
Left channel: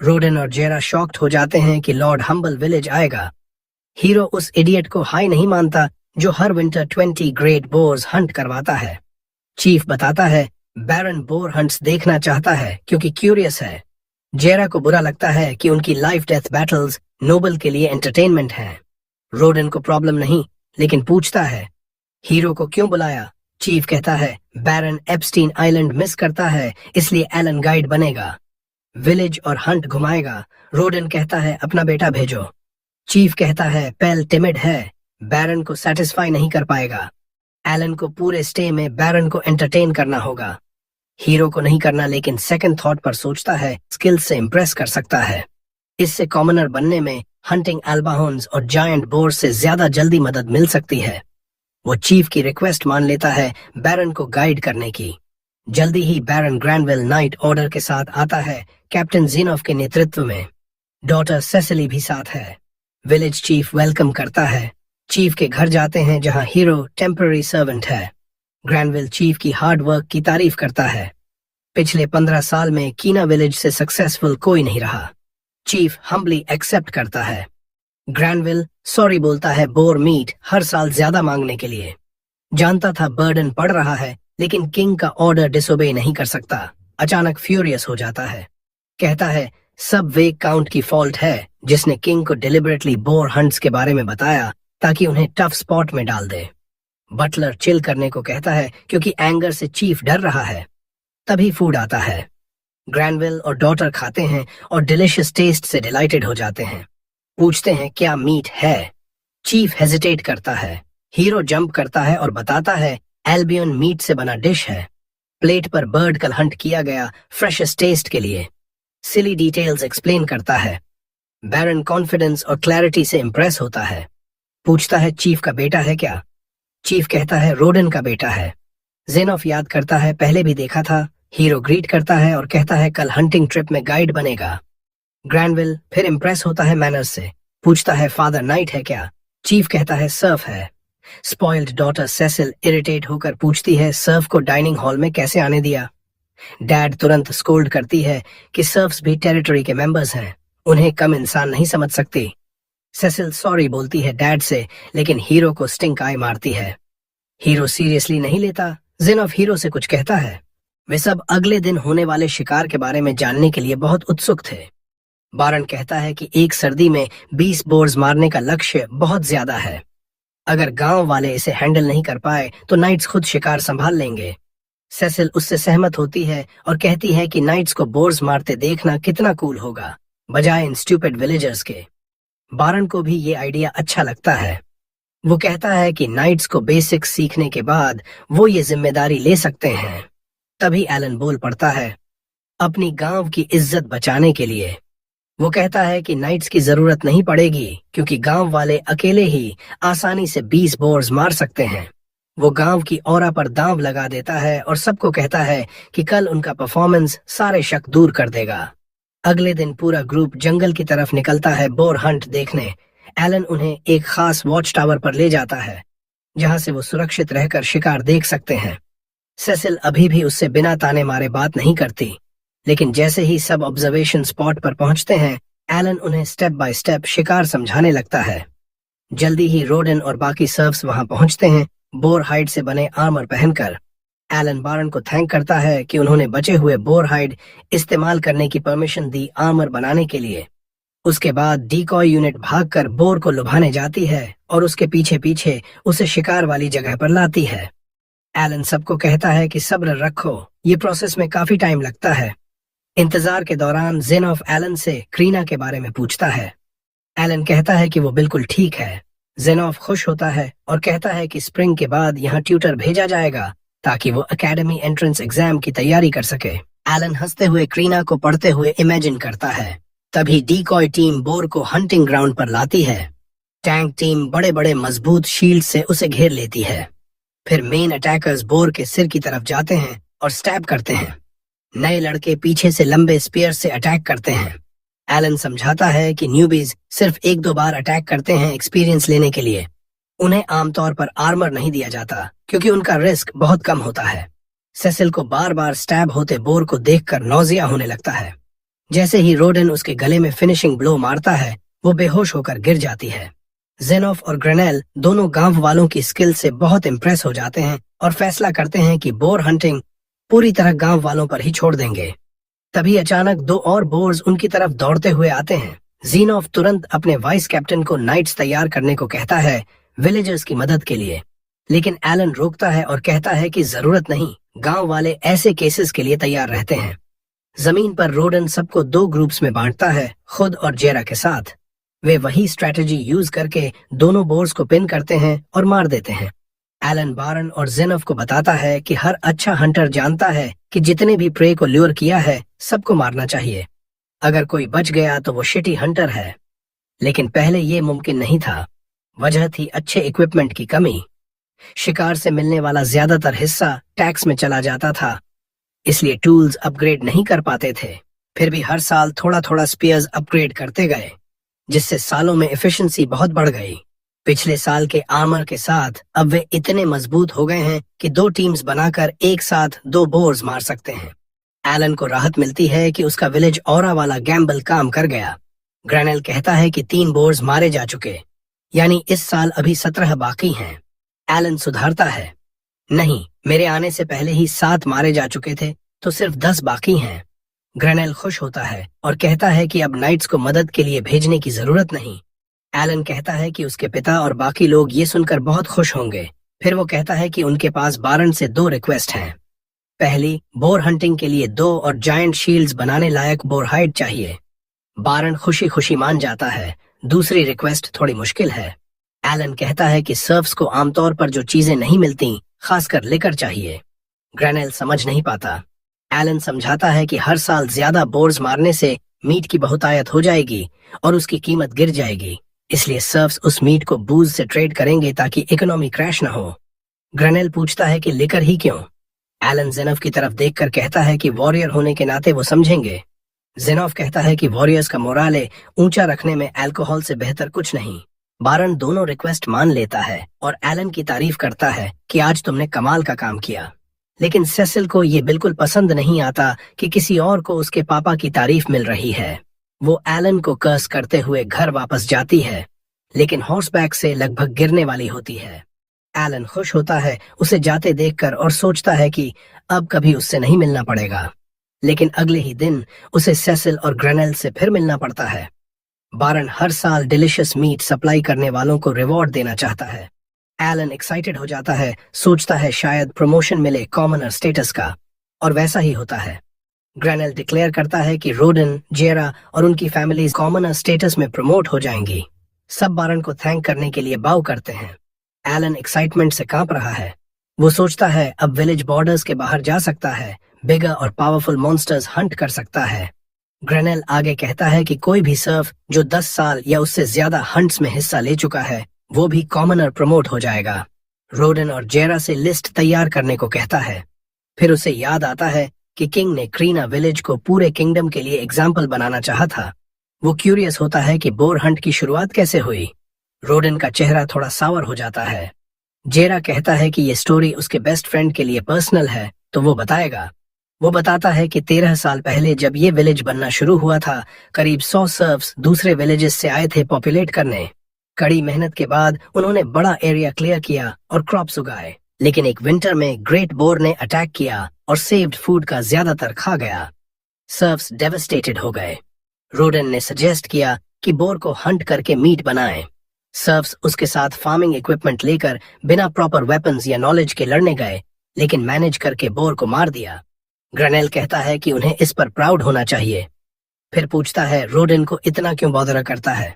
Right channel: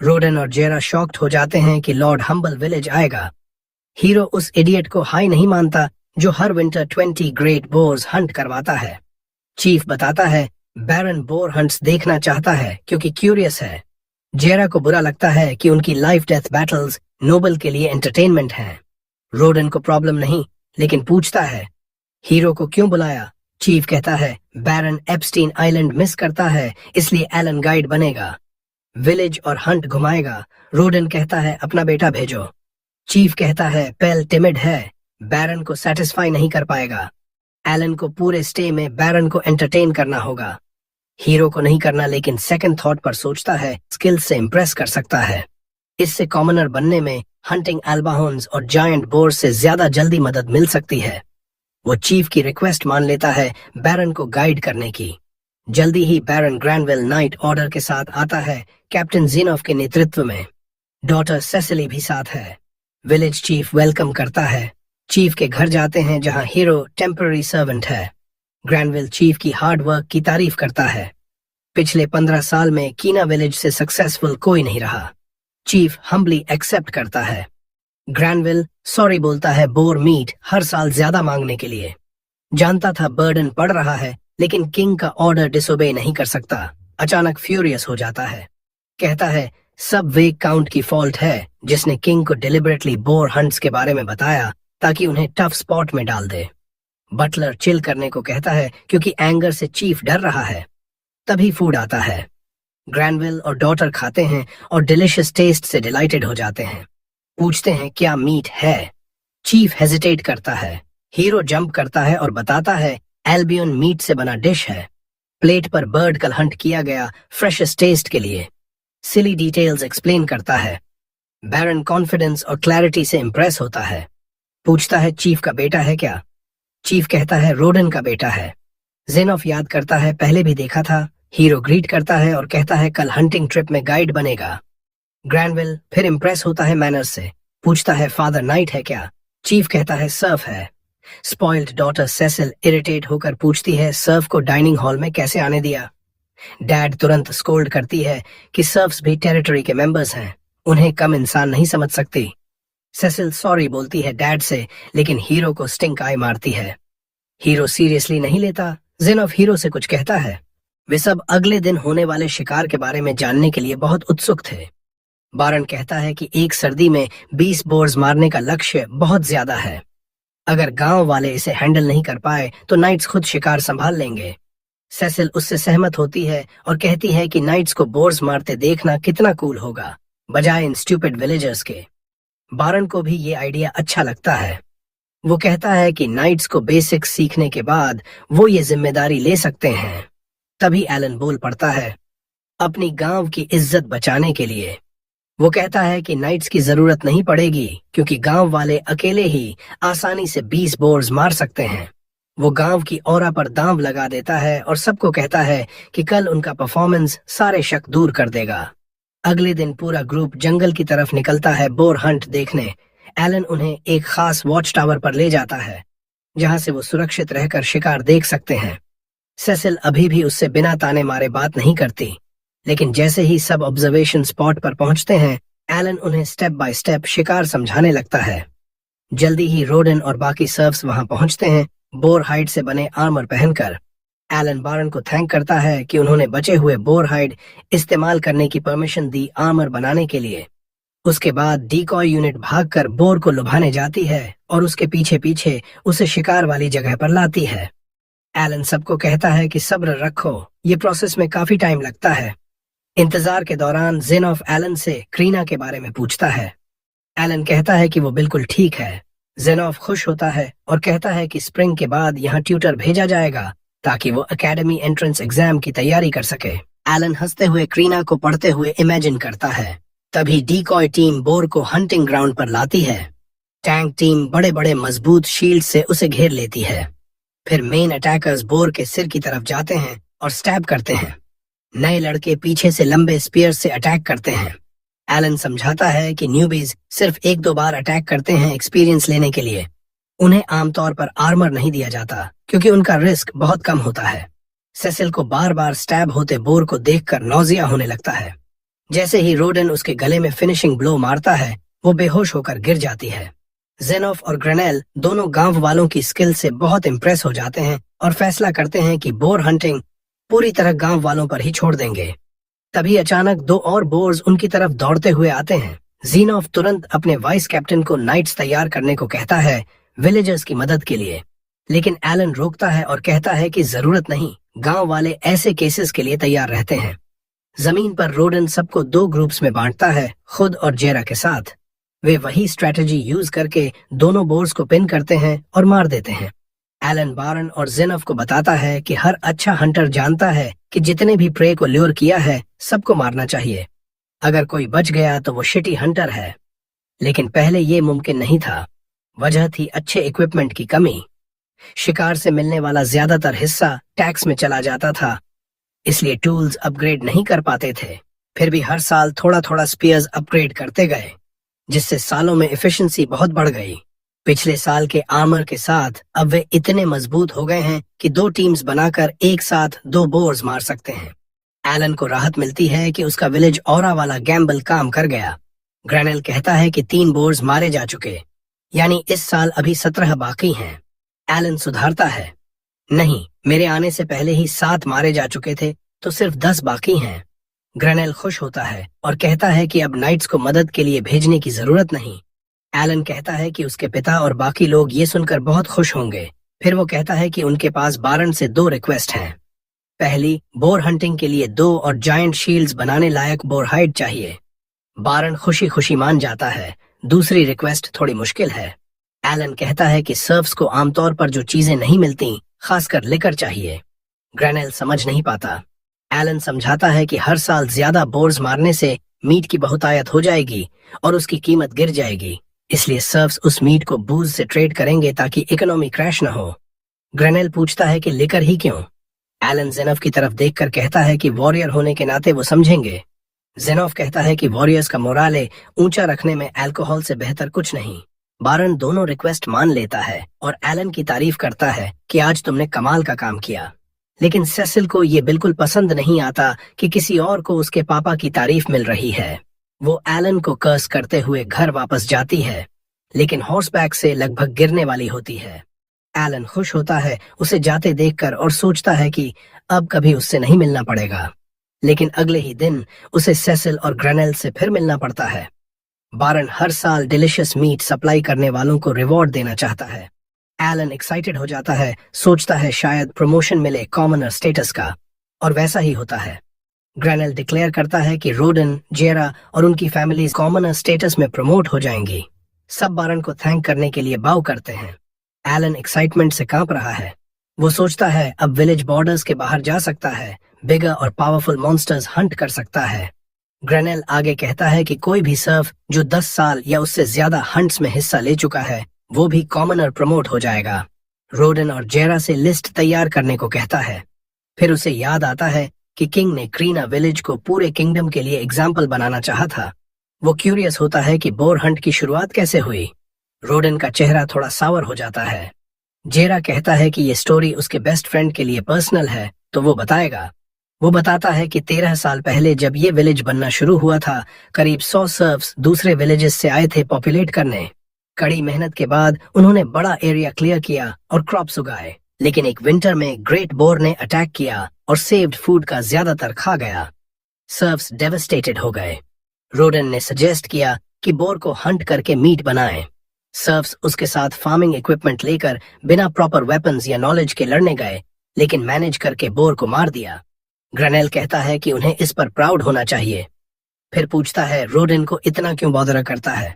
रोडन और जेरा शॉक्ड हो जाते हैं कि लॉर्ड हम्बल विलेज आएगा। हीरो उस इडियट को हाई नहीं मानता जो हर विंटर 20 ग्रेट बोर्स हंट करवाता है। चीफ बताता है बैरन बोर हंट्स देखना चाहता है क्योंकि क्यूरियस है। जेरा को बुरा लगता है कि उनकी लाइफ डेथ बैटल्स नोबल के लिए एंटरटेनमेंट हैं। रोडन को प्रॉब्लम नहीं, लेकिन पूछता है हीरो को क्यों बुलाया। चीफ कहता है बैरन एप्स्टीन आइलैंड मिस करता है, इसलिए एलन गाइड बनेगा, विलेज और हंट घुमाएगा। रोडन कहता है अपना बेटा भेजो। चीफ कहता है पेल टिमिड है, बैरन को सेटिस्फाई नहीं कर पाएगा। एलन को पूरे स्टे में बैरन को एंटरटेन करना होगा। हीरो को नहीं करना, लेकिन सेकंड थॉट पर सोचता है स्किल्स से इम्प्रेस कर सकता है। इससे कॉमनर बनने में हंटिंग एल्बाहोन्स और जायंट बोर्स से ज्यादा जल्दी मदद मिल सकती है। वो चीफ की रिक्वेस्ट मान लेता है बैरन को गाइड करने की। जल्दी ही बैरन ग्रैंडविल नाइट ऑर्डर के साथ आता है, कैप्टन ज़ेनोफ के नेतृत्व में। डॉटर सेसिली भी साथ है। विलेज चीफ वेलकम करता है। चीफ के घर जाते हैं जहां हीरो टेम्पररी सर्वेंट है। ग्रैंडविल चीफ की हार्ड वर्क की तारीफ करता है। पिछले 15 साल में कीना विलेज से सक्सेसफुल कोई नहीं रहा। चीफ हम्बली एक्सेप्ट करता है। ग्रैंडविल सॉरी बोलता है बोर मीट हर साल ज्यादा मांगने के लिए। जानता था बर्डन पड़ रहा है, लेकिन किंग का ऑर्डर डिसोबे नहीं कर सकता। अचानक फ्यूरियस हो जाता है। कहता है सब वेग काउंट की फॉल्ट है, जिसने किंग को डिलिबरेटली बोर हंट्स के बारे में बताया ताकि उन्हें टफ स्पॉट में डाल दे। बटलर चिल करने को कहता है क्योंकि एंगर से चीफ डर रहा है। तभी फूड आता है। ग्रैंडविल और डॉटर खाते हैं और डिलिशियस टेस्ट से डिलाइटेड हो जाते हैं। पूछते हैं क्या मीट है। चीफ हेजिटेट करता है। हीरो जंप करता है और बताता है एल्बियन मीट से बना डिश है। प्लेट पर बर्ड कल हंट किया गया फ्रेशेस्ट टेस्ट के लिए। सिली डिटेल्स एक्सप्लेन करता है। बैरन कॉन्फिडेंस और क्लैरिटी से इम्प्रेस होता है। पूछता है चीफ का बेटा है क्या। चीफ कहता है रोडन का बेटा है। ज़ेनोफ याद करता है पहले भी देखा था। हीरो ग्रीट करता है और कहता है कल हंटिंग ट्रिप में गाइड बनेगा। ग्रैंडविल फिर इम्प्रेस होता है मैनर्स से। पूछता है फादर नाइट है क्या। चीफ कहता है सर्फ है। स्पॉइल्ड डॉटर सेसिल इरिटेट होकर पूछती है सर्फ को डाइनिंग हॉल में कैसे आने दिया। डैड तुरंत स्कोल्ड करती है कि सर्फ्स भी टेरिटरी के मेंबर्स हैं, उन्हें कम इंसान नहीं समझ सकती। सेसिल सॉरी बोलती है डैड से, लेकिन हीरो को स्टिंक आई मारती है। हीरो सीरियसली नहीं लेता। ज़ेनोफ हीरो से कुछ कहता है। वे सब अगले दिन होने वाले शिकार के बारे में जानने के लिए बहुत उत्सुक थे। बारन कहता है कि एक सर्दी में 20 बोर्स मारने का लक्ष्य बहुत ज्यादा है। अगर गांव वाले इसे हैंडल नहीं कर पाए तो नाइट्स खुद शिकार संभाल लेंगे। सेसिल उससे सहमत होती है और कहती है कि नाइट्स को बोर्स मारते देखना कितना कूल होगा, बजाय इन स्टूपिड विलेजर्स के। बारन को भी ये आइडिया अच्छा लगता है। वो कहता है कि नाइट्स को बेसिक्स सीखने के बाद वो ये जिम्मेदारी ले सकते हैं। तभी एलन बोल पड़ता है अपनी गांव की इज्जत बचाने के लिए। वो कहता है कि नाइट्स की जरूरत नहीं पड़ेगी क्योंकि गांव वाले अकेले ही आसानी से 20 बोर्स मार सकते हैं। वो गांव की औरा पर दांव लगा देता है और सबको कहता है कि कल उनका परफॉर्मेंस सारे शक दूर कर देगा। अगले दिन पूरा ग्रुप जंगल की तरफ निकलता है बोर हंट देखने। एलन उन्हें एक खास वॉच टावर पर ले जाता है जहां से वो सुरक्षित रहकर शिकार देख सकते हैं। सेसिल अभी भी उससे बिना ताने मारे बात नहीं करती, लेकिन जैसे ही सब ऑब्जर्वेशन स्पॉट पर पहुंचते हैं एलन उन्हें स्टेप बाय स्टेप शिकार समझाने लगता है। जल्दी ही रोडन और बाकी सर्फ्स वहां पहुंचते हैं बोर हाइड से बने आर्मर पहनकर। एलन बारन को थैंक करता है कि उन्होंने बचे हुए बोर हाइड इस्तेमाल करने की परमिशन दी आर्मर बनाने के लिए। उसके बाद डीकॉय यूनिट भागकर बोर को लुभाने जाती है और उसके पीछे पीछे उसे शिकार वाली जगह पर लाती है। एलन सबको कहता है कि सब्र रखो, ये प्रोसेस में काफी टाइम लगता है। इंतजार के दौरान ज़ेनोफ एलन से क्रीना के बारे में पूछता है। एलन कहता है कि वो बिल्कुल ठीक है। ज़ेनोफ खुश होता है और कहता है कि स्प्रिंग के बाद यहाँ ट्यूटर भेजा जाएगा ताकि वो एकेडमी एंट्रेंस एग्जाम की तैयारी कर सके। एलन हंसते हुए क्रीना को पढ़ते हुए इमेजिन करता है। तभी डीकॉय टीम बोर को हंटिंग ग्राउंड पर लाती है। टैंक टीम बड़े बड़े मजबूत शील्ड से उसे घेर लेती है। फिर मेन अटैकर्स बोर के सिर की तरफ जाते हैं और स्टैब करते हैं। नए लड़के पीछे से लंबे स्पीयर से अटैक करते हैं। एलन समझाता है कि न्यूबीज सिर्फ 1-2 बार अटैक करते हैं एक्सपीरियंस लेने के लिए। उन्हें आमतौर पर आर्मर नहीं दिया जाता क्योंकि उनका रिस्क बहुत कम होता है। सेसिल को बार बार स्टैब होते बोर को देखकर नौजिया होने लगता है। जैसे ही रोडन उसके गले में फिनिशिंग ब्लो मारता है वो बेहोश होकर गिर जाती है। ज़ेनोफ और ग्रेनेल दोनों गांव वालों की स्किल से बहुत इम्प्रेस हो जाते हैं और फैसला करते हैं कि बोर हंटिंग पूरी तरह गांव वालों पर ही छोड़ देंगे। तभी अचानक 2 और बोर्स उनकी तरफ दौड़ते हुए आते हैं। ज़ीनोफ तुरंत अपने वाइस कैप्टन को नाइट्स तैयार करने को कहता है विलेजर्स की मदद के लिए, लेकिन एलन रोकता है और कहता है कि जरूरत नहीं, गांव वाले ऐसे केसेस के लिए तैयार रहते हैं। जमीन पर रोडन सबको 2 ग्रुप्स में बांटता है, खुद और जेरा के साथ। वे वही स्ट्रेटजी यूज करके दोनों बोर्स को पिन करते हैं और मार देते हैं। एलन बारन और जिनफ को बताता है कि हर अच्छा हंटर जानता है कि जितने भी प्रे को ल्योर किया है सबको मारना चाहिए। अगर कोई बच गया तो वो शिटी हंटर है। लेकिन पहले ये मुमकिन नहीं था। वजह थी अच्छे इक्विपमेंट की कमी। शिकार से मिलने वाला ज्यादातर हिस्सा टैक्स में चला जाता था, इसलिए टूल्स अपग्रेड नहीं कर पाते थे। फिर भी हर साल थोड़ा थोड़ा स्पीयर्स अपग्रेड करते गए, जिससे सालों में एफिशिएंसी बहुत बढ़ गई। पिछले साल के आर्मर के साथ अब वे इतने मजबूत हो गए हैं कि 2 टीम्स बनाकर एक साथ 2 बोर्स मार सकते हैं। एलन को राहत मिलती है कि उसका विलेज ऑरा वाला गैम्बल काम कर गया। ग्रैनेल कहता है कि 3 बोर्स मारे जा चुके, यानी इस साल अभी 17 बाकी हैं। एलन सुधारता है, नहीं, मेरे आने से पहले ही 7 मारे जा चुके थे, तो सिर्फ 10 बाकी हैं। ग्रैनेल खुश होता है और कहता है कि अब नाइट्स को मदद के लिए भेजने की जरूरत नहीं। एलन कहता है कि उसके पिता और बाकी लोग ये सुनकर बहुत खुश होंगे। फिर वो कहता है कि उनके पास बारन से 2 रिक्वेस्ट हैं। पहली, बोर हंटिंग के लिए 2 और जायंट शील्ड्स बनाने लायक बोर हाइड चाहिए। बारन खुशी खुशी मान जाता है। दूसरी रिक्वेस्ट थोड़ी मुश्किल है। एलन कहता है कि सर्फ्स को आमतौर पर जो चीजें नहीं मिलती, खासकर लिकर चाहिए। ग्रैनेल समझ नहीं पाता। एलन समझाता है कि हर साल ज्यादा बोर्स मारने से मीट की बहुतायत हो जाएगी और उसकी कीमत गिर जाएगी, इसलिए सर्फ्स उस मीट को बूज से ट्रेड करेंगे ताकि इकोनॉमी क्रैश न हो। ग्रैनेल पूछता है कि लिकर ही क्यों? एलन जेनफ की तरफ देखकर कहता है कि वॉरियर होने के नाते वो समझेंगे। जेनॉफ कहता है कि वॉरियर्स का मोराले ऊंचा रखने में अल्कोहल से बेहतर कुछ नहीं। बारन दोनों रिक्वेस्ट मान लेता है और एलन की तारीफ करता है कि आज तुमने कमाल का काम किया। लेकिन सेसिल को ये बिल्कुल पसंद नहीं आता कि किसी और को उसके पापा की तारीफ मिल रही है। वो एलन को कर्स करते हुए घर वापस जाती है, लेकिन हॉर्सबैक से लगभग गिरने वाली होती है। एलन खुश होता है उसे जाते देखकर और सोचता है कि अब कभी उससे नहीं मिलना पड़ेगा। लेकिन अगले ही दिन उसे सेसिल और ग्रैनेल से फिर मिलना पड़ता है। बारन हर साल डिलिशियस मीट सप्लाई करने वालों को रिवॉर्ड देना चाहता है। एलन एक्साइटेड हो जाता है, सोचता है शायद प्रमोशन मिले कॉमनर स्टेटस का, और वैसा ही होता है। ग्रैनेल डिक्लेयर करता है कि रोडन, जेरा और उनकी फैमिली कॉमनर स्टेटस में प्रमोट हो जाएंगी। सब बारन को थैंक करने के लिए बाउ करते हैं। एलन एक्साइटमेंट से कांप रहा है। वो सोचता है अब विलेज बॉर्डर्स के बाहर जा सकता है, बिगर और पावरफुल मॉन्स्टर्स हंट कर सकता है। ग्रैनेल आगे कहता है कि कोई भी सर्फ जो 10 साल या उससे ज्यादा हंट्स में हिस्सा ले चुका है, वो भी कॉमनर प्रमोट हो जाएगा। रोडन और जेरा से लिस्ट तैयार करने को कहता है। फिर उसे याद आता है कि किंग ने क्रीना विलेज को पूरे किंगडम के लिए एग्जाम्पल बनाना चाहा था। वो क्यूरियस होता है कि बोर हंट की शुरुआत कैसे हुई। रोडन का चेहरा थोड़ा सावर हो जाता है। जेरा कहता है कि ये स्टोरी उसके बेस्ट फ्रेंड के लिए पर्सनल है, तो वो बताएगा। वो बताता है कि 13 साल पहले जब ये विलेज बनना शुरू हुआ था, करीब 100 सर्फ्स दूसरे विलेजेस से आए थे पॉपुलेट करने। कड़ी मेहनत के बाद उन्होंने बड़ा एरिया क्लियर किया और क्रॉप्स उगाए, लेकिन एक विंटर में ग्रेट बोर ने अटैक किया और सेव्ड फूड का ज्यादातर खा गया। सर्फ्स डेवस्टेटेड हो गए। रोडन ने सजेस्ट किया कि बोर को हंट करके मीट बनाएं। सर्फ्स उसके साथ फार्मिंग इक्विपमेंट लेकर बिना प्रॉपर वेपन्स या नॉलेज के लड़ने गए, लेकिन मैनेज करके बोर को मार दिया। ग्रैनेल कहता है कि उन्हें इस पर प्राउड होना चाहिए। फिर पूछता है रोडन को इतना क्यों बॉदर करता है।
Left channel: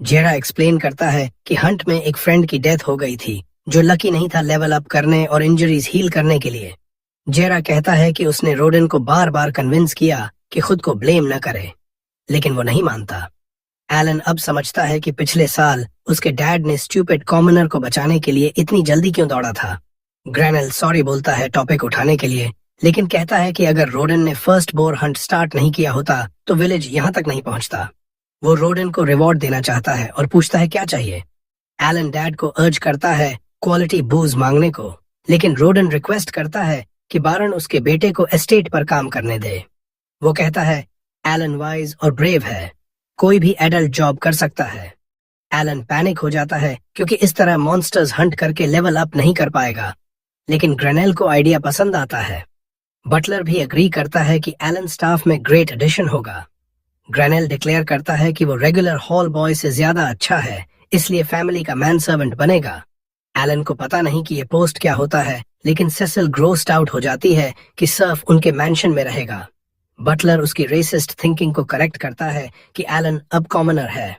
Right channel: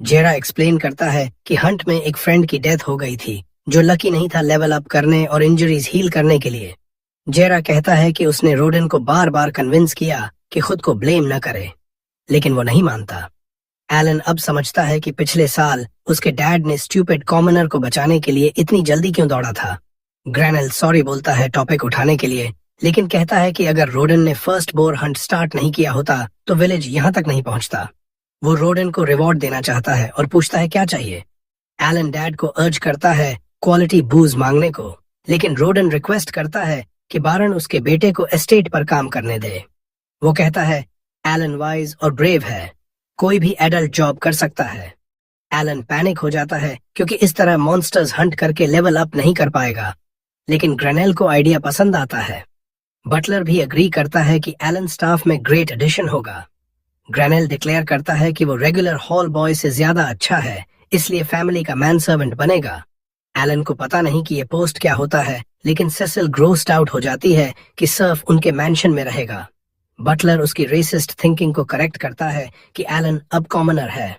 जेरा एक्सप्लेन करता है कि हंट में एक फ्रेंड की डेथ हो गई थी जो लकी नहीं था लेवल अप करने और इंजरीज हील करने के लिए। जेरा कहता है कि उसने रोडन को बार बार कन्विंस किया कि खुद को ब्लेम न करे, लेकिन वो नहीं मानता। एलन अब समझता है कि पिछले साल उसके डैड ने स्टूपिड कॉमनर को बचाने के लिए इतनी जल्दी क्यों दौड़ा था। ग्रैनेल सॉरी बोलता है टॉपिक उठाने के लिए, लेकिन कहता है कि अगर रोडन ने फर्स्ट बोर हंट स्टार्ट नहीं किया होता तो विलेज यहाँ तक नहीं पहुंचता। वो रोडन को रिवॉर्ड देना चाहता है और पूछता है क्या चाहिए। एलन डैड को अर्ज करता है क्वालिटी बूज मांगने को, लेकिन रोडन रिक्वेस्ट करता है कि बारन उसके बेटे को एस्टेट पर काम करने दे। वो कहता है एलन वाइज और ब्रेव है, कोई भी एडल्ट जॉब कर सकता है। एलन पैनिक हो जाता है क्योंकि इस तरह मॉन्स्टर्स हंट करके लेवल अप नहीं कर पाएगा, लेकिन ग्रैनेल को आइडिया पसंद आता है। बटलर भी एग्री करता है कि एलन स्टाफ में ग्रेट एडिशन होगा। ग्रैनेल डिक्लेयर करता है कि वो रेगुलर हॉल बॉय से ज्यादा अच्छा है, इसलिए फैमिली का मैन सर्वेंट बनेगा। एलन को पता नहीं कि ये पोस्ट क्या होता है, लेकिन सेसिल ग्रोस्ड आउट हो जाती है कि सर्फ उनके मैंशन में रहेगा। बटलर उसकी रेसिस्ट थिंकिंग को करेक्ट करता है कि एलन अब कॉमनर है।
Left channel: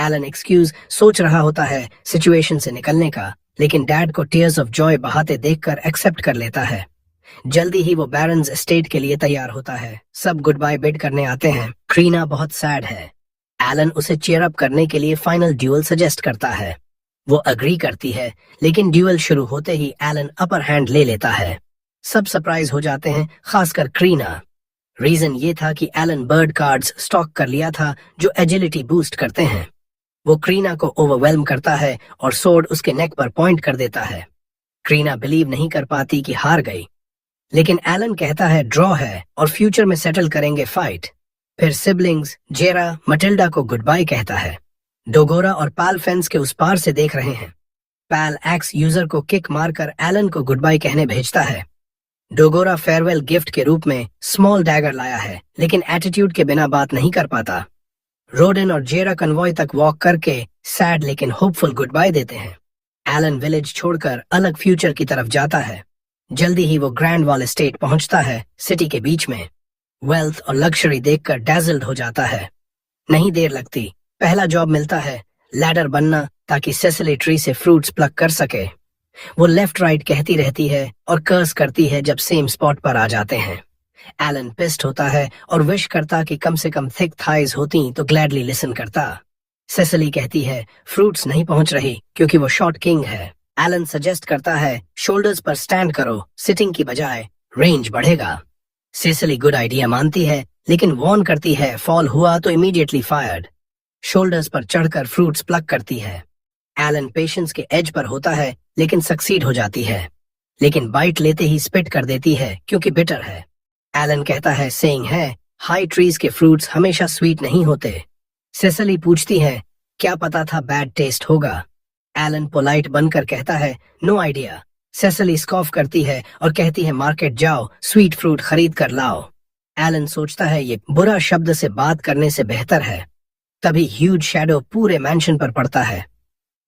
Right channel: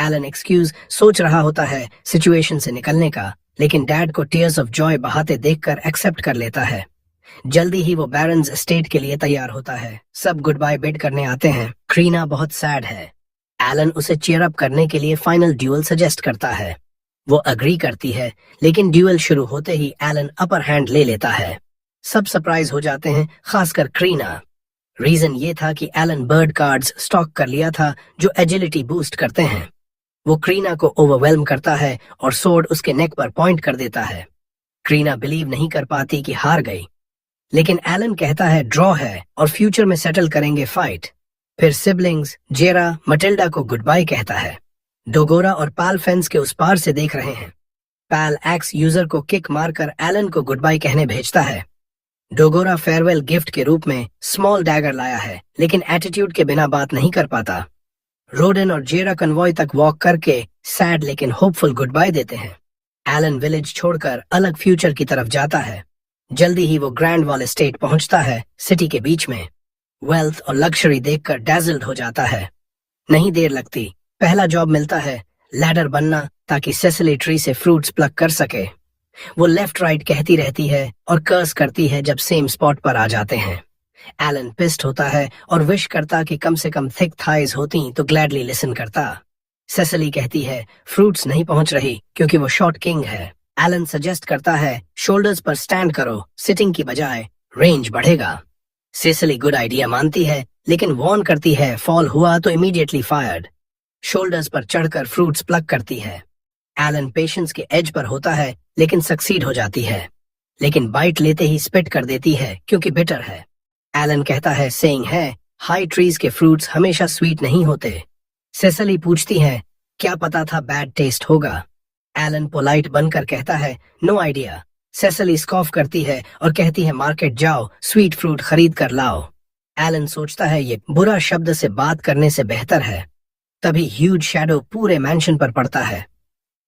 एलन एक्सक्यूज सोच रहा होता है सिचुएशन से निकलने का, लेकिन डैड को टीयर्स ऑफ जॉय बहाते देखकर एक्सेप्ट कर लेता है। जल्दी ही वो बैरन्स एस्टेट के लिए तैयार होता है। सब गुड बाय बिड करने आते हैं। क्रीना बहुत सैड है। एलन उसे चीयर अप करने के लिए फाइनल ड्यूअल सजेस्ट करता है। वो अग्री करती है, लेकिन ड्यूअल शुरू होते ही एलन अपर हैंड ले लेता है। सब सरप्राइज हो जाते हैं, खासकर क्रीना। रीजन ये था कि एलन बर्ड कार्ड्स स्टॉक कर लिया था जो एजिलिटी बूस्ट करते हैं। वो क्रीना को ओवरवेल्म करता है और सोर्ड उसके नेक पर पॉइंट कर देता है। क्रीना बिलीव नहीं कर पाती कि हार गई, लेकिन एलन कहता है ड्रॉ है और फ्यूचर में सेटल करेंगे फाइट। फिर सिबलिंग्स जेरा मटिल्डा को गुड बाय कहता है। डोगोरा और पाल फेंस के उस पार से देख रहे हैं। पाल एक्स यूजर को किक मारकर एलन को गुड बाय कहने भेजता है। डोगोरा फेयरवेल गिफ्ट के रूप में स्मॉल डैगर लाया है, लेकिन एटीट्यूड के बिना बात नहीं कर पाता। रोडन और जेरा कन्वॉय तक वॉक करके सैड लेकिन होपफुल गुड बाय देते हैं। एलन विलेज छोड़कर अलग फ्यूचर की तरफ जाता है। जल्दी ही वो ग्रैंड वॉल एस्टेट पहुंचता है, सिटी के बीच में। वेल्थ और लग्जरी देखकर डैजल्ड हो जाता है। नहीं देर लगती, पहला जॉब मिलता है, लैडर बनना, ताकि सेसिली ट्री से फ्रूट्स प्लक कर सके। वो लेफ्ट राइट कहती रहती है और कर्स करती है जब सेम स्पॉट पर आ जाते हैं। एलन पिस्ड होता है और विश करता कि कम से कम थिक थाइज होती तो ग्लैडली लिसन करता। सेसिली कहती है फ्रूट्स नहीं पहुंच रही क्योंकि वो शॉर्ट किंग है। एलन सजेस्ट करता है शोल्डर्स पर स्टैंड करो, सिटिंग की बजाय, रेंज बढ़ेगा। सेसिली गुड आइडिया मानती है, लेकिन वार्न करती है फॉल हुआ तो इमीडिएटली फायर्ड। शोल्डर्स पर चढ़कर फ्रूट्स प्लक करती है। एलन पेशेंस के एज पर होता है, लेकिन सक्सीड हो जाती है, लेकिन बाइट लेते ही स्पिट कर देती है क्योंकि बिटर है। एलन कहता है सेइंग है हाई ट्रीज के फ्रूट्स हमेशा स्वीट नहीं होते। सेसिली पूछती है क्या पता था बैड टेस्ट होगा। एलन पोलाइट बनकर कहता है नो आइडिया। सेसिली स्कॉफ करती है और कहती है मार्केट जाओ, स्वीट फ्रूट खरीद कर लाओ। एलन सोचता है ये बुरा शब्द से बात करने से बेहतर है। तभी ह्यूज शैडो पूरे मैंशन पर पड़ता है।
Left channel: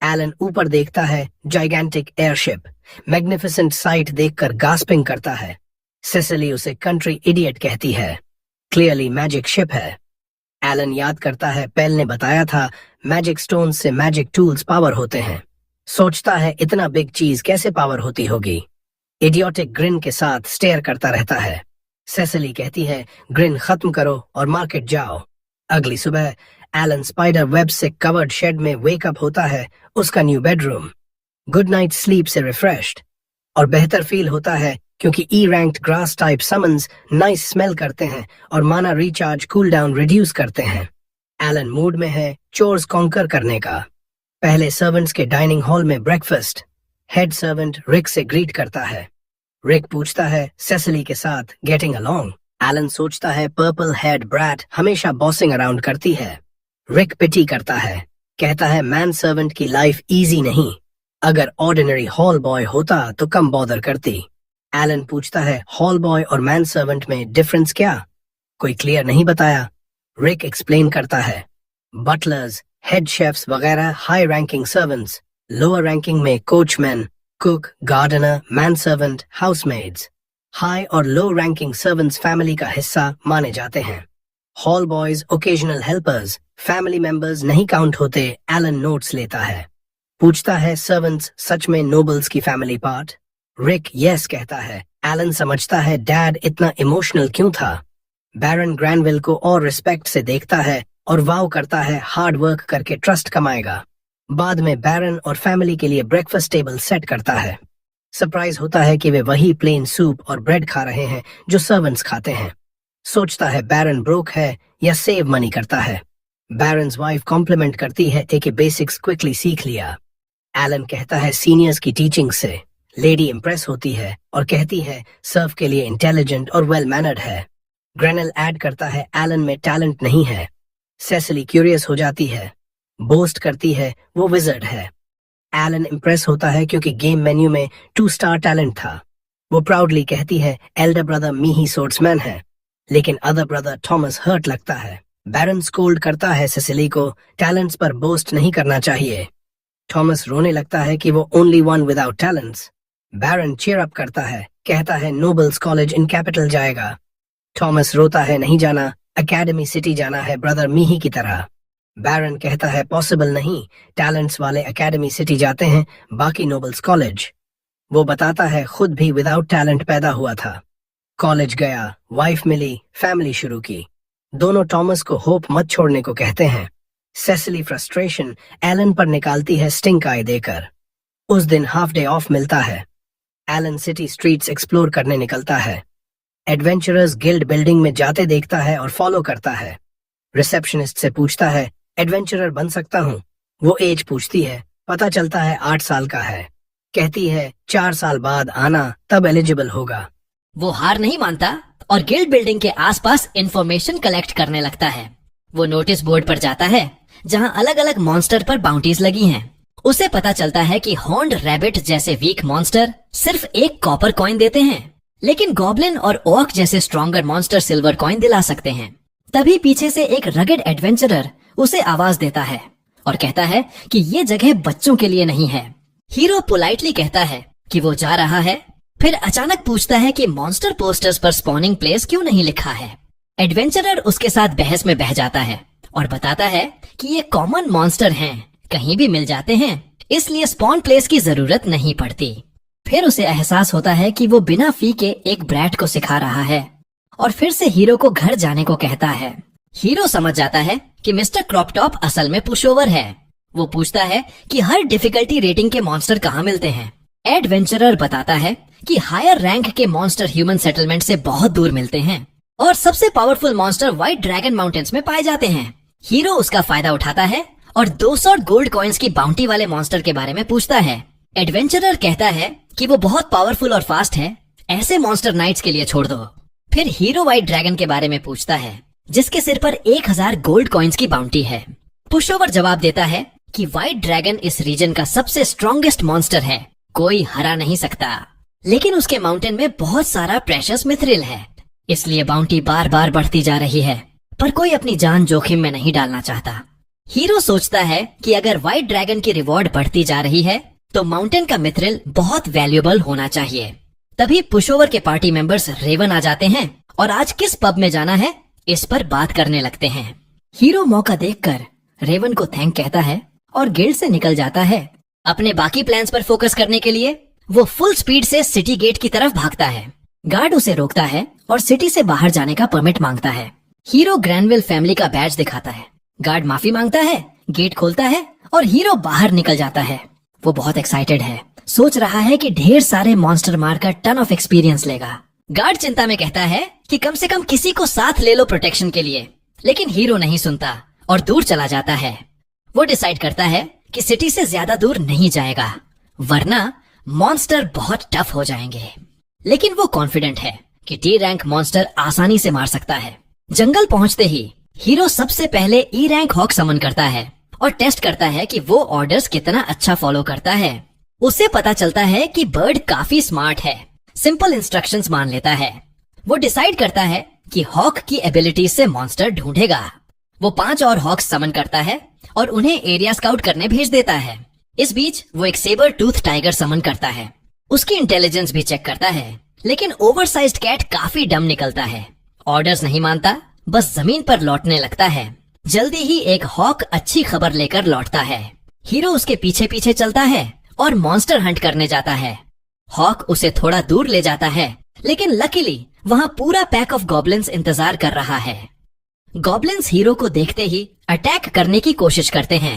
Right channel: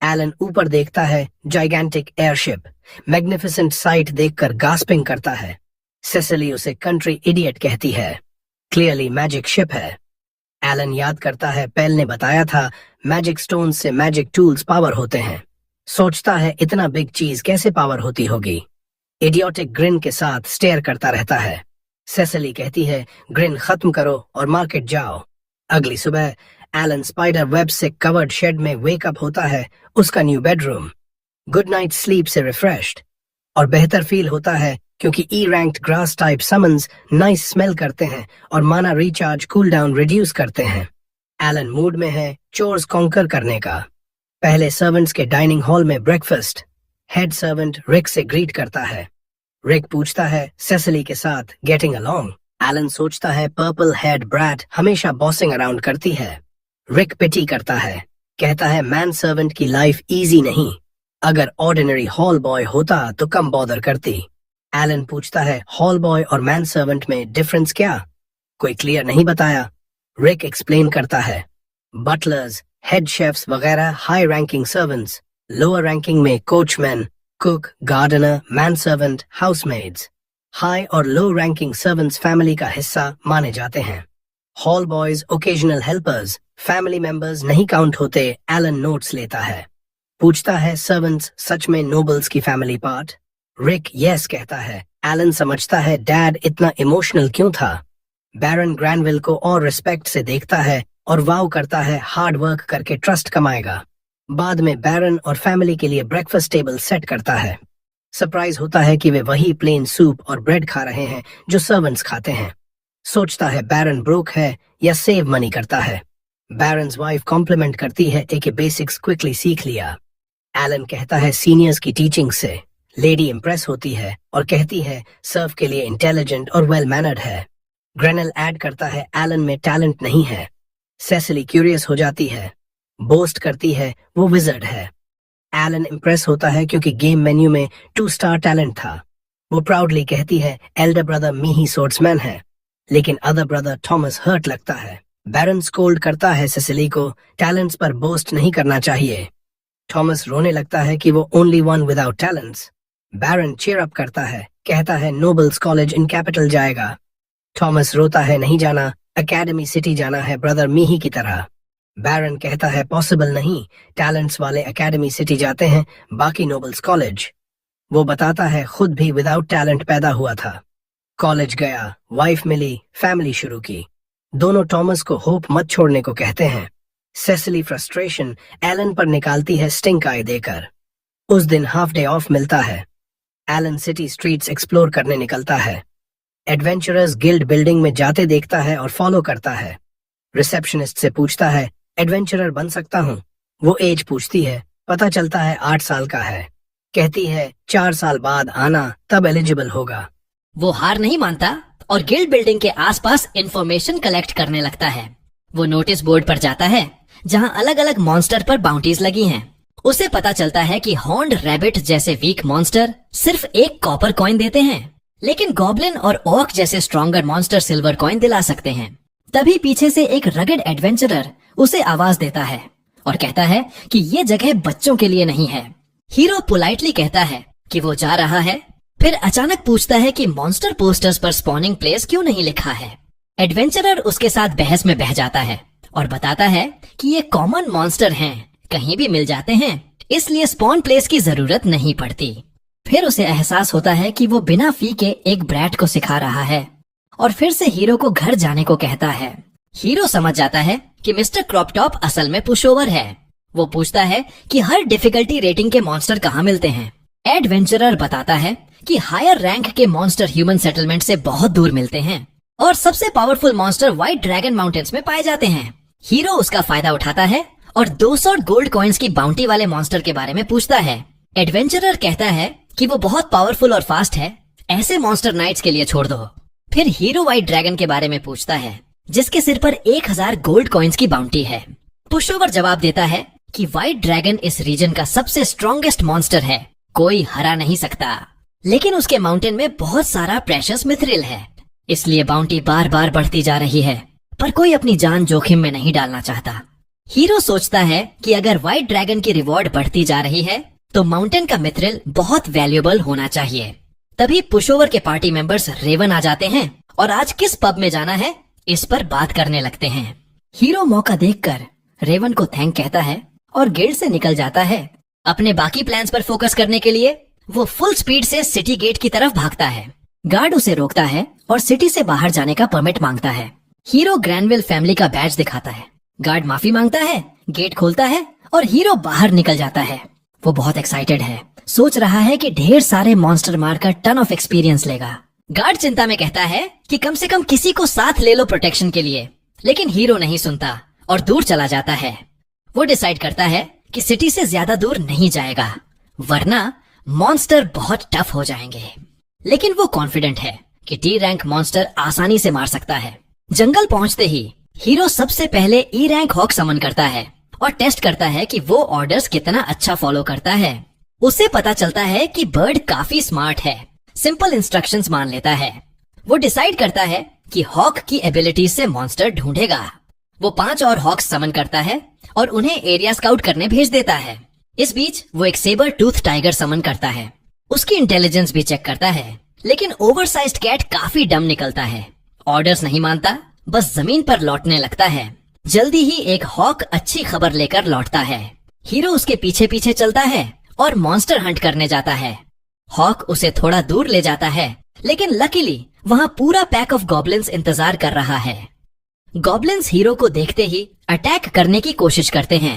एलन ऊपर देखता है, जाइगेंटिक एयरशिप। मैग्निफिसेंट साइट देखकर गास्पिंग करता है। सेसिली उसे कंट्री इडियट कहती है। क्लियरली मैजिक शिप है। एलन याद करता है पेल ने बताया था मैजिक स्टोन से मैजिक टूल्स पावर होते हैं। सोचता है इतना बिग चीज कैसे पावर होती होगी। इडियोटिक ग्रिन के साथ स्टेयर करता रहता है। सेसिली कहती है ग्रिन खत्म करो और मार्केट जाओ। अगली सुबह एलन स्पाइडर वेब से कवर्ड शेड में वेकअप होता है, उसका new bedroom. Good night sleep से रिफ्रेश्ड और बेहतर फील होता है क्योंकि ई ranked grass type summons nice smell करते हैं और माना रिचार्ज कूल डाउन रिड्यूस करते हैं। एलन मूड में है चोर्स कॉन्कर करने का। पहले सर्वेंट्स के डाइनिंग हॉल में ब्रेकफास्ट। हेड सर्वेंट रिक से ग्रीट करता है। रिक पूछता है सेसिली के साथ गेटिंग अलोंग। एलन सोचता है पर्पल हेड ब्रैट हमेशा बॉसिंग अराउंड करती है। रिक पिटी करता है, कहता है मैन सर्वेंट की लाइफ इजी नहीं, अगर ऑर्डिनरी हॉल बॉय होता तो कम बॉदर करती। एलन पूछता है हॉल बॉय और मैन सर्वेंट में डिफरेंस क्या? कोई क्लियर नहीं बताया। रिक एक्सप्लेन करता है बटलर्स, हेड शेफ्स वगैरह high ranking servants, lower ranking में coachman, cook, gardener, man servant, housemaids. High और लो रैंकिंग सर्वेंट्स फैमिली का हिस्सा माने जाते हैं। Hall boys occasional helpers, family members नहीं काउंट होते। एलन नोट्स लेता है। पूछता है सर्वेंट्स सच में नोबल्स की फैमिली पार्ट? रिक यस कहता है। एलन समझता है डैड इतना इमोशनल क्यों था। बैरन ग्रैनविल को और रिस्पेक्ट से देखता है और वाव करता है हार्ड वर्क करके ट्रस्ट कमाएगा। बाद में बैरन और फैमिली के लिए ब्रेकफास्ट टेबल सेट करता है। सरप्राइज होता है कि वे वही प्लेन सूप और ब्रेड खा रहे हैं जो सर्वेंट्स खाते हैं। सोचता है बैरन ब्रोक है या सेव मनी करता है। बैरन्स वाइफ कॉम्प्लीमेंट करती है कि बेसिक्स क्विकली सीख लिया। एलन कहता है सीनियर्स की टीचिंग से। लेडी इंप्रेस होती है और कहती है सर्व के लिए इंटेलिजेंट और वेल मैनर्ड है। ग्रेनल ऐड करता है एलन में टैलेंट नहीं है। सेसिली क्यूरियस हो जाती है, बोस्ट करती है वो विजर्ड है। एलन इंप्रेस होता है क्योंकि गेम मेन्यू में 2 स्टार टैलेंट था। वो प्राउडली कहती है एल्डर ब्रदर मी ही सोर्ट्समैन है, लेकिन अदर ब्रदर थॉमस हर्ट लगता है। बैरन स्कोल्ड करता है सेसिली को टैलेंट्स पर बोस्ट नहीं करना चाहिए। थॉमस रोने लगता है कि वो ओनली वन विदाउट टैलेंट्स। बैरन चीयर अप करता है, कहता है नोबल्स कॉलेज इन कैपिटल जाएगा। थॉमस रोता है नहीं जाना, एकेडमी सिटी जाना है ब्रदर मीही की तरह। बैरन कहता है पॉसिबल नहीं, टैलेंट्स वाले एकेडमी सिटी जाते हैं, बाकी नोबल्स कॉलेज। वो बताता है खुद भी विदाउट टैलेंट पैदा हुआ था। कॉलेज गया, वाइफ मिली, फैमिली शुरू की। दोनों टॉमस को होप मत छोड़ने को कहते हैं। सेसिली फ्रस्ट्रेशन एलन पर निकालती है स्टिंक आई देकर। उस दिन हाफ डे ऑफ मिलता है। एलन सिटी स्ट्रीट्स एक्सप्लोर करने निकलता है। एडवेंचरर्स गिल्ड बिल्डिंग में जाते देखता है और फॉलो करता है। रिसेप्शनिस्ट से पूछता है एडवेंचरर बन सकता हूँ? वो एज पूछती है। पता चलता है 8 साल का है। कहती है 4 साल बाद आना, तब एलिजिबल होगा। वो हार नहीं मानता और गिल्ड बिल्डिंग के आसपास इंफॉर्मेशन कलेक्ट करने लगता है। वो नोटिस बोर्ड पर जाता है जहाँ अलग अलग मॉन्स्टर पर बाउंटीज लगी हैं। उसे पता चलता है कि हॉर्न्ड रैबिट जैसे वीक मॉन्स्टर सिर्फ 1 कॉपर कॉइन देते हैं, लेकिन गॉब्लिन और ओक जैसे स्ट्रॉन्गर मॉन्स्टर सिल्वर कॉइन दिला सकते हैं। तभी पीछे से एक रगड एडवेंचरर उसे आवाज देता है और कहता है कि ये जगह बच्चों के लिए नहीं है। हीरो पोलाइटली कहता है कि वो जा रहा है, फिर अचानक पूछता है कि मॉन्स्टर पोस्टर्स पर स्पॉनिंग प्लेस क्यों नहीं लिखा है। एडवेंचरर उसके साथ बहस में बह जाता है और बताता है कि ये कॉमन मॉन्स्टर हैं, कहीं भी मिल जाते हैं, इसलिए स्पॉन प्लेस की जरूरत नहीं पड़ती। फिर उसे एहसास होता है कि वो बिना फी के एक ब्रैट को सिखा रहा है और फिर से हीरो को घर जाने को कहता है। हीरो समझ जाता है कि मिस्टर क्रॉपटॉप असल में पुशओवर है। वो पूछता है कि हर डिफिकल्टी रेटिंग के मॉन्स्टर कहाँ मिलते हैं। एडवेंचरर बताता है कि हायर रैंक के मॉन्स्टर ह्यूमन सेटलमेंट से बहुत दूर मिलते हैं और सबसे powerful monster white dragon mountains में पाए जाते हैं। हीरो उसका फायदा उठाता है और 200 गोल्ड कॉइन्स की बाउंटी वाले मॉन्स्टर के बारे में पूछता है। एडवेंचरर कहता है कि वो बहुत पावरफुल और फास्ट है, ऐसे मॉन्स्टर नाइट्स के लिए छोड़ दो। फिर हीरो व्हाइट ड्रैगन के बारे में पूछता है जिसके सिर पर 1000 गोल्ड कॉइन्स की बाउंटी है। पुशओवर जवाब देता है कि व्हाइट ड्रैगन इस रीजन का सबसे स्ट्रॉन्गेस्ट मॉन्स्टर है, कोई हरा नहीं सकता, लेकिन उसके माउंटेन में बहुत सारा प्रेशियस मिथरिल है, इसलिए बाउंटी बार बार बढ़ती जा रही है, पर कोई अपनी जान जोखिम में नहीं डालना चाहता। हीरो सोचता है कि अगर व्हाइट ड्रैगन की रिवॉर्ड बढ़ती जा रही है तो माउंटेन का मिथरिल बहुत वैल्यूएबल होना चाहिए। तभी पुशओवर के पार्टी मेंबर्स रेवन आ जाते हैं और आज किस पब में जाना है इस पर बात करने लगते हैं। हीरो मौका देखकर रेवन को थैंक कहता है और गिल्ड से निकल जाता है। अपने बाकी प्लान्स पर फोकस करने के लिए वो फुल स्पीड से सिटी गेट की तरफ भागता है। गार्ड उसे रोकता है और सिटी से बाहर जाने का परमिट मांगता है। हीरो ग्रैनविल फैमिली का बैज दिखाता है। गार्ड माफी मांगता है, गेट खोलता है और हीरो बाहर निकल जाता है। वो बहुत एक्साइटेड है, सोच रहा है कि ढेर सारे मॉन्स्टर मारकर टन ऑफ एक्सपीरियंस लेगा। गार्ड चिंता में कहता है कि कम से कम किसी को साथ ले लो प्रोटेक्शन के लिए, लेकिन हीरो नहीं सुनता और दूर चला जाता है। वो डिसाइड करता है कि सिटी से ज्यादा दूर नहीं जाएगा, वरना मॉन्स्टर बहुत टफ हो जाएंगे। लेकिन वो कॉन्फिडेंट है कि टी रैंक मॉन्स्टर आसानी से मार सकता है। जंगल पहुंचते ही हीरो सबसे पहले ई रैंक हॉक समन करता है और टेस्ट करता है कि वो ऑर्डर्स कितना अच्छा फॉलो करता है। उसे पता चलता है कि बर्ड काफी स्मार्ट है, सिंपल इंस्ट्रक्शंस मान लेता है। वो डिसाइड करता है कि हॉक की एबिलिटी से मॉन्स्टर ढूंढेगा। वो 5 और हॉक्स समन करता है और उन्हें एरिया स्काउट करने भेज देता है। इस बीच वो एक सेबर टूथ टाइगर समन करता है। उसकी इंटेलिजेंस भी चेक करता है, लेकिन ओवरसाइज्ड कैट काफी डम निकलता है। ऑर्डर्स नहीं मानता, बस जमीन पर लौटने लगता है। जल्दी ही एक हॉक अच्छी खबर लेकर लौटता है। हीरो उसके पीछे पीछे चलता है और मॉन्स्टर हंट करने जाता है। हॉक उसे थोड़ा दूर ले जाता है, लेकिन लकीली वहाँ पूरा पैक ऑफ गॉब्लिन्स इंतजार कर रहा है। गॉब्लिन्स हीरो को देखते ही अटैक करने की कोशिश करते हैं।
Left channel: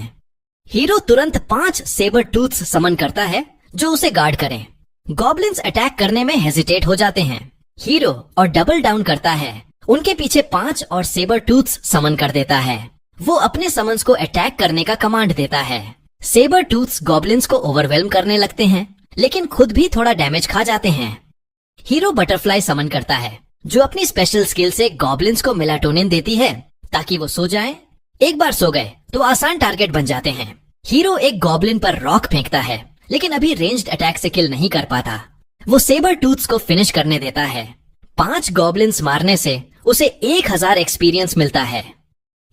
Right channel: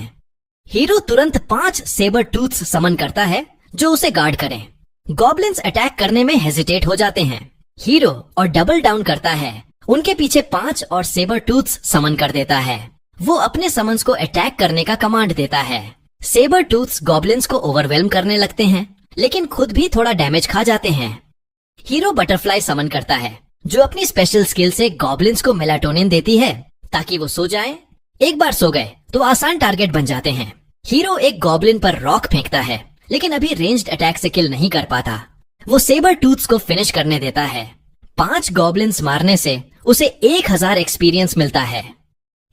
हीरो तुरंत 5 सेबर टूथ्स समन करता है जो उसे गार्ड करें। गॉब्लिन्स अटैक करने में हेजिटेट हो जाते हैं। हीरो और डबल डाउन करता है, उनके पीछे 5 और सेबर टूथ्स समन कर देता है। वो अपने समन्स को अटैक करने का कमांड देता है। सेबर टूथ्स गॉब्लिन्स को ओवरवेल्म करने लगते हैं, लेकिन खुद भी थोड़ा डैमेज खा जाते हैं। हीरो बटरफ्लाई समन करता है, जो अपनी स्पेशल स्किल से गॉब्लिन्स को मेलाटोनिन देती है ताकि वो सो जाएं। एक बार सो गए तो आसान टारगेट बन जाते हैं। हीरो एक गॉब्लिन पर रॉक फेंकता है, लेकिन अभी रेंज्ड अटैक से किल नहीं कर पाता। वो सेबर टूथ्स को फिनिश करने देता है। 5 गॉब्लिन्स मारने से उसे 1000 एक्सपीरियंस मिलता है।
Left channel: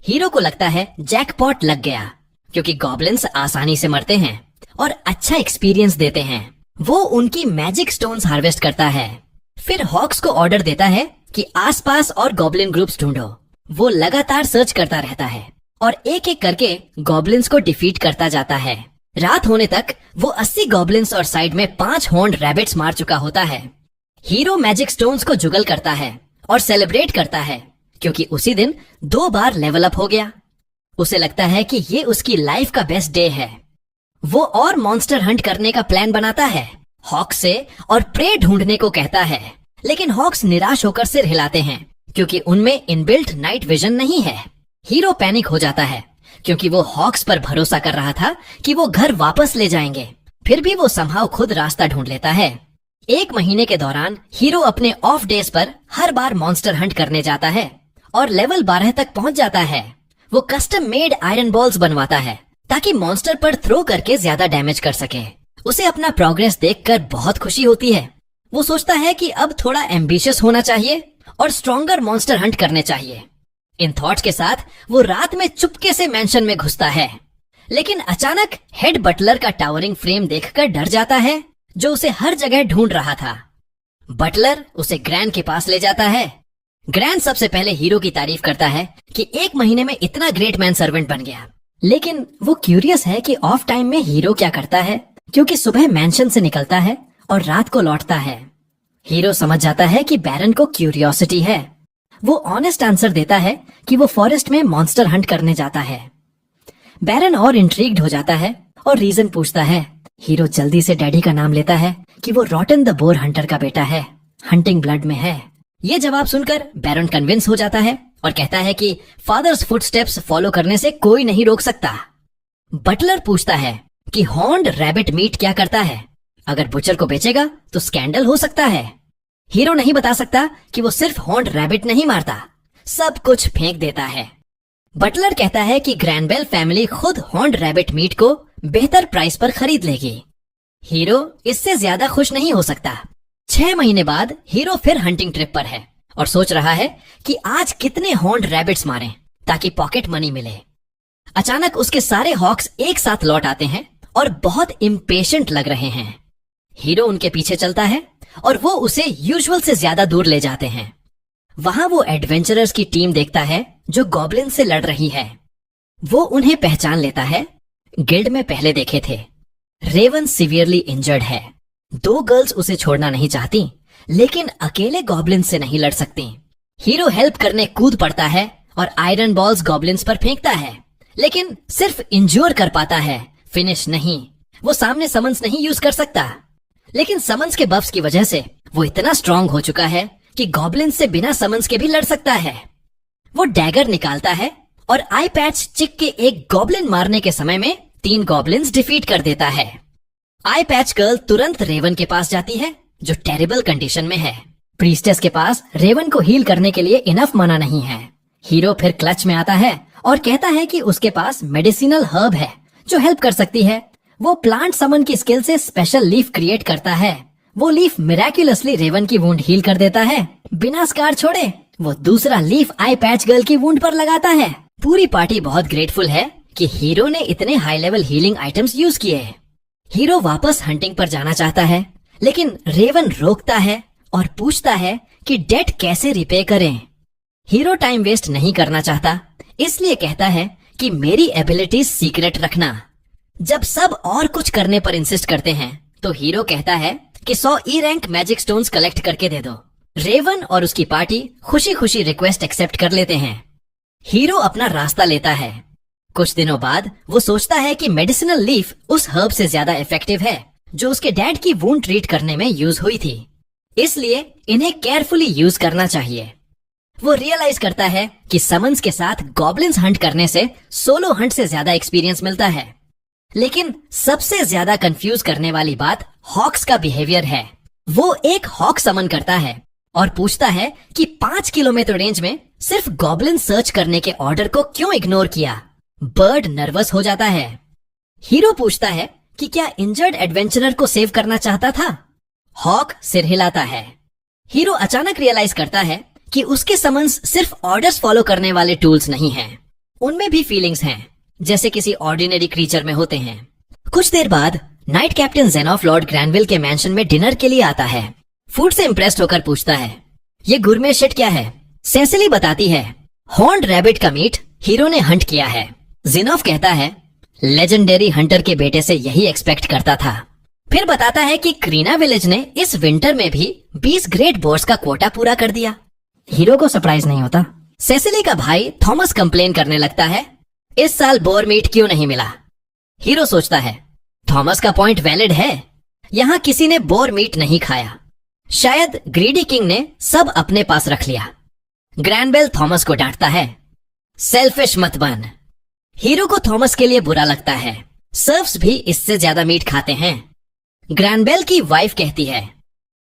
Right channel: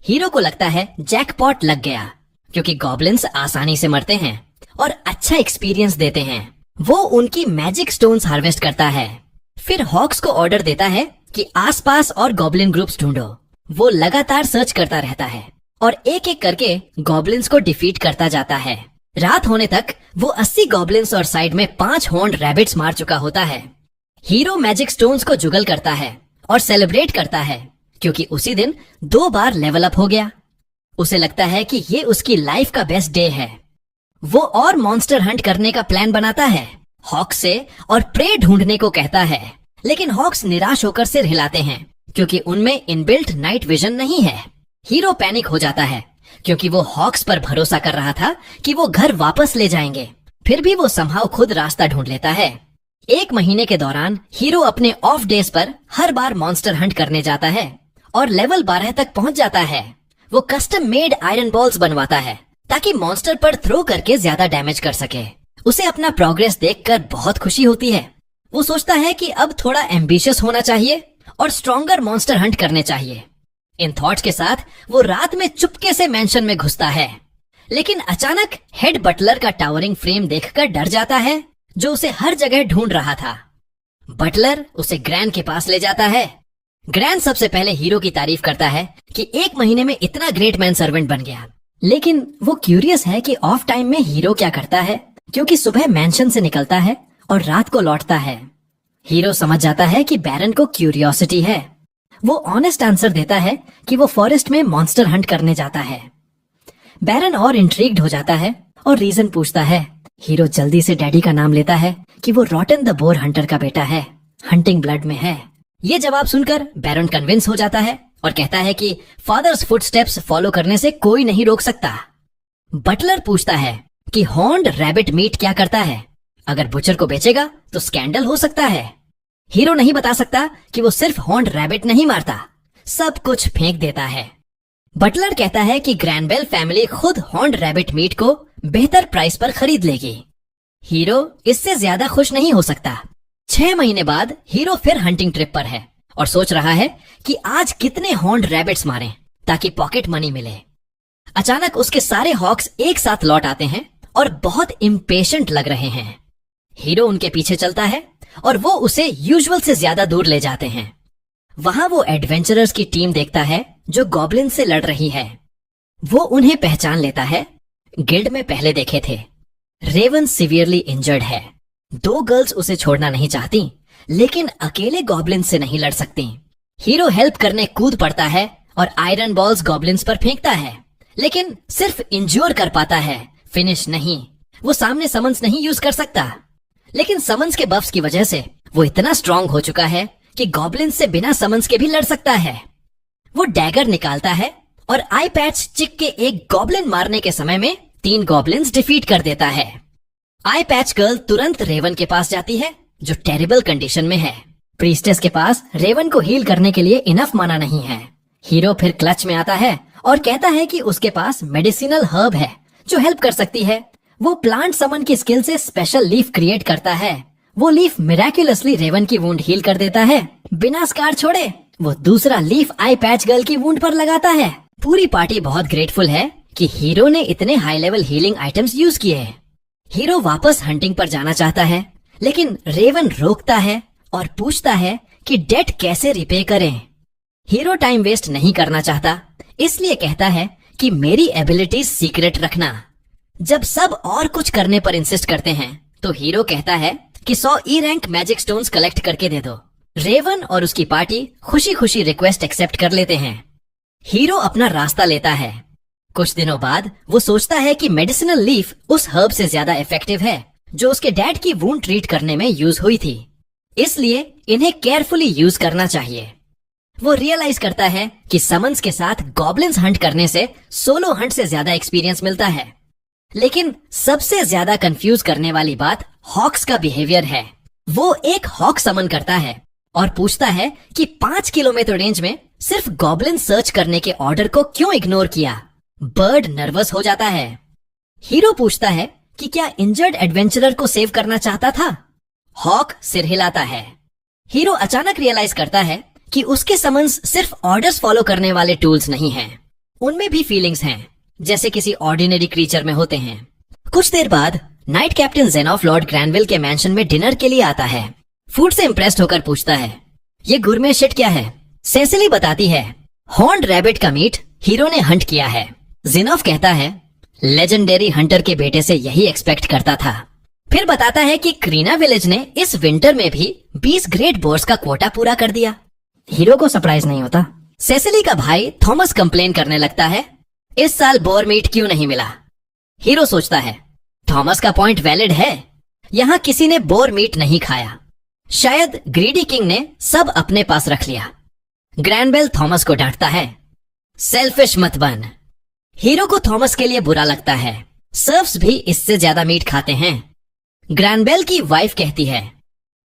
हीरो को लगता है जैकपॉट लग गया, क्योंकि गॉब्लिन्स आसानी से मरते हैं और अच्छा एक्सपीरियंस देते हैं। वो उनकी मैजिक स्टोन्स हार्वेस्ट करता है। फिर हॉक्स को ऑर्डर देता है कि आसपास और गॉब्लिन ग्रुप्स ढूंढो। वो लगातार सर्च करता रहता है और एक एक करके गॉब्लिन्स को डिफीट करता जाता है। रात होने तक वो 80 गॉब्लिन्स और साइड में 5 हॉर्न्ड रैबिट्स मार चुका होता है। हीरो मैजिक स्टोन्स को जुगल करता है और सेलिब्रेट करता है क्योंकि उसी दिन 2 बार लेवल अप हो गया। उसे लगता है कि ये उसकी लाइफ का बेस्ट डे है। वो और मॉन्स्टर हंट करने का प्लान बनाता है, हॉक्स से और प्रे ढूंढने को कहता है, लेकिन हॉक्स निराश होकर सिर हिलाते हैं क्योंकि उनमें इनबिल्ट नाइट विजन नहीं है। हीरो पैनिक हो जाता है क्योंकि वो हॉक्स पर भरोसा कर रहा था कि वो घर वापस ले जाएंगे। फिर भी वो समहाउ खुद रास्ता ढूंढ लेता है। 1 महीने के दौरान हीरो अपने ऑफ डेज पर हर बार मॉन्स्टर हंट करने जाता है और लेवल 12 तक पहुंच जाता है। वो कस्टम मेड आयरन बॉल्स बनवाता है ताकि मॉन्स्टर पर थ्रो करके ज्यादा डैमेज कर सके। उसे अपना प्रोग्रेस देखकर बहुत खुशी होती है। वो सोचता है कि अब थोड़ा एम्बिशियस होना चाहिए और स्ट्रॉन्गर मॉन्स्टर हंट करने चाहिए। इन थॉट्स के साथ वो रात में चुपके से मैंशन में घुसता है, लेकिन अचानक हेड बटलर का टावरिंग फ्रेम देखकर डर जाता है जो उसे हर जगह ढूंढ रहा था। बटलर उसे ग्रैन के पास ले जाता है। ग्रैन सबसे पहले हीरो की तारीफ करता है कि 1 महीने में इतना ग्रेट मैन सर्वेंट बन गया, लेकिन वो क्यूरियस है कि ऑफ टाइम में हीरो क्या करता है क्योंकि सुबह मैंशन से निकलता है और रात को लौटता है। हीरो समझ जाता है कि बैरन को क्यूरियोसिटी है। वो ऑनेस्ट आंसर देता है कि वो फॉरेस्ट में मॉन्स्टर हंट करने जाता है। बैरन और इंट्रीग्ड हो जाता है और रीजन पूछता है। हीरो जल्दी से डैडी का नाम लेता है कि वो रॉटन द बोर हंटर का बेटा है, हंटिंग ब्लड में है। ये जवाब सुनकर बैरन कन्विंस हो जाता है और कहता है कि फादर्स फुटस्टेप्स फॉलो करने से कोई नहीं रोक सकता। बटलर पूछता है कि हॉर्न्ड रैबिट मीट क्या करता है, अगर बुचर को बेचेगा तो स्कैंडल हो सकता है। हीरो नहीं बता सकता कि वो सिर्फ हॉर्न्ड रैबिट नहीं मारता, सब कुछ फेंक देता है। बटलर कहता है कि ग्रैनबेल फैमिली खुद हॉर्न्ड रैबिट मीट को बेहतर प्राइस पर खरीद लेगी। हीरो इससे ज्यादा खुश नहीं हो सकता। 6 महीने बाद हीरो फिर हंटिंग ट्रिप पर है और सोच रहा है कि आज कितने हॉर्न्ड रैबिट्स मारें ताकि पॉकेट मनी मिले। अचानक उसके सारे हॉक्स एक साथ लौट आते हैं और बहुत इम्पेशेंट लग रहे हैं। हीरो उनके पीछे चलता है और वो उसे यूजुअल से ज्यादा दूर ले जाते हैं। वहां वो एडवेंचरर्स की टीम देखता है जो गॉब्लिन से लड़ रही है। वो उन्हें पहचान लेता है, गिल्ड में पहले देखे थे। रेवन सीवियरली इंजर्ड है। 2 गर्ल्स उसे छोड़ना नहीं चाहती, लेकिन अकेले गॉब्लिन से नहीं लड़ सकती। हीरो हेल्प करने कूद पड़ता है और आयरन बॉल्स गॉब्लिन्स पर फेंकता है, लेकिन सिर्फ इंज्योर कर पाता है, फिनिश नहीं। वो सामने समन्स नहीं यूज कर सकता, लेकिन समन्स के बफ्स की वजह से वो इतना स्ट्रांग हो चुका है कि गॉब्लिन्स से बिना समन्स के भी लड़ सकता है। वो डैगर निकालता है और आई पैच चिक के एक गॉब्लिन मारने के समय में 3 गॉब्लिन्स डिफीट कर देता है। आई पैच गर्ल तुरंत रेवन के पास जाती है जो टेरिबल कंडीशन में है। प्रीस्टेस के पास रेवन को हील करने के लिए इनफ माना नहीं है। हीरो फिर क्लच में आता है और कहता है कि उसके पास मेडिसिनल हर्ब है जो हेल्प कर सकती है। वो प्लांट समन की स्किल से स्पेशल लीफ क्रिएट करता है। वो लीफ मिराक्युलसली रेवन की वुंड हील कर देता है बिना स्कार छोड़े। वो दूसरा लीफ आई पैच गर्ल की वुंड पर लगाता है। पूरी पार्टी बहुत ग्रेटफुल है कि हीरो ने इतने high level healing items use किए। हीरो वापस हंटिंग पर जाना चाहता है, लेकिन रेवन रोकता है और पूछता है कि डेट कैसे रिपे करें। हीरो टाइम वेस्ट नहीं करना चाहता, इसलिए कहता है कि मेरी एबिलिटीज सीक्रेट रखना। जब सब और कुछ करने पर इंसिस्ट करते हैं तो हीरो कहता है कि 100 E rank magic stones collect करके दे दो। रेवन और उसकी पार्टी खुशी खुशी रिक्वेस्ट एक्सेप्ट कर लेते हैं। हीरो अपना रास्ता लेता है। कुछ दिनों बाद वो सोचता है कि मेडिसिनल लीफ उस हर्ब से ज्यादा इफेक्टिव है जो उसके डैड की वुंड ट्रीट करने में यूज हुई थी, इसलिए इन्हें केयरफुली यूज करना चाहिए। वो रियलाइज करता है कि समन्स के साथ गॉब्लिन्स हंट करने से सोलो हंट से ज्यादा एक्सपीरियंस मिलता है। लेकिन सबसे ज्यादा कंफ्यूज करने वाली बात हॉक्स का बिहेवियर है। वो एक हॉक समन करता है और पूछता है कि 5 किलोमीटर रेंज में सिर्फ गॉब्लिन सर्च करने के ऑर्डर को क्यों इग्नोर किया। बर्ड नर्वस हो जाता है। हीरो पूछता है कि क्या इंजर्ड एडवेंचरर को सेव करना चाहता था। हॉक सिर हिलाता है। हीरो अचानक रियलाइज करता है कि उसके समन्स सिर्फ ऑर्डर्स फॉलो करने वाले टूल्स नहीं हैं, उनमें भी फीलिंग्स हैं, जैसे किसी ऑर्डिनरी क्रीचर में होते हैं। कुछ देर बाद नाइट कैप्टन जेनॉफ लॉर्ड ग्रैनविल के मैंशन में डिनर के लिए आता है। फूड से इम्प्रेस्ड होकर पूछता है, ये गुरमे शिट क्या है। सेसिली बताती है, हॉर्न्ड रैबिट का मीट हीरो ने हंट किया है। जिनोफ कहता है लेजेंडरी हंटर के बेटे से यही एक्सपेक्ट करता था। फिर बताता है कि क्रीना विलेज ने इस विंटर में भी 20 ग्रेट बोर्स का क्वोटा पूरा कर दिया। हीरो को सरप्राइज नहीं होता। सेसिली का भाई थॉमस कंप्लेन करने लगता है, इस साल बोर मीट क्यों नहीं मिला। हीरो सोचता है थॉमस का पॉइंट वैलिड है, यहाँ किसी ने बोर मीट नहीं खाया, शायद ग्रीडी किंग ने सब अपने पास रख लिया। ग्रैंडबेल थॉमस को डांटता है, सेल्फिश मत बन। हीरो को थॉमस के लिए बुरा लगता है, सर्व्स भी इससे ज्यादा मीट खाते हैं। ग्रैंडबेल की वाइफ कहती है,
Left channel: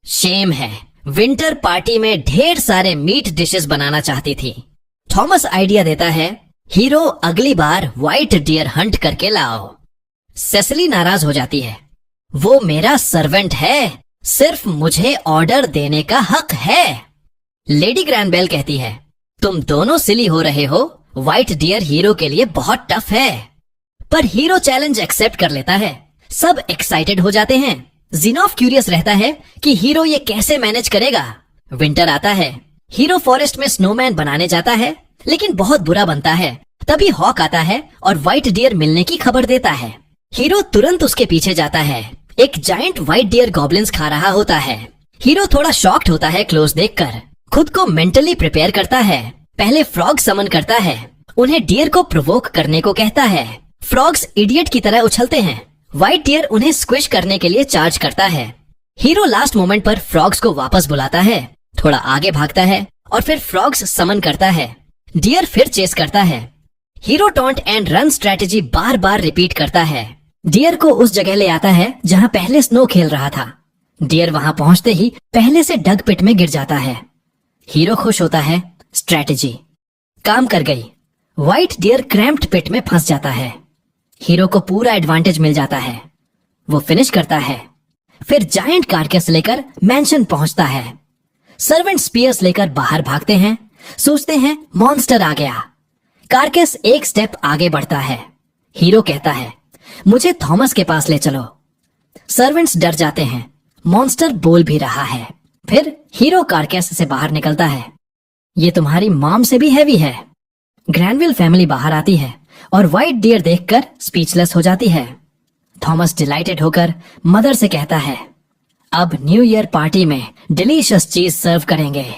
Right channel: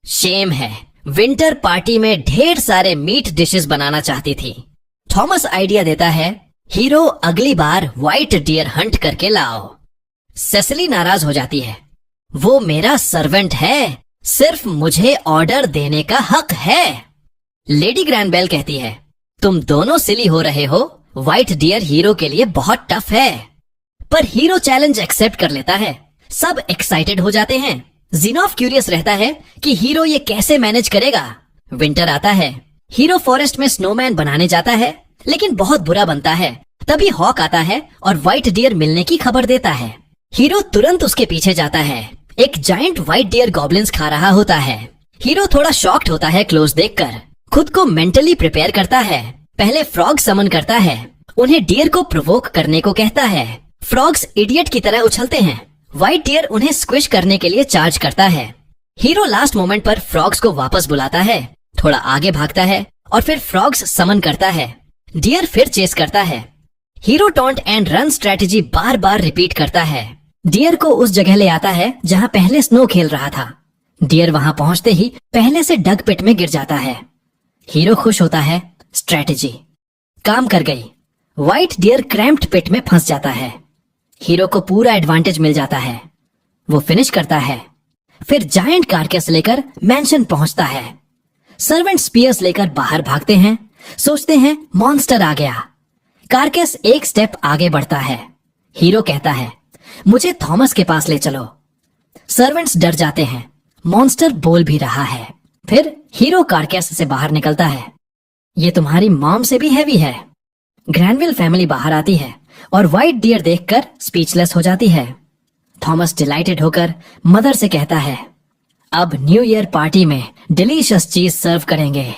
शेम है, विंटर पार्टी में ढेर सारे मीट डिशेस बनाना चाहती थी। थॉमस आइडिया देता है, हीरो अगली बार व्हाइट डियर हंट करके लाओ। सेसिली नाराज हो जाती है, वो मेरा सर्वेंट है, सिर्फ मुझे ऑर्डर देने का हक है। लेडी ग्रैंडबेल कहती है, तुम दोनों सिली हो रहे हो, व्हाइट डियर हीरो के लिए बहुत टफ है। पर हीरो चैलेंज एक्सेप्ट कर लेता है। सब एक्साइटेड हो जाते हैं। जिनोफ क्यूरियस रहता है कि हीरो ये कैसे मैनेज करेगा। विंटर आता है, हीरो फॉरेस्ट में स्नोमैन बनाने जाता है, लेकिन बहुत बुरा बनता है। तभी हॉक आता है और व्हाइट डियर मिलने की खबर देता है। हीरो तुरंत उसके पीछे जाता है। एक जायंट व्हाइट डियर गॉब्लिन्स खा रहा होता है। हीरो थोड़ा शॉक्ड होता है क्लोज देखकर, खुद को मेंटली प्रिपेयर करता है। पहले फ्रॉग समन करता है, उन्हें डियर को प्रोवोक करने को कहता है। फ्रॉग्स इडियट की तरह उछलते हैं। व्हाइट डियर उन्हें स्क्विश करने के लिए चार्ज करता है। हीरो लास्ट मोमेंट पर फ्रॉग्स को वापस बुलाता है, थोड़ा आगे भागता है और फिर फ्रॉग्स समन करता है। डियर फिर चेस करता है। Hero taunt and run strategy bar bar repeat करता है। डियर को उस जगह ले आता है जहाँ पहले स्नो खेल रहा था। डियर वहाँ पहुँचते ही पहले से डग पिट में गिर जाता है। हीरो खुश होता है, स्ट्रेटेजी काम कर गई। व्हाइट डियर क्रैम्प्ड पिट में फंस जाता है। हीरो को पूरा एडवांटेज मिल जाता है। वो फिनिश करता है, फिर जायंट कारकेस लेकर मैंशन पहुंचता है। सर्वेंट स्पीयर्स लेकर बाहर भागते हैं, सोचते हैं मॉन्स्टर आ गया। कारकेस एक स्टेप आगे बढ़ता है। हीरो कहता है, मुझे थॉमस के पास ले चलो। सर्वेंट्स डर जाते हैं, मॉन्स्टर बोल भी रहा है। फिर हीरो कारकेस से बाहर निकलता है। ये तुम्हारी मॉम से भी हैवी है। ग्रैंडवेल फैमिली बाहर आती है और व्हाइट डियर देखकर स्पीचलेस हो जाती है। थॉमस डिलाइटेड होकर मदर से कहता है, अब न्यू ईयर पार्टी में डिलीशियस चीज सर्व करेंगे।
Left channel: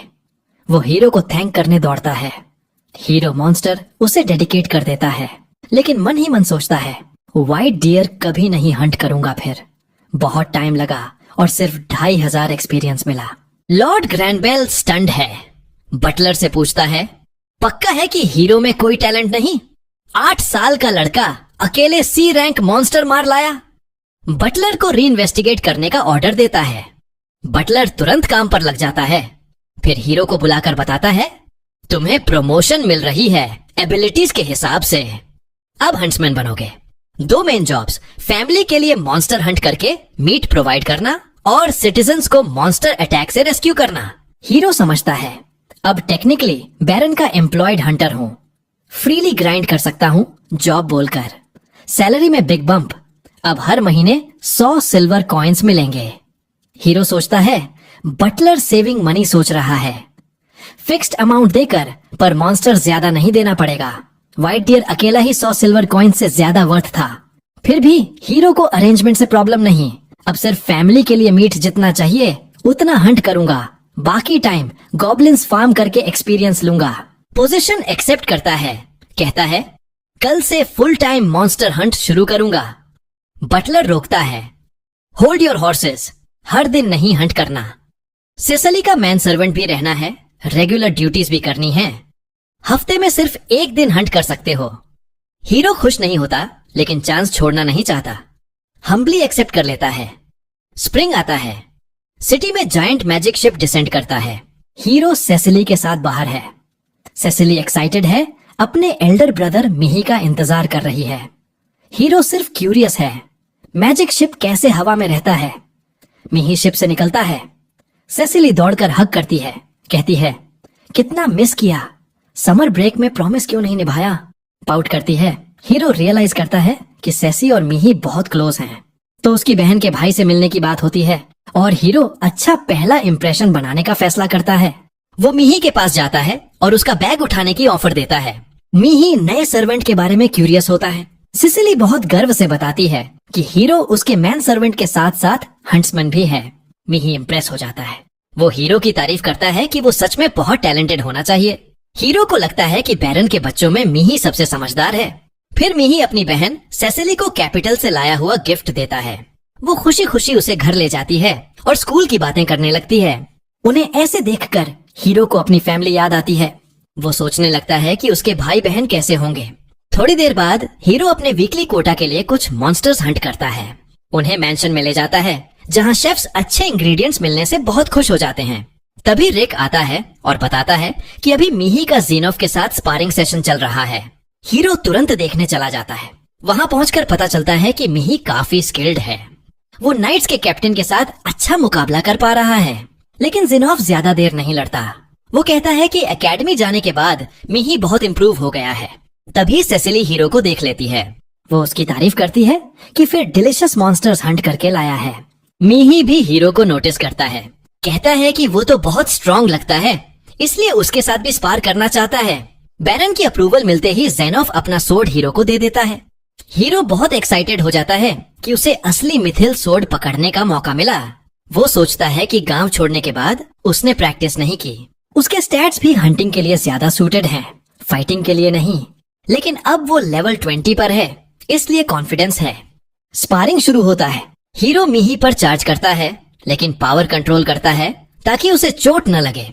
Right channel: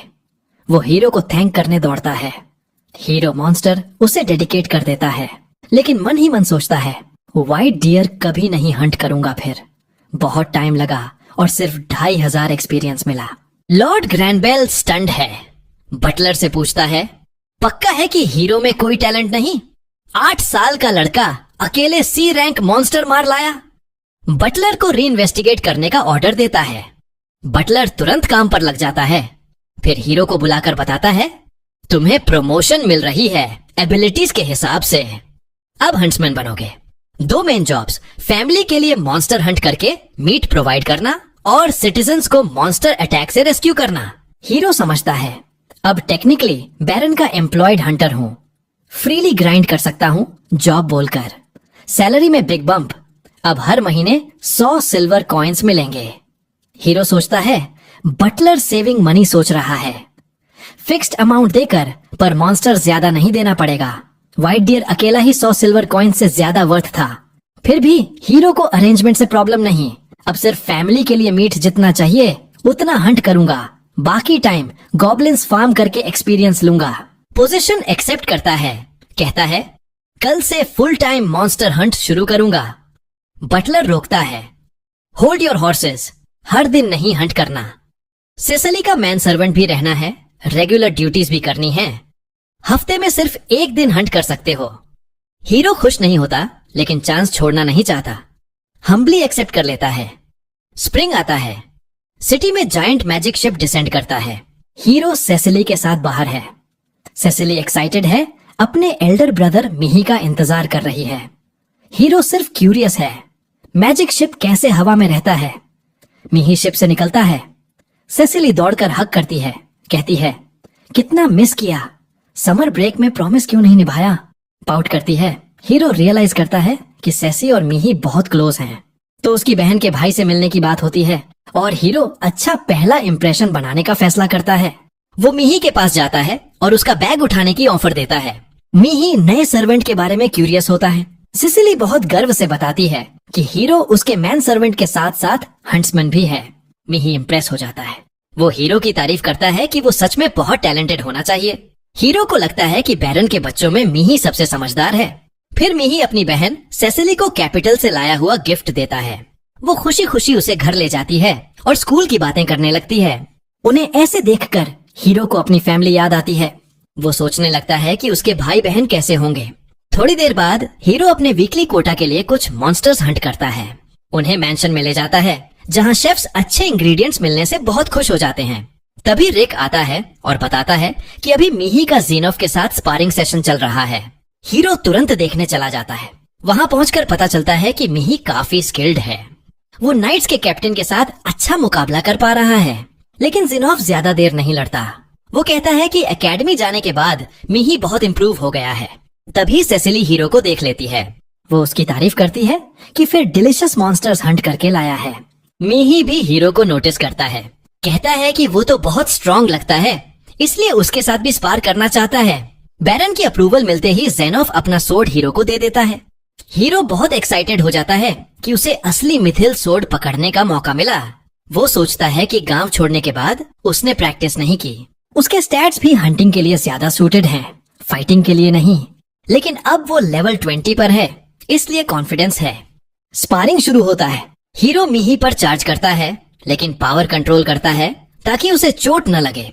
वो हीरो को थैंक करने दौड़ता है। हीरो मॉन्स्टर उसे डेडिकेट कर देता है, लेकिन मन ही मन सोचता है, व्हाइट डियर कभी नहीं हंट करूंगा फिर। बहुत टाइम लगा और सिर्फ 2500 एक्सपीरियंस मिला। लॉर्ड ग्रैंडबेल स्टन्ड है। बटलर से पूछता है, पक्का है कि हीरो में कोई टैलेंट नहीं? 8 साल का लड़का अकेले सी रैंक मॉन्स्टर मार लाया। बटलर को रीइन्वेस्टिगेट करने का ऑर्डर देता है। बटलर तुरंत काम पर लग जाता है। फिर हीरो को बुलाकर बताता है, तुम्हें प्रमोशन मिल रही है एबिलिटीज के हिसाब से। अब हंट्समैन बनोगे। 2 मेन जॉब्स, फैमिली के लिए मॉन्स्टर हंट करके मीट प्रोवाइड करना और सिटीजन्स को मॉन्स्टर अटैक से रेस्क्यू करना। हीरो समझता है, अब टेक्निकली बैरन का एम्प्लॉयड हंटर हूँ, फ्रीली ग्राइंड कर सकता हूँ जॉब बोलकर। सैलरी में बिग बम्प, अब हर महीने 100 सिल्वर कॉइन्स मिलेंगे। हीरो सोचता है, बटलर सेविंग मनी सोच रहा है। फिक्स्ड अमाउंट देकर पर मॉन्स्टर ज्यादा नहीं देना पड़ेगा। व्हाइट डियर अकेला ही 100 सिल्वर कॉइन से ज्यादा वर्थ था। फिर भी हीरो को अरेंजमेंट से प्रॉब्लम नहीं। अब सिर्फ फैमिली के लिए मीट जितना चाहिए उतना हंट करूंगा, बाकी टाइम गॉब्लिन्स फार्म करके एक्सपीरियंस लूंगा। पोजीशन एक्सेप्ट करता है, कहता है, कल से फुल टाइम मॉन्स्टर हंट शुरू करूंगा। बटलर रोकता है, होल्ड योर हॉर्सेस, हर दिन नहीं हंट करना। सेसिली का मैन सर्वेंट भी रहना है, रेगुलर ड्यूटीज भी करनी है। हफ्ते में सिर्फ 1 दिन हंट कर सकते हो। हीरो खुश नहीं होता, लेकिन चांस छोड़ना नहीं चाहता। हम्बली एक्सेप्ट कर लेता है। स्प्रिंग आता है। सिटी में जायंट मैजिक शिप डिसेंड करता है। हीरो सेसिली के साथ बाहर है। सेसिली एक्साइटेड है, अपने एल्डर ब्रदर मिही का इंतजार कर रही है। हीरो सिर्फ क्यूरियस है, मैजिक शिप कैसे हवा में रहता है। मिही शिप से निकलता है। सेसिली दौड़कर हग करती है, कहती है, कितना मिस किया, समर ब्रेक में प्रॉमिस क्यों नहीं निभाया। पाउट करती है। हीरो रियलाइज करता है कि सेसी और मिही बहुत क्लोज हैं। तो उसकी बहन के भाई से मिलने की बात होती है और हीरो अच्छा पहला इंप्रेशन बनाने का फैसला करता है। वो मिही के पास जाता है और उसका बैग उठाने की ऑफर देता है। मीही नए सर्वेंट के बारे में क्यूरियस होता है। सिसिली बहुत गर्व से बताती है कि हीरो उसके मैन सर्वेंट के साथ साथ हंट्समैन भी है। मीही इम्प्रेस हो जाता है। वो हीरो की तारीफ करता है कि वो सच में बहुत टैलेंटेड होना चाहिए। हीरो को लगता है कि बैरन के बच्चों में मीही सबसे समझदार है। फिर मीही अपनी बहन सेसिली को कैपिटल से लाया हुआ गिफ्ट देता है। वो खुशी खुशी उसे घर ले जाती है और स्कूल की बातें करने लगती है। उन्हें ऐसे देखकर हीरो को अपनी फैमिली याद आती है। वो सोचने लगता है कि उसके भाई बहन कैसे होंगे। थोड़ी देर बाद हीरो अपने वीकली कोटा के लिए कुछ मॉन्स्टर्स हंट करता है। उन्हें मैंशन में ले जाता है जहाँ शेफ्स अच्छे इंग्रेडिएंट्स मिलने से बहुत खुश हो जाते हैं। तभी रिक आता है और बताता है कि अभी मीही का ज़ीनोफ के साथ स्पारिंग सेशन चल रहा है। हीरो तुरंत देखने चला जाता है। वहाँ पहुंचकर पता चलता है कि मीही काफी स्किल्ड है। वो नाइट्स के कैप्टन के साथ अच्छा मुकाबला कर पा रहा है। लेकिन ज़ीनोफ ज्यादा देर नहीं लड़ता। वो कहता है कि एकेडमी जाने के बाद मीही बहुत इम्प्रूव हो गया है। तभी सेसिली हीरो को देख लेती है। वो उसकी तारीफ करती है कि फिर डिलिशियस मॉन्स्टर्स हंट करके लाया है। मीही भी हीरो को नोटिस करता है। कहता है कि वो तो बहुत स्ट्रॉन्ग लगता है, इसलिए उसके साथ भी स्पार करना चाहता है। बैरन की अप्रूवल मिलते ही ज़ेनोफ अपना सोर्ड हीरो को दे देता है। हीरो बहुत एक्साइटेड हो जाता है कि उसे असली मिथिल सोर्ड पकड़ने का मौका मिला। वो सोचता है कि गांव छोड़ने के बाद उसने प्रैक्टिस नहीं की। उसके स्टैट्स भी हंटिंग के लिए ज्यादा सूटेड हैं, फाइटिंग के लिए नहीं। लेकिन अब वो लेवल 20 पर है, इसलिए कॉन्फिडेंस है। स्पारिंग शुरू होता है। हीरो मीही पर चार्ज करता है, लेकिन पावर कंट्रोल करता है ताकि उसे चोट न लगे।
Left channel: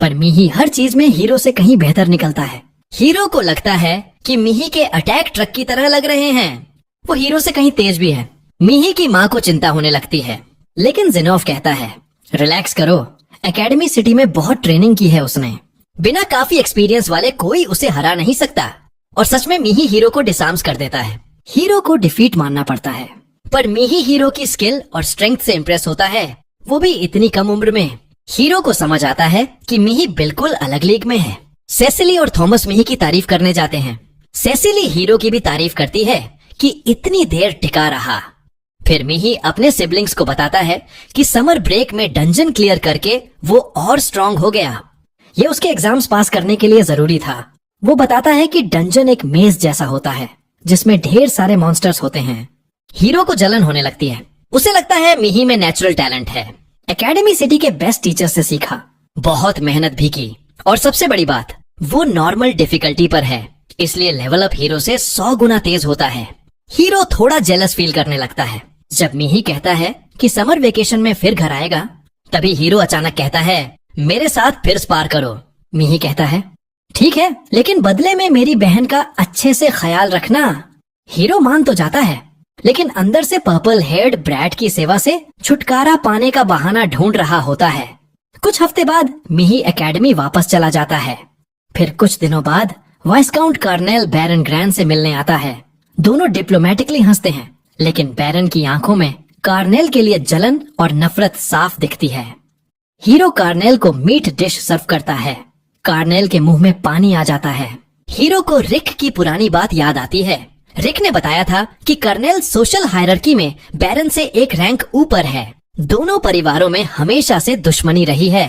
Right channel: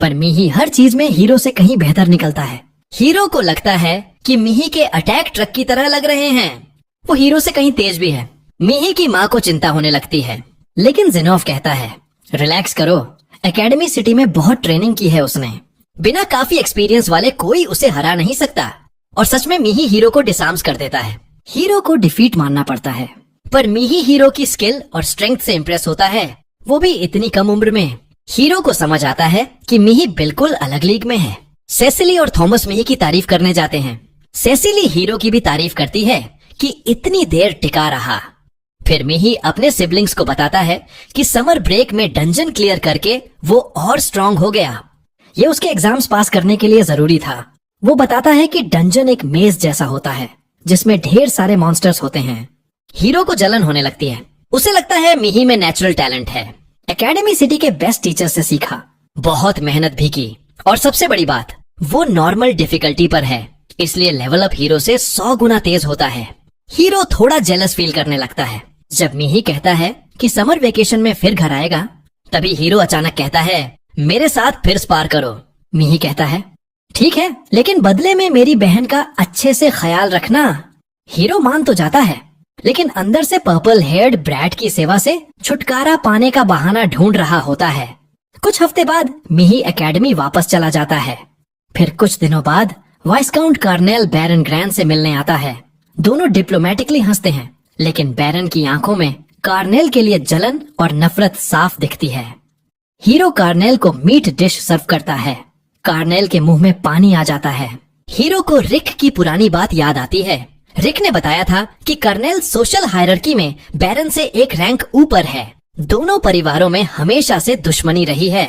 पर मीही हर चीज में हीरो से कहीं बेहतर निकलता है। हीरो को लगता है कि मीही के अटैक ट्रक की तरह लग रहे हैं। वो हीरो से कहीं तेज भी है। मीही की माँ को चिंता होने लगती है, लेकिन ज़ेनोफ कहता है रिलैक्स करो, एकेडमी सिटी में बहुत ट्रेनिंग की है उसने। बिना काफी एक्सपीरियंस वाले कोई उसे हरा नहीं सकता। और सच में मीही हीरो को डिसार्म्स कर देता है। हीरो को डिफीट मानना पड़ता है, पर मीही हीरो की स्किल और स्ट्रेंथ से इम्प्रेस होता है, वो भी इतनी कम उम्र में। हीरो को समझ आता है कि मीही बिल्कुल अलग लीग में है। सेसिली और थॉमस मीही की तारीफ करने जाते हैं। सेसिली हीरो की भी तारीफ करती है कि इतनी देर टिका रहा। फिर मीही अपने सिबलिंग्स को बताता है कि समर ब्रेक में डंजन क्लियर करके वो और स्ट्रांग हो गया। ये उसके एग्जाम्स पास करने के लिए जरूरी था। वो बताता है कि डंजन एक मेज जैसा होता है जिसमें ढेर सारे मॉन्स्टर्स होते हैं। हीरो को जलन होने लगती है। उसे लगता है मीही में नेचुरल टैलेंट है। एकेडमी सिटी के बेस्ट टीचर से सीखा, बहुत मेहनत भी की, और सबसे बड़ी बात वो नॉर्मल डिफिकल्टी पर है, इसलिए लेवल अप हीरो से 100 गुना तेज होता है। हीरो थोड़ा जेलस फील करने लगता है। जब मीही कहता है कि समर वेकेशन में फिर घर आएगा, तभी हीरो अचानक कहता है मेरे साथ फिर स्पार करो। मीही कहता है ठीक है, लेकिन बदले में मेरी बहन का अच्छे से ख्याल रखना। हीरो मान तो जाता है, लेकिन अंदर से पर्पल हेयर्ड ब्रैड की सेवा से छुटकारा पाने का बहाना ढूंढ रहा होता है। कुछ हफ्ते बाद मीही एकेडमी वापस चला जाता है। फिर कुछ दिनों बाद वाइसकाउंट कार्नेल बैरन ग्रैंड से मिलने आता है। दोनों डिप्लोमेटिकली हंसते हैं, लेकिन बैरन की आंखों में कार्नेल के लिए जलन और नफरत साफ दिखती है। हीरो कार्नेल को मीट डिश सर्व करता है। कार्नेल के मुंह में पानी आ जाता है। हीरो को रिक की पुरानी बात याद आती है। रिक ने बताया था कि कर्नेल सोशल हायरार्की में बैरन से एक रैंक ऊपर है। दोनों परिवारों में हमेशा से दुश्मनी रही है।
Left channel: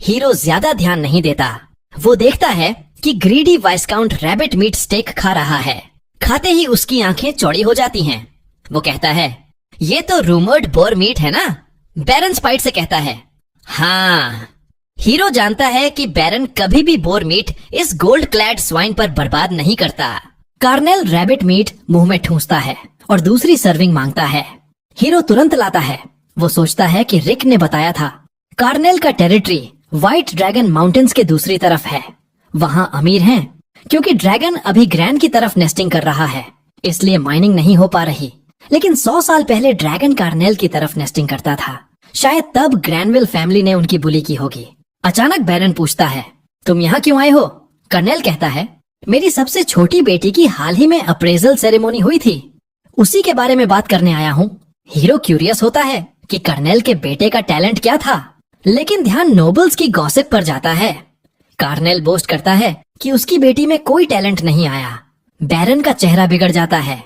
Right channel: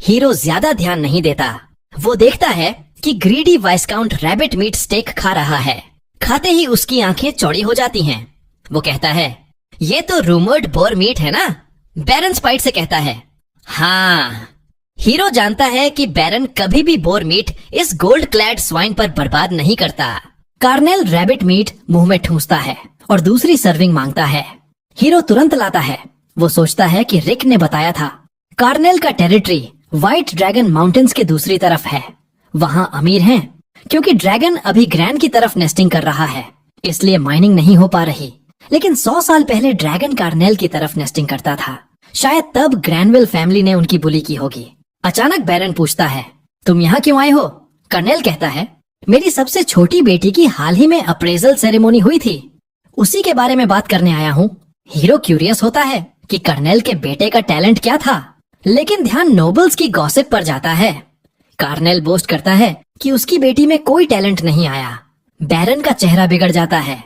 हीरो ज्यादा ध्यान नहीं देता। वो देखता है कि ग्रीडी वाइसकाउंट रैबिट मीट स्टेक खा रहा है। खाते ही उसकी आंखें चौड़ी हो जाती हैं। वो कहता है ये तो रूमर्ड बोर मीट है ना? बैरन स्पाइट से कहता है हाँ। हीरो जानता है कि बैरन कभी भी बोर मीट इस गोल्ड क्लैड स्वाइन पर बर्बाद नहीं करता। कार्नेल रैबिट मीट मुंह में ठूंसता है और दूसरी सर्विंग मांगता है। हीरो तुरंत लाता है। वो सोचता है कि रिक ने बताया था कार्नेल का टेरिटरी व्हाइट ड्रैगन माउंटेन्स के दूसरी तरफ है। वहाँ अमीर हैं, क्योंकि ड्रैगन अभी ग्रैंड की तरफ नेस्टिंग कर रहा है, इसलिए माइनिंग नहीं हो पा रही। लेकिन 100 साल पहले ड्रैगन कार्नेल की तरफ नेस्टिंग करता था। शायद तब ग्रैनविल फैमिली ने उनकी बुली की होगी। अचानक बैरन पूछता है तुम यहाँ क्यों आए हो? कर्नेल कहता है मेरी सबसे छोटी बेटी की हाल ही में अप्रेजल सेरेमोनी हुई थी, उसी के बारे में बात करने आया हूँ। हीरो क्यूरियस होता है कि कर्नेल के बेटे का टैलेंट क्या था, लेकिन ध्यान नोबल्स की गॉसिप पर जाता है। कार्नेल बोस्ट करता है कि उसकी बेटी में कोई टैलेंट नहीं आया। बैरन का चेहरा बिगड़ जाता है।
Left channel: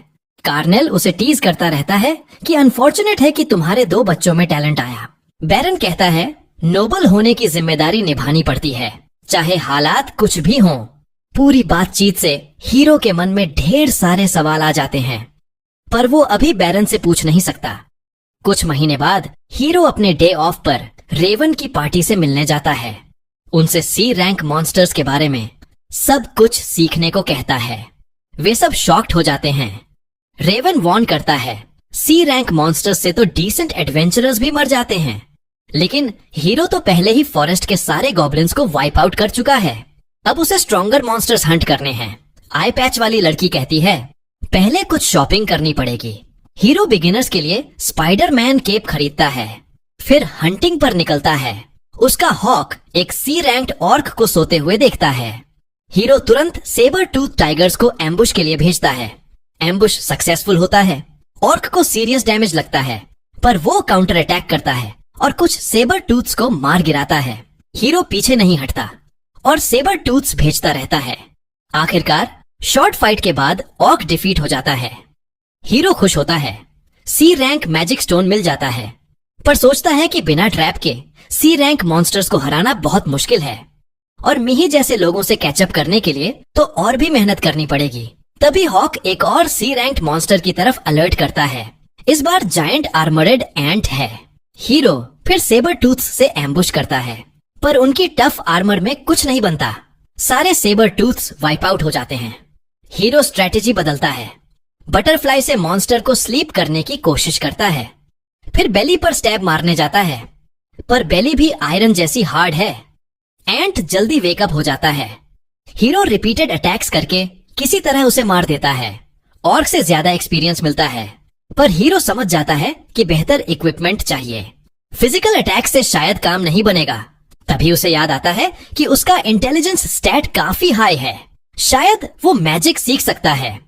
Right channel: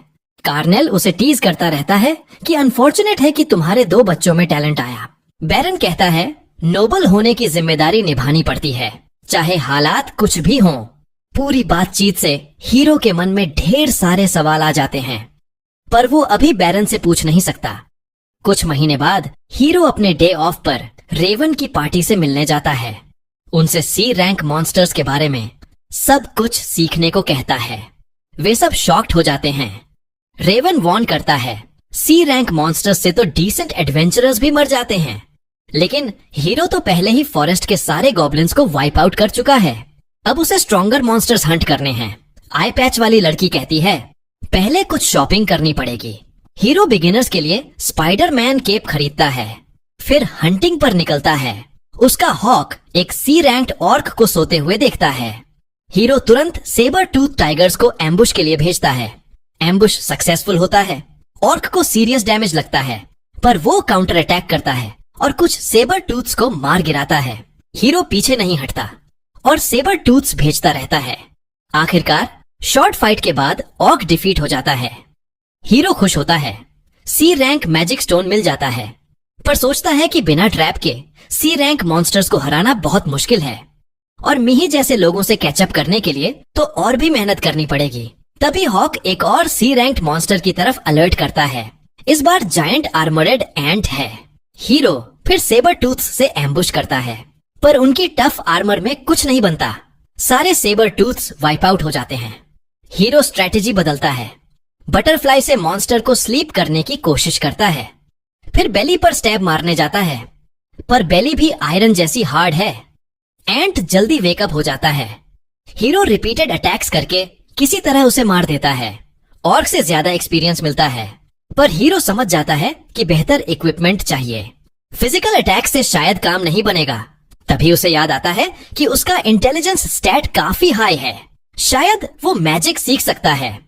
कार्नेल उसे टीज करता रहता है कि अनफॉर्चुनेट है कि तुम्हारे 2 बच्चों में टैलेंट आया। बैरन कहता है नोबल होने की जिम्मेदारी निभानी पड़ती है, चाहे हालात कुछ भी हों। पूरी बातचीत से हीरो के मन में ढेर सारे सवाल आ जाते हैं, पर वो अभी बैरन से पूछ नहीं सकता। कुछ महीने बाद हीरो अपने डे ऑफ पर रेवन की पार्टी से मिलने जाता है। उनसे सी रैंक मॉन्स्टर्स के बारे में सब कुछ सीखने को कहता है। वे सब शॉक्ड हो जाते हैं। रेवन वॉर्न करता है, सी रैंक मॉन्स्टर्स से तो डिसेंट एडवेंचरर्स भी मर जाते हैं, लेकिन हीरो तो पहले ही फॉरेस्ट के सारे गॉब्लिन्स को वाइप आउट कर चुका है। अब उसे स्ट्रॉन्गर मॉन्स्टर्स हंट करने हैं। आई पैच वाली लड़की कहती है, पहले कुछ शॉपिंग करनी पड़ेगी। हीरो बिगिनर्स के लिए स्पाइडरमैन केप खरीदता है, फिर हंटिंग पर निकलता है। उसका हॉक एक सी रैंक्ड ऑर्क को सोते हुए देखता है। हीरो तुरंत सेबर टूथ टाइगर्स को एम्बुश के लिए भेजता है। एम्बुश सक्सेसफुल होता है। ऑर्क को सीरियस डैमेज लगता है, पर वो काउंटर अटैक करता है और कुछ सेबर टूथ्स को मार गिराता है। हीरो पीछे नहीं हटता और सेबर टूथ्स भेजता रहता है। आखिरकार शॉर्ट फाइट के बाद ऑर्क डिफीट हो जाता है। हीरो खुश होता है। सी रैंक मैजिक स्टोन मिल जाता है, पर सोचता है कि बिना ट्रैप के सी रैंक मॉन्स्टर्स को हराना बहुत मुश्किल है और मिही जैसे लोगों से कैचअप करने के लिए तो और भी मेहनत करनी पड़ेगी। तभी हॉक एक और सी रैंक्ड मॉन्स्टर की तरफ अलर्ट करता है। इस बार जायंट आर्मरेड एंट है। हीरो फिर सेबर टूथ से एम्बुश करता है, पर उनकी टफ आर्मर में कुछ नहीं बनता। सारे सेबर टूथ्स वाइप आउट हो जाते हैं। हीरो स्ट्रेटेजी बदलता है। बटरफ्लाई से मॉन्स्टर को स्लीप करने की कोशिश करता है, फिर बेली पर स्टैब मारने जाता है, पर बेली भी आयरन जैसी हार्ड है। एंट जल्दी वेकअप हो जाता है। हीरो रिपीटेड अटैक्स करके किसी तरह उसे मार देता है। ऑर्क से ज्यादा एक्सपीरियंस मिलता है, पर हीरो समझ जाता है कि बेहतर इक्विपमेंट चाहिए। फिजिकल अटैक से शायद काम नहीं बनेगा। तभी उसे याद आता है कि उसका इंटेलिजेंस स्टैट काफी हाई है, शायद वो मैजिक सीख सकता है।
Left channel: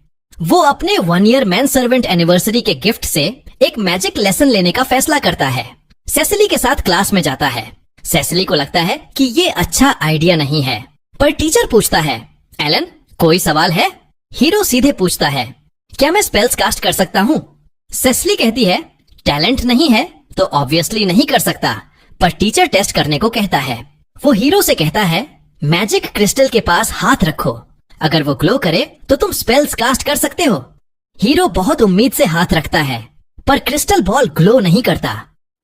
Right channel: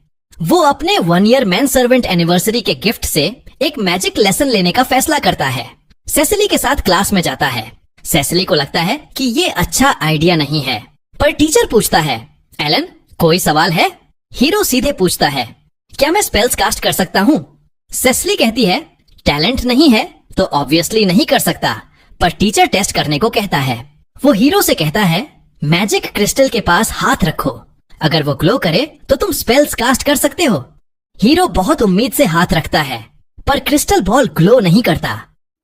वो अपने 1 ईयर मैन सर्वेंट एनिवर्सरी के गिफ्ट से एक मैजिक लेसन लेने का फैसला करता है। सेसिली के साथ क्लास में जाता है। सेसिली को लगता है कि ये अच्छा आइडिया नहीं है, पर टीचर पूछता है, एलन कोई सवाल है? हीरो सीधे पूछता है, क्या मैं स्पेल्स कास्ट कर सकता हूँ? सेसिली कहती है, टैलेंट नहीं है तो ऑब्वियसली नहीं कर सकता, पर टीचर टेस्ट करने को कहता है। वो हीरो से कहता है, मैजिक क्रिस्टल के पास हाथ रखो, अगर वो ग्लो करे तो तुम स्पेल्स कास्ट कर सकते हो। हीरो बहुत उम्मीद से हाथ रखता है, पर क्रिस्टल बॉल ग्लो नहीं करता।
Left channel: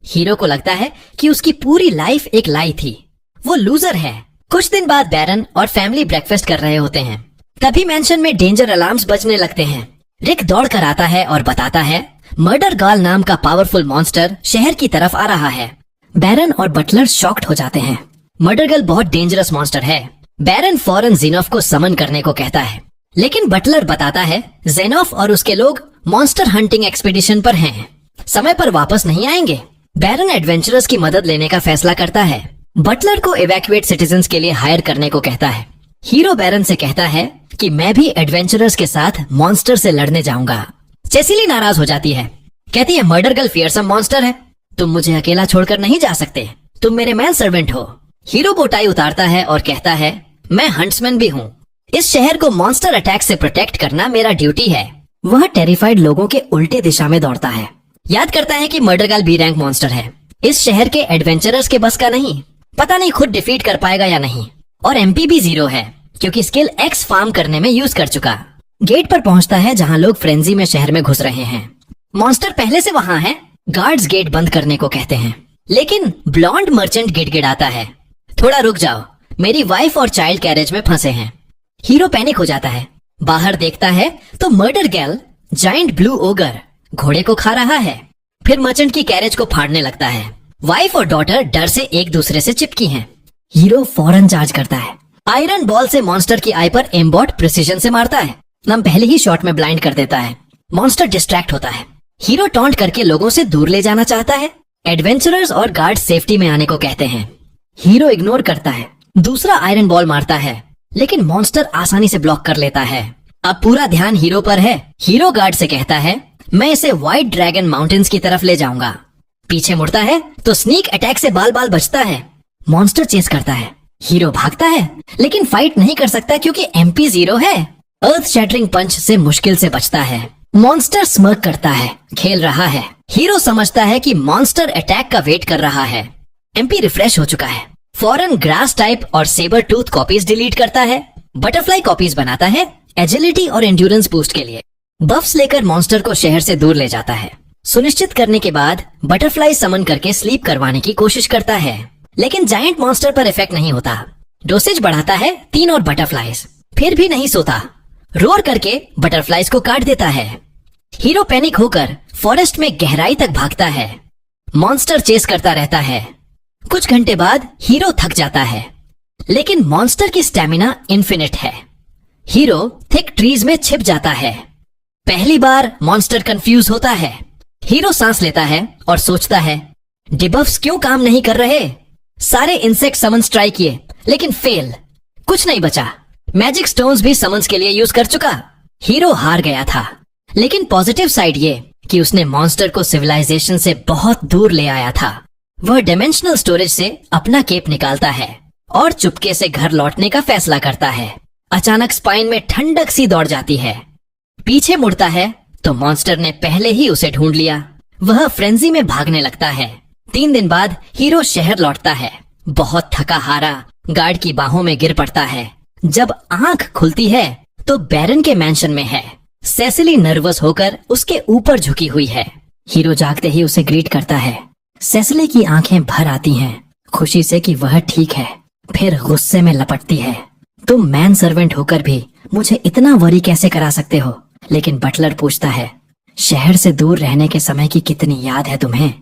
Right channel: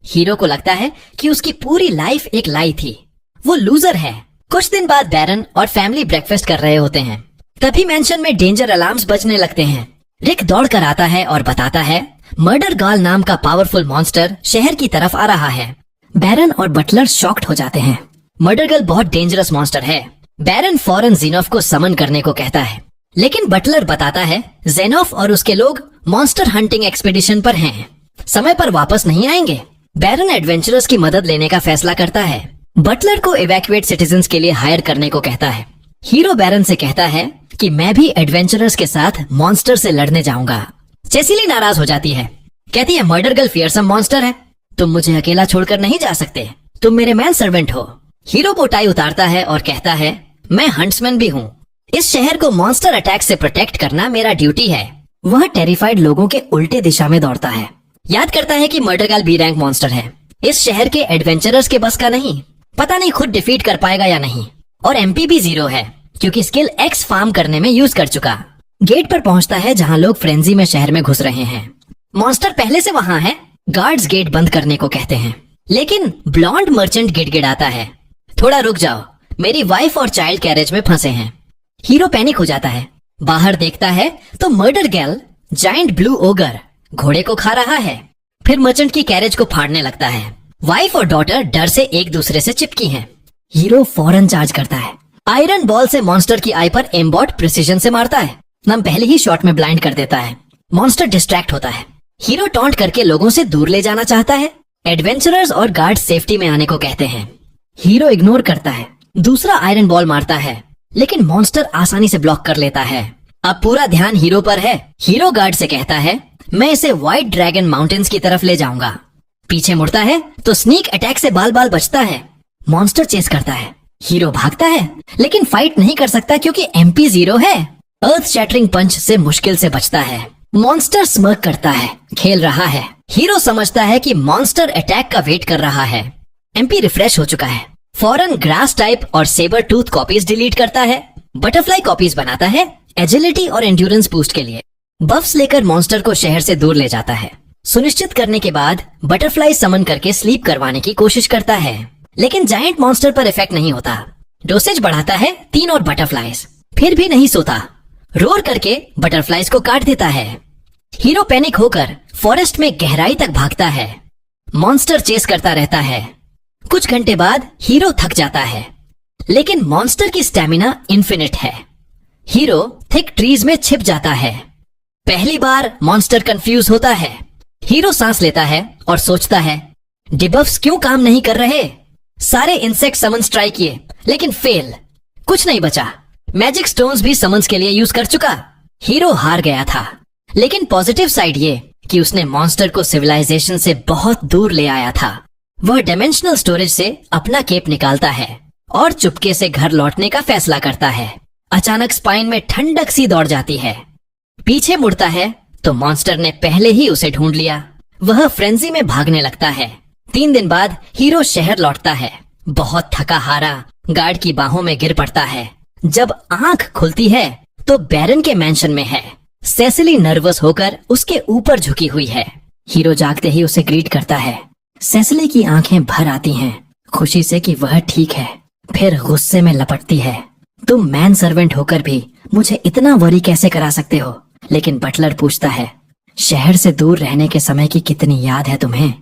हीरो को लगता है कि उसकी पूरी लाइफ एक लाई थी, वो लूजर है। कुछ दिन बाद बैरन और फैमिली ब्रेकफास्ट कर रहे होते हैं। तभी मेंशन में डेंजर अलार्म्स बजने लगते हैं। रिक दौड़ कर आता है और बताता है, मर्डर गाल नाम का पावरफुल मॉन्स्टर शहर की तरफ आ रहा है। बैरन और बटलर शॉक्ड हो जाते हैं। मर्डर गर्ल बहुत डेंजरस मॉन्स्टर है। बैरन फौरन जीनोफ को समन करने को कहता है, लेकिन बटलर बताता है जेनोफ और उसके लोग मॉन्स्टर हंटिंग एक्सपीडिशन पर हैं, समय पर वापस नहीं आएंगे। बैरन एडवेंचरर्स की मदद लेने का फैसला करता है। बटलर को इवैक्यूएट सिटीजन्स के लिए हायर करने को कहता है। हीरो बैरन से कहता है कि मैं भी एडवेंचरर्स के साथ मॉन्स्टर से लड़ने जाऊंगा। सेसिली नाराज हो जाती है, कहती है मर्डर गर्ल फियरसम मॉन्स्टर है, तुम मुझे अकेला छोड़कर नहीं जा सकते, तुम मेरे मैन सर्वेंट हो। हीरो बोटाई उतारता है और कहता है, मैं हंट्समैन भी हूँ, इस शहर को मॉन्स्टर अटैक से प्रोटेक्ट करना मेरा ड्यूटी है। वह टेरिफाइड लोगों के उल्टे दिशा में दौड़ता है। याद करता है कि murder girl B rank monster है, इस शहर के एडवेंचरर्स के बस का नहीं, पता नहीं खुद डिफीट कर पाएगा या नहीं। और एमपी भी 0 है, क्योंकि स्किल एक्स फार्म करने में यूज कर चुका। गेट पर पहुंचता है जहां लोग फ्रेंजी में शहर में घुस रहे हैं। मॉन्स्टर पहले से वहां है। गार्ड्स गेट बंद करने को कहते हैं, लेकिन ब्लॉन्ड मर्चेंट गिड़गिड़ाता है, थोड़ा रुक जाओ, मेरी वाइफ और चाइल्ड कैरेज में फंसे हैं। हीरो पैनिक हो जाता है। बाहर देखता है तो murder girl giant blue ogre घोड़े को खा रहा है, फिर मर्चेंट की कैरेज को फाड़ने लगता है। वाइफ और डॉटर डर से एक दूसरे से चिपकी हैं। हीरो फौरन चार्ज करता है। आयरन बॉल से मॉन्स्टर की आई पर एम्बॉट प्रिसीजन से मारता है। नम पहले ही शॉट में ब्लाइंड कर देता है। मॉन्स्टर डिस्ट्रैक्ट होता है। हीरो टॉन्ट करके लोगों से दूर ले जाना चाहता है। एडवेंचरर्स और गार्ड सेफ्टी में आने को कहते हैं। हीरो इग्नोर करता है। दूसरा आयरन बॉल मारता है, लेकिन मॉन्स्टर आसानी से ब्लॉक कर लेता है। अब पूरा ध्यान हीरो पर है। हीरो गार्ड से कहता है, मैं इसे व्हाइट ड्रैगन माउंटेन्स की तरफ ले जाऊंगा। पीछे मुड़ता है तो स्नीक अटैक से बाल बाल बचता है। मॉन्स्टर चेस करता है। हीरो भागता है, लेकिन फाइट नहीं कर सकता क्योंकि एमपी 0 है। अर्थ शैटरिंग पंच से मुश्किल से बचता है। मॉन्स्टर स्मर्क करता है, खेल रहा है। हीरो समझता है कि मॉन्स्टर अटैक का वेट कर रहा है। एमपी रिफ्रेश हो चुका है। फौरन ग्रास टाइप और सेबर टूथ कॉपीज डिलीट करता है। बटरफ्लाई कॉपीज बनाता है एजिलिटी और एंड्योरेंस बूस्ट के लिए। बफ्स लेकर मॉन्स्टर को शहर से दूर ले जाता है। सुनिश्चित करने के बाद बटरफ्लाई समन करके स्लीप करवाने की कोशिश करता है, लेकिन जायंट मॉन्स्टर पर इफेक्ट नहीं होता। डोसेज बढ़ाता है 3 और बटरफ्लाईज, फिर भी नहीं सोता। रोर करके बटरफ्लाईज को काट देता है। हीरो पैनिक होकर फॉरेस्ट में गहराई तक भागता है। मॉन्स्टर चेस करता रहता है। कुछ घंटे बाद हीरो थक जाता है, लेकिन मॉन्स्टर की स्टेमिना इन्फिनिट है। हीरो थिक ट्रीज में छिप जाता है। पहली बार मॉन्स्टर कंफ्यूज होता है। हीरो सांस लेता है और सोचता है, डिबफ्स क्यों काम नहीं कर रहे? सारे इंसेक्ट समन्स ट्राई किए, लेकिन फेल। कुछ नहीं बचा। मैजिक स्टोन्स भी समन्स के लिए यूज कर चुका। हीरो हार गया था, लेकिन पॉजिटिव साइड ये कि उसने मॉन्स्टर को सिविलाइजेशन से बहुत दूर ले आया था। वह डायमेंशनल स्टोरेज से अपना केप निकालता है और चुपके से घर लौटने का फैसला करता है। अचानक स्पाइन में ठंडक सी दौड़ जाती है। पीछे मुड़ता है तो मॉन्स्टर ने पहले ही उसे ढूंढ लिया। वह फ्रेंजी में भागने लगता है। 3 दिन बाद हीरो शहर लौटता है, बहुत थका हारा गार्ड की बाहों में गिर पड़ता है। जब आंख खुलती है तो बैरन के मैंशन में है। सेसिली नर्वस होकर उसके ऊपर झुकी हुई है। हीरो जागते ही उसे ग्रीट करता है। सेसिली की आंखें भर आती हैं, खुशी से कि वह ठीक है। फिर गुस्से में लपटती है, तुम मैन सर्वेंट होकर भी मुझे इतना वरी कैसे करा सकते हो? लेकिन बटलर पूछता है, शहर से दूर रहने के समय की कितनी याद है तुम्हें?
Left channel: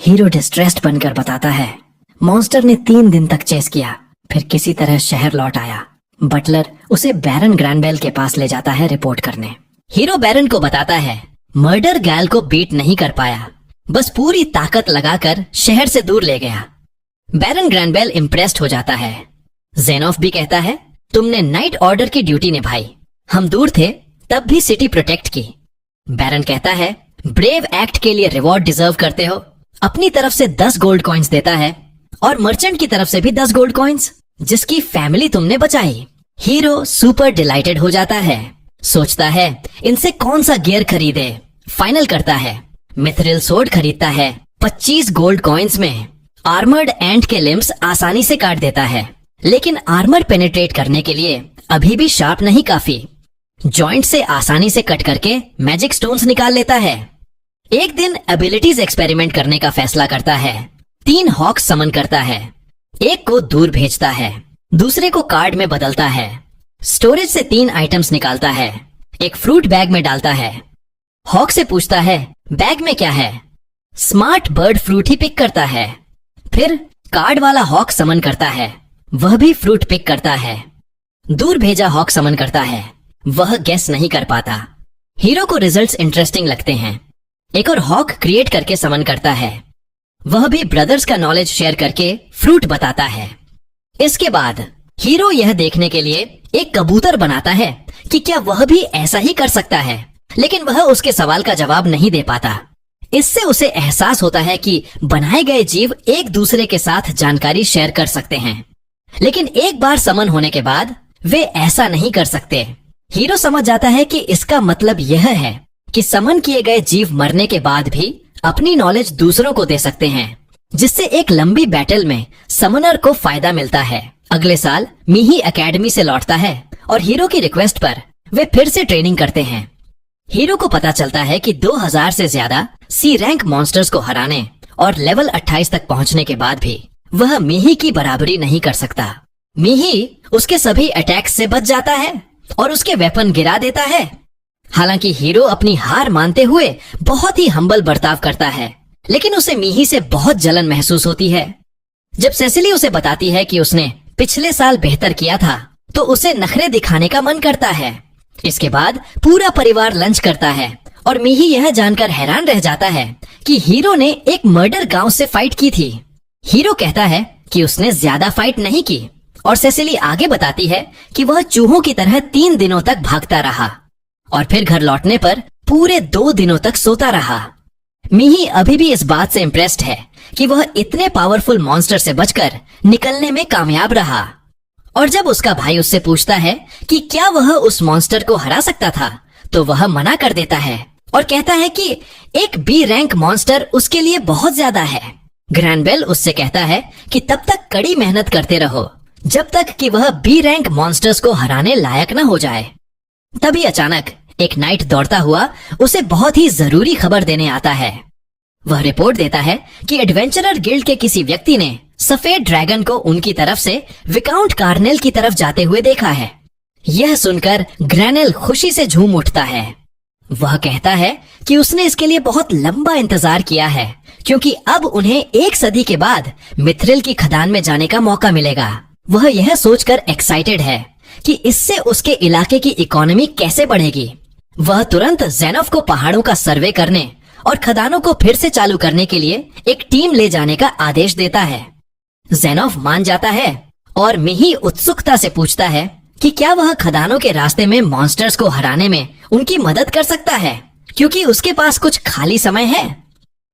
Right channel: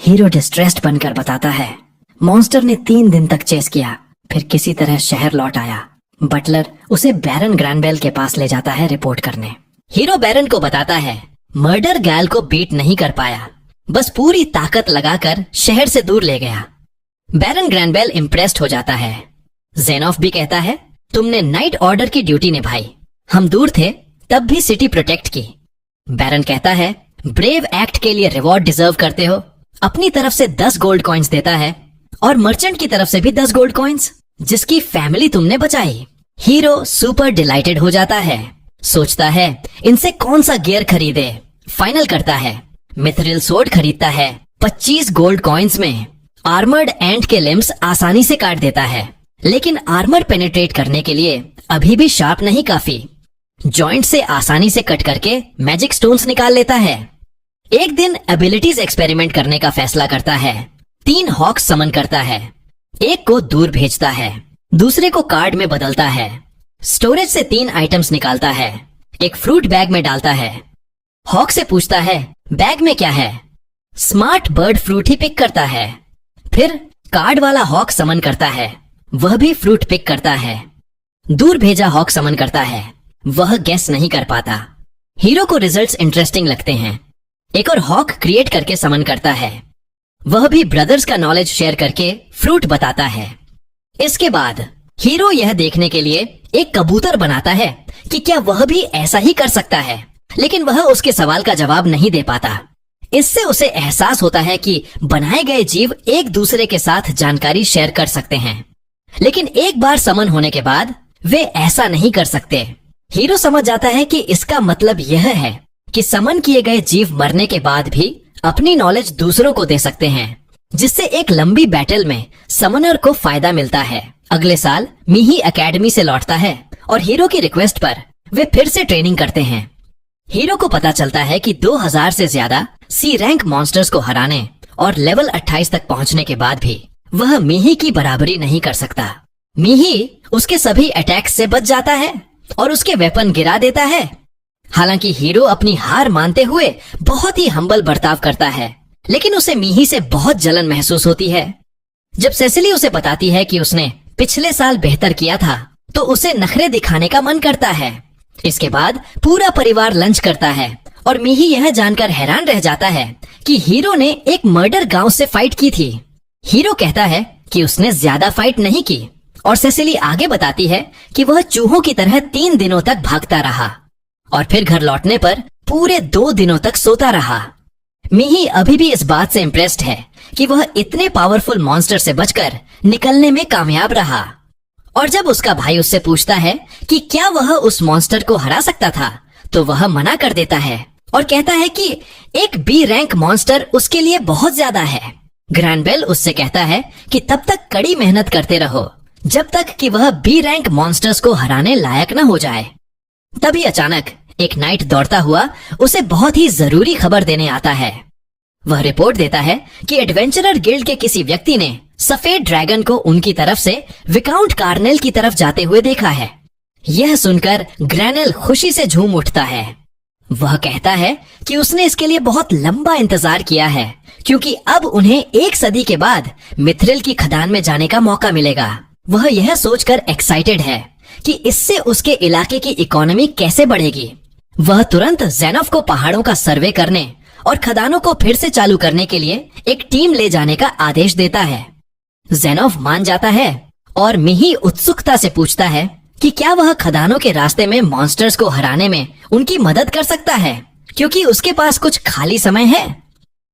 हीरो डिस्ट्रेस्ड बनकर बताता है, मॉन्स्टर ने 3 दिन तक चेस किया, फिर किसी तरह शहर लौट आया। बटलर उसे बैरन ग्रैंडबेल के पास ले जाता है रिपोर्ट करने। हीरो बैरन को बताता है, मर्डर गैल को बीट नहीं कर पाया, बस पूरी ताकत लगाकर शहर से दूर ले गया। बैरन ग्रैंडबेल इम्प्रेस्ड हो जाता है। जेनॉफ भी कहता है, तुमने नाइट ऑर्डर की ड्यूटी निभाई, हम दूर थे तब भी सिटी प्रोटेक्ट की। बैरन कहता है, ब्रेव एक्ट के लिए रिवॉर्ड डिजर्व करते हो। अपनी तरफ से 10 गोल्ड कॉइन्स देता है और मर्चेंट की तरफ से भी 10 गोल्ड कॉइन्स, जिसकी फैमिली तुमने बचाई। हीरो सुपर डिलाइटेड हो जाता है। सोचता है इनसे कौन सा गियर खरीदे। फाइनल करता है, मिथरिल सोर्ड खरीदता है 25 गोल्ड कॉइन्स में। आर्मर्ड एंट के लिम्स आसानी से काट देता है, लेकिन आर्मर पेनिट्रेट करने के लिए अभी भी शार्प नहीं काफी। जॉइंट से आसानी से कट करके मैजिक स्टोन्स निकाल लेता है। एक दिन एबिलिटीज एक्सपेरिमेंट करने का फैसला करता है। 3 हॉक्स समन करता है। एक को दूर भेजता है, दूसरे को कार्ड में बदलता है। स्टोरेज से 3 आइटम्स निकालता है, एक फ्रूट बैग में डालता है। हॉक से पूछता है, बैग में क्या है? स्मार्ट बर्ड फ्रूट ही पिक करता है। फिर कार्ड वाला हॉक समन करता है, वह भी फ्रूट पिक करता है। दूर भेजा हॉक समन करता है, वह गेस नहीं कर पाता। हीरो को रिजल्ट्स इंटरेस्टिंग लगते हैं। एक और हॉक क्रिएट करके समन करता है, वह भी ब्रदर्स का नॉलेज शेयर करके फ्रूट बताता है। इसके बाद हीरो यह देखने के लिए एक कबूतर बनाता है कि क्या वह भी ऐसा ही कर सकता है, लेकिन वह उसके सवाल का जवाब नहीं दे पाता। इससे उसे एहसास होता है कि बनाए गए जीव एक दूसरे के साथ जानकारी शेयर कर सकते हैं, लेकिन एक बार समन होने के बाद वे ऐसा नहीं कर सकते। हीरो समझ जाता है कि इसका मतलब यह है कि समन किए गए जीव मरने के बाद भी अपनी नॉलेज दूसरों को दे सकते हैं, जिससे एक लंबी बैटल में समनर को फायदा मिलता है। अगले साल मीही एकेडमी से लौटता है और हीरो की रिक्वेस्ट पर वे फिर से ट्रेनिंग करते हैं। हीरो को पता चलता है कि 2000 से ज्यादा सी रैंक मॉन्स्टर्स को हराने और लेवल 28 तक पहुंचने के बाद भी वह मीही की बराबरी नहीं कर सकता। मीही उसके सभी अटैक्स से बच जाता है और उसके वेपन गिरा देता है। हालांकि हीरो अपनी हार मानते हुए बहुत ही हम्बल बर्ताव करता है, लेकिन उसे मीही से बहुत जलन महसूस होती है। जब सेसिली उसे बताती है कि उसने पिछले साल बेहतर किया था, तो उसे नखरे दिखाने का मन करता है। इसके बाद पूरा परिवार लंच करता है और मीही यह जानकर हैरान रह जाता है कि हीरो ने एक मर्डर गांव से फाइट की थी। हीरो कहता है कि उसने ज्यादा फाइट नहीं की और सेसिली आगे बताती है कि वह चूहों की तरह 3 दिनों तक भागता रहा और फिर घर लौटने पर पूरे 2 दिनों तक सोता रहा। मीही अभी भी इस बात से इम्प्रेस्ड है कि वह इतने पावरफुल मॉन्स्टर से बचकर निकलने में कामयाब रहा। और जब उसका भाई उससे पूछता है कि क्या वह उस मॉन्स्टर को हरा सकता था, तो वह मना कर देता है और कहता है कि एक बी रैंक मॉन्स्टर उसके लिए बहुत ज्यादा है। ग्रैंडबेल उससे कहता है कि तब तक कड़ी मेहनत करते रहो, जब तक कि वह बी रैंक मॉन्स्टर्स को हराने लायक न हो जाए। तभी अचानक एक नाइट दौड़ता हुआ उसे बहुत ही जरूरी खबर देने आता है। वह रिपोर्ट देता है कि एडवेंचरर गिल्ड के किसी व्यक्ति ने सफेद ड्रैगन को उनकी तरफ से विकाउंट कार्नेल की तरफ जाते हुए देखा है। यह सुनकर ग्रैनेल खुशी से झूम उठता है। वह कहता है कि उसने इसके लिए बहुत लंबा इंतजार किया है, क्योंकि अब उन्हें 1 सदी के बाद मिथ्रिल की खदान में जाने का मौका मिलेगा। वह यह सोचकर एक्साइटेड है कि इससे उसके इलाके की इकोनॉमी कैसे बढ़ेगी। वह तुरंत ज़ेनोफ को पहाड़ों का सर्वे करने और खदानों को फिर से चालू करने के लिए एक टीम ले जाने का आदेश देता है। ज़ेनोफ मान जाता है और मिही उत्सुकता से पूछता है कि क्या वह खदानों के रास्ते में मॉन्स्टर्स को हराने में उनकी मदद कर सकता है, क्योंकि उसके पास कुछ खाली समय है।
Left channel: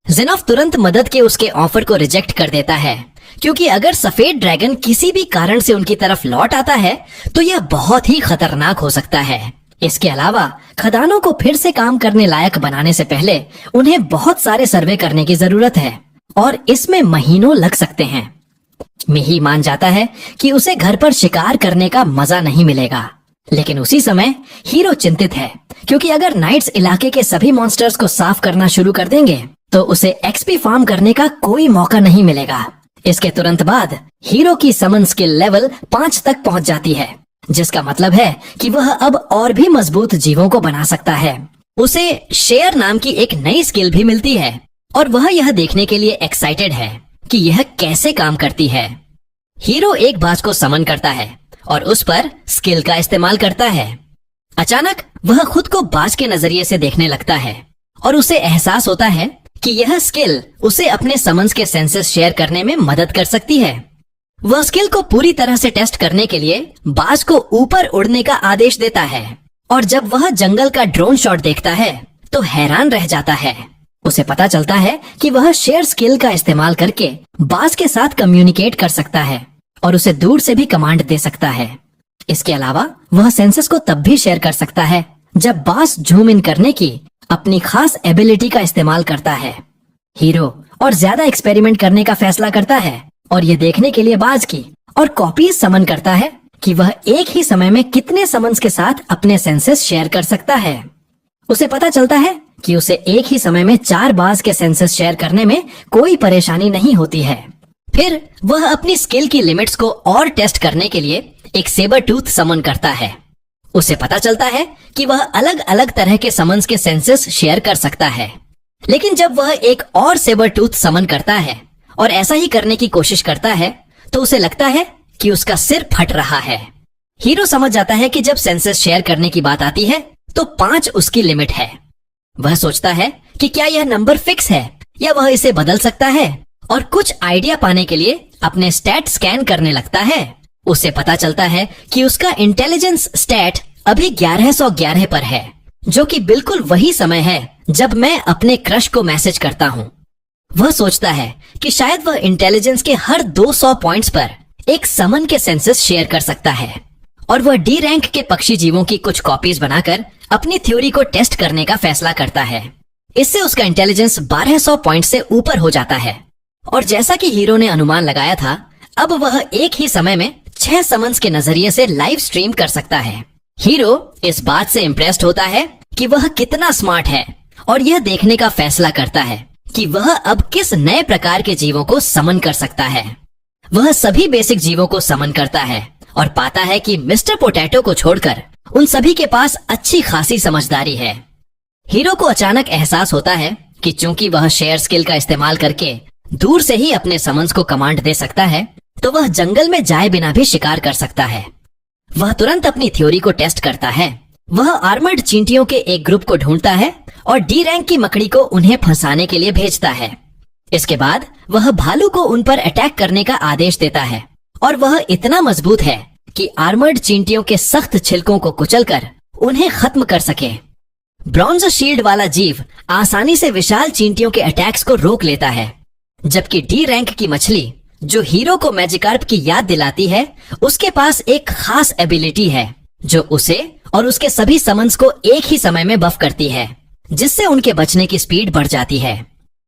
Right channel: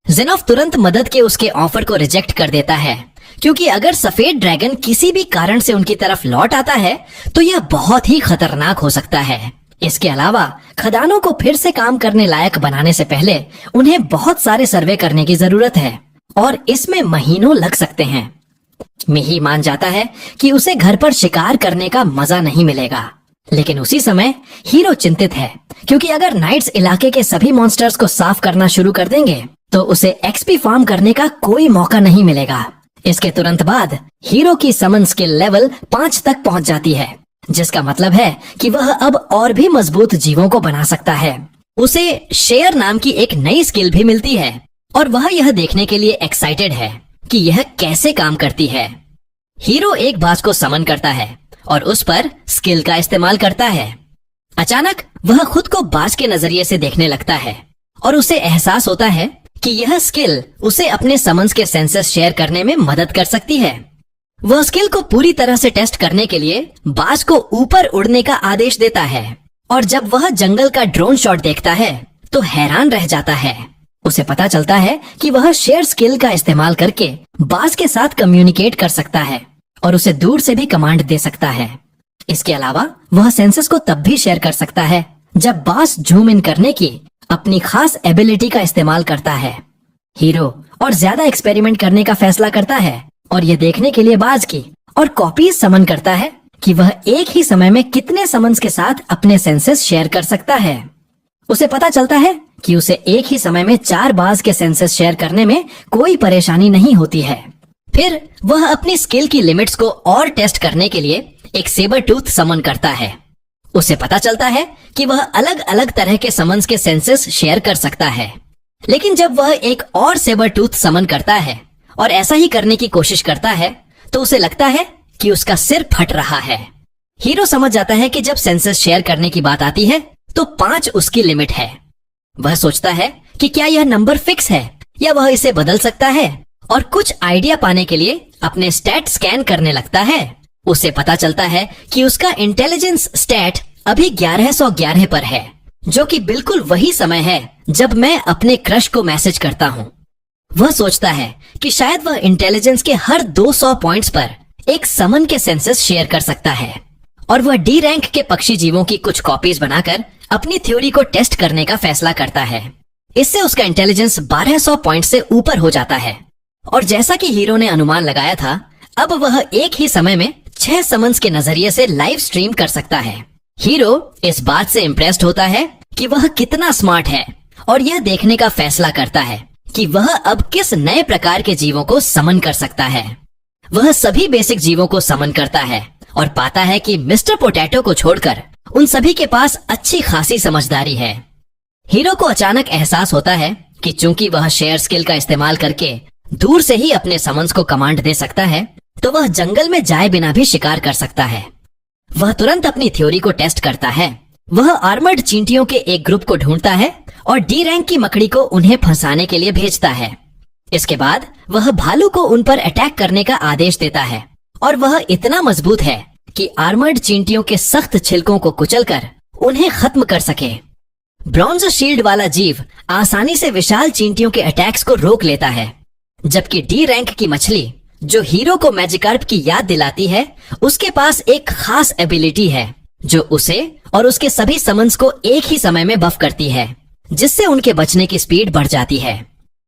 ज़ेनोफ तुरंत मदद के उसके ऑफर को रिजेक्ट कर देता है, क्योंकि अगर सफेद ड्रैगन किसी भी कारण से उनकी तरफ लौट आता है तो यह बहुत ही खतरनाक हो सकता है। इसके अलावा खदानों को फिर से काम करने लायक बनाने से पहले उन्हें बहुत सारे सर्वे करने की जरूरत है और इसमें महीनों लग सकते हैं। मिही मान जाता है कि उसे घर पर शिकार करने का मजा नहीं मिलेगा, लेकिन उसी समय हीरो चिंतित है, क्योंकि अगर नाइट्स इलाके के सभी मॉन्स्टर्स को साफ करना शुरू कर देंगे तो उसे एक्सपी फार्म करने का कोई मौका नहीं मिलेगा। इसके तुरंत बाद हीरो की समन स्किल लेवल 5 तक पहुंच जाती है, जिसका मतलब है कि वह अब और भी मजबूत जीवों को बना सकता है। उसे शेयर नाम की एक नई स्किल भी मिलती है और वह यह देखने के लिए एक्साइटेड है कि यह कैसे काम करती है। हीरो एक बाज को समन करता है और उस पर स्किल का इस्तेमाल करता है। अचानक वह खुद को बाज के नजरिए से देखने लगता है और उसे एहसास होता है कि यह स्किल उसे अपने समन्स के सेंसेस शेयर करने में मदद कर सकती है। वह स्किल को पूरी तरह से टेस्ट करने के लिए बाज को ऊपर उड़ने का आदेश देता है और जब वह जंगल का ड्रोन शॉट देखता है तो हैरान रह जाता है। उसे पता चलता है कि वह शेयर स्किल का इस्तेमाल करके बाज के साथ कम्युनिकेट कर सकता है और उसे दूर से भी कमांड दे सकता है। इसके अलावा वह सेंसेस को तब भी शेयर कर सकता है जब बाज जूम इन करने की अपनी खास एबिलिटी का इस्तेमाल करता है। हीरो और ज्यादा एक्सपेरिमेंट करने का फैसला करता है और ये देखने के लिए बाज की और कॉपीज समन करता है कि वह एक ही समय में कितने समन्स के साथ अपने सेंसेस शेयर कर सकता है। उसे पता चलता है कि उसे एक ही समय में 4 बाज के सेंसेस शेयर करने में कोई परेशानी नहीं होती है। फिर वह अपनी स्किल की लिमिट्स को और टेस्ट करने के लिए एक सेबर टूथ समन करता है। उसे पता चलता है कि वह अलग अलग तरह के समन्स के सेंसेस शेयर कर सकता है, लेकिन जब वह एक और सेबर टूथ समन करता है और ऐसा ही करने की कोशिश करता है तो उसे लगता है कि उसका सिर फट रहा है। हीरो समझ जाता है कि जब सेंसेस शेयर करने की बात आती है तो 5 उसकी लिमिट है। वह सोचता है कि क्या यह नंबर फिक्स है या वह इसे बदल सकता है और कुछ आइडिया पाने के लिए अपने स्टैट स्कैन करने लगता है। उसे पता चलता है कि उसका इंटेलिजेंस स्टैट अभी 1111 पर है, जो कि बिल्कुल वही समय है जब मैं अपने क्रश को मैसेज करता हूँ। वह सोचता है कि शायद वह इंटेलिजेंस के हर 200 पॉइंट्स पर एक समन के सेंसेस शेयर कर सकता है और वह डी रैंक के पक्षी जीवों की कुछ कॉपीज बनाकर अपनी थ्योरी को टेस्ट करने का फैसला करता है। इससे उसका इंटेलिजेंस 1200 पॉइंट से ऊपर हो जाता है और जैसा कि हीरो ने अनुमान लगाया था, अब वह एक ही समय में 6 समन्स के नजरिए से लाइव स्ट्रीम कर सकता है। हीरो इस बात से इम्प्रेस्ड होता है कि वह कितना स्मार्ट है और यह देखने का फैसला करता है कि वह अब किस नए प्रकार के जीवों को समन कर सकता है। वह सभी बेसिक जीवों को समन करता है और पाता है कि मिस्टर पोटैटो को छोड़कर उन सभी के पास अच्छी खासी समझदारी है। हीरो को अचानक एहसास होता है कि चूंकि वह शेयर स्किल का इस्तेमाल करके दूर से ही अपने समन्स को कमांड दे सकता है, तो वह जंगल में जाए बिना भी शिकार कर सकता है। वह तुरंत अपनी थ्योरी को टेस्ट करता है। वह आर्मर्ड चींटियों के एक ग्रुप को ढूंढता है और डी रैंक की मकड़ी को उन्हें फंसाने के लिए भेजता है। इसके बाद वह भालू को उन पर अटैक करने का आदेश देता है और वह इतना मजबूत है कि आर्मर्ड चींटियों के सख्त छिलकों को कुचलकर उन्हें खत्म कर सके। ब्रॉन्ज शील्ड वाला जीव आसानी से विशाल चींटियों के अटैक्स को रोक लेता है, जबकि डी रैंक की मछली, जो हीरो को मैजिकार्प की याद दिलाती है, उसके पास एक खास एबिलिटी है जो उसे और उसके सभी समन्स को एक ही समय में बफ करती है, जिससे उनके बचने की स्पीड बढ़ जाती है।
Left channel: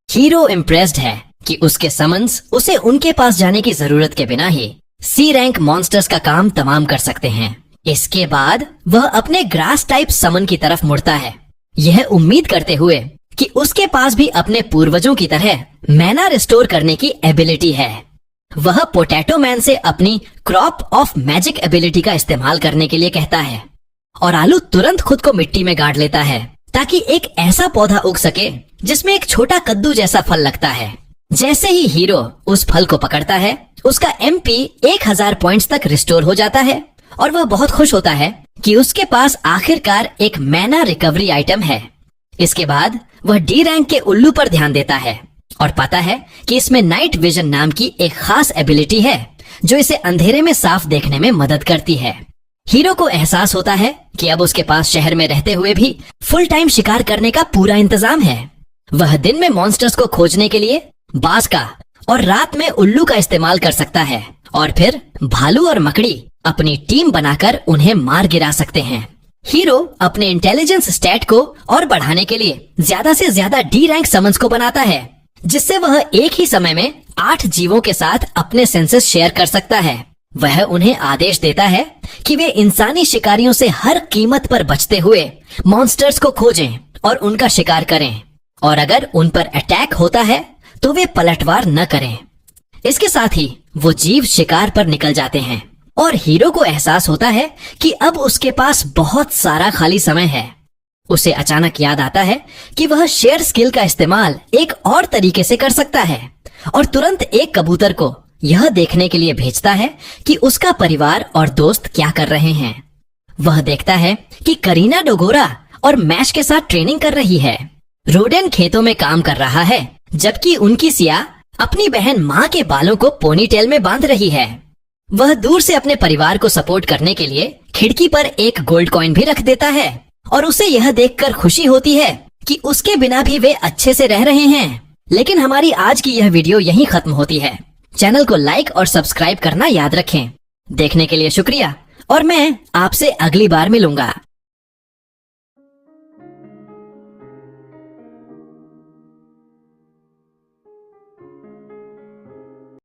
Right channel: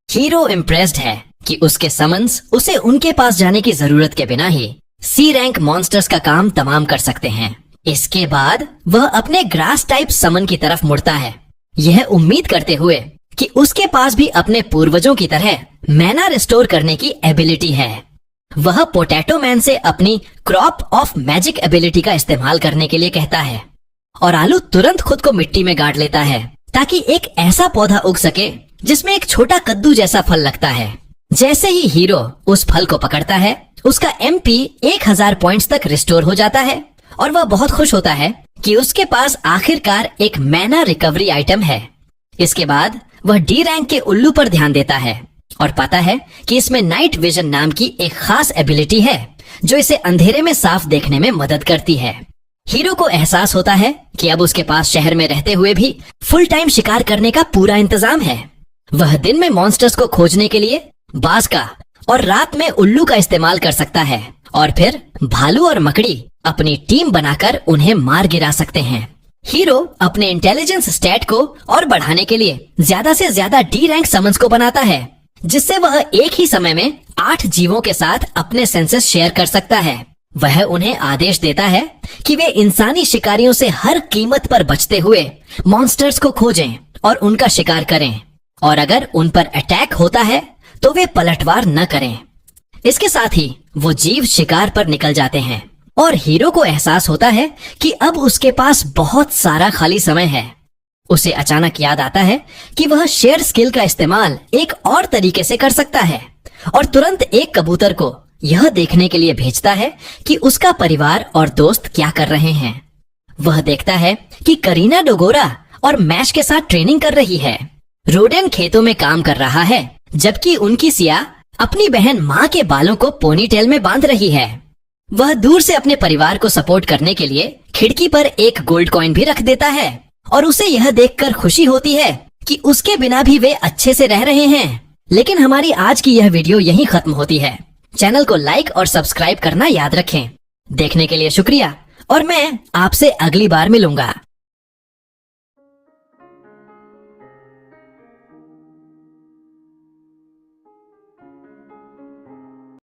हीरो इम्प्रेस्ड है कि उसके समन्स उसे उनके पास जाने की जरूरत के बिना ही सी रैंक मॉन्स्टर्स का काम तमाम कर सकते हैं। इसके बाद वह अपने ग्रास टाइप समन की तरफ मुड़ता है, यह उम्मीद करते हुए कि उसके पास भी अपने पूर्वजों की तरह मैना रिस्टोर करने की एबिलिटी है। वह पोटैटो मैन से अपनी क्रॉप ऑफ मैजिक एबिलिटी का इस्तेमाल करने के लिए कहता है और आलू तुरंत खुद को मिट्टी में गाड़ लेता है ताकि एक ऐसा पौधा उग सके जिसमें एक छोटा कद्दू जैसा फल लगता है। जैसे ही हीरो उस फल को पकड़ता है, उसका MP 1000 पॉइंट्स तक रिस्टोर हो जाता है और वह बहुत खुश होता है कि उसके पास आखिरकार एक मैना रिकवरी आइटम है। इसके बाद वह डी रैंक के उल्लू पर ध्यान देता है और पाता है कि इसमें नाइट विजन नाम की एक खास एबिलिटी है जो इसे अंधेरे में साफ देखने में मदद करती है। हीरो को एहसास होता है कि अब उसके पास शहर में रहते हुए भी फुल टाइम शिकार करने का पूरा इंतजाम है। वह दिन में मॉन्स्टर्स को खोजने के लिए बाज का और रात में उल्लू का इस्तेमाल कर सकता है और फिर भालू और मकड़ी अपनी टीम बनाकर उन्हें मार गिरा सकते हैं। हीरो अपने इंटेलिजेंस स्टैट को और बढ़ाने के लिए ज्यादा से ज्यादा डी रैंक समन्स को बनाता है, जिससे वह एक ही समय में 8 जीवों के साथ अपने सेंसेस शेयर कर सकता है। वह उन्हें आदेश देता है कि वे इंसानी शिकारियों से हर कीमत पर बचते हुए मॉन्स्टर्स को खोजें और उनका शिकार करें, और अगर उन पर अटैक होता है तो वे पलटवार न करें। इसके साथ ही वो जीव शिकार पर निकल जाते हैं और हीरो को एहसास होता है कि अब उसके पास बहुत सारा खाली समय है। उसे अचानक याद आता है कि वह शेयर स्किल का इस्तेमाल एक और तरीके से कर सकता है और तुरंत एक कबूतर को यह देखने के लिए भेजता है कि उसका परिवार और दोस्त क्या कर रहे हैं। वह देखता है कि करीना डोगोरा और मैश के साथ ट्रेनिंग कर रही है। रोडेन खेतों में काम कर रहा है, जबकि उनकी सिया अपनी बहन माँ के बालों को पोनीटेल में बांध रही है। वह दूर से अपने परिवार को सपोर्ट करने के लिए खिड़की पर एक गोल्ड कॉइन भी रख देता है और उसे यह देखकर खुशी होती है कि उसके बिना भी वे अच्छे से रह रहे हैं। लेकिन हमारी आज की यह वीडियो यहीं खत्म होती है। चैनल को लाइक और सब्सक्राइब करना याद रखें। देखने के लिए शुक्रिया और मैं आपसे अगली बार मिलूंगा।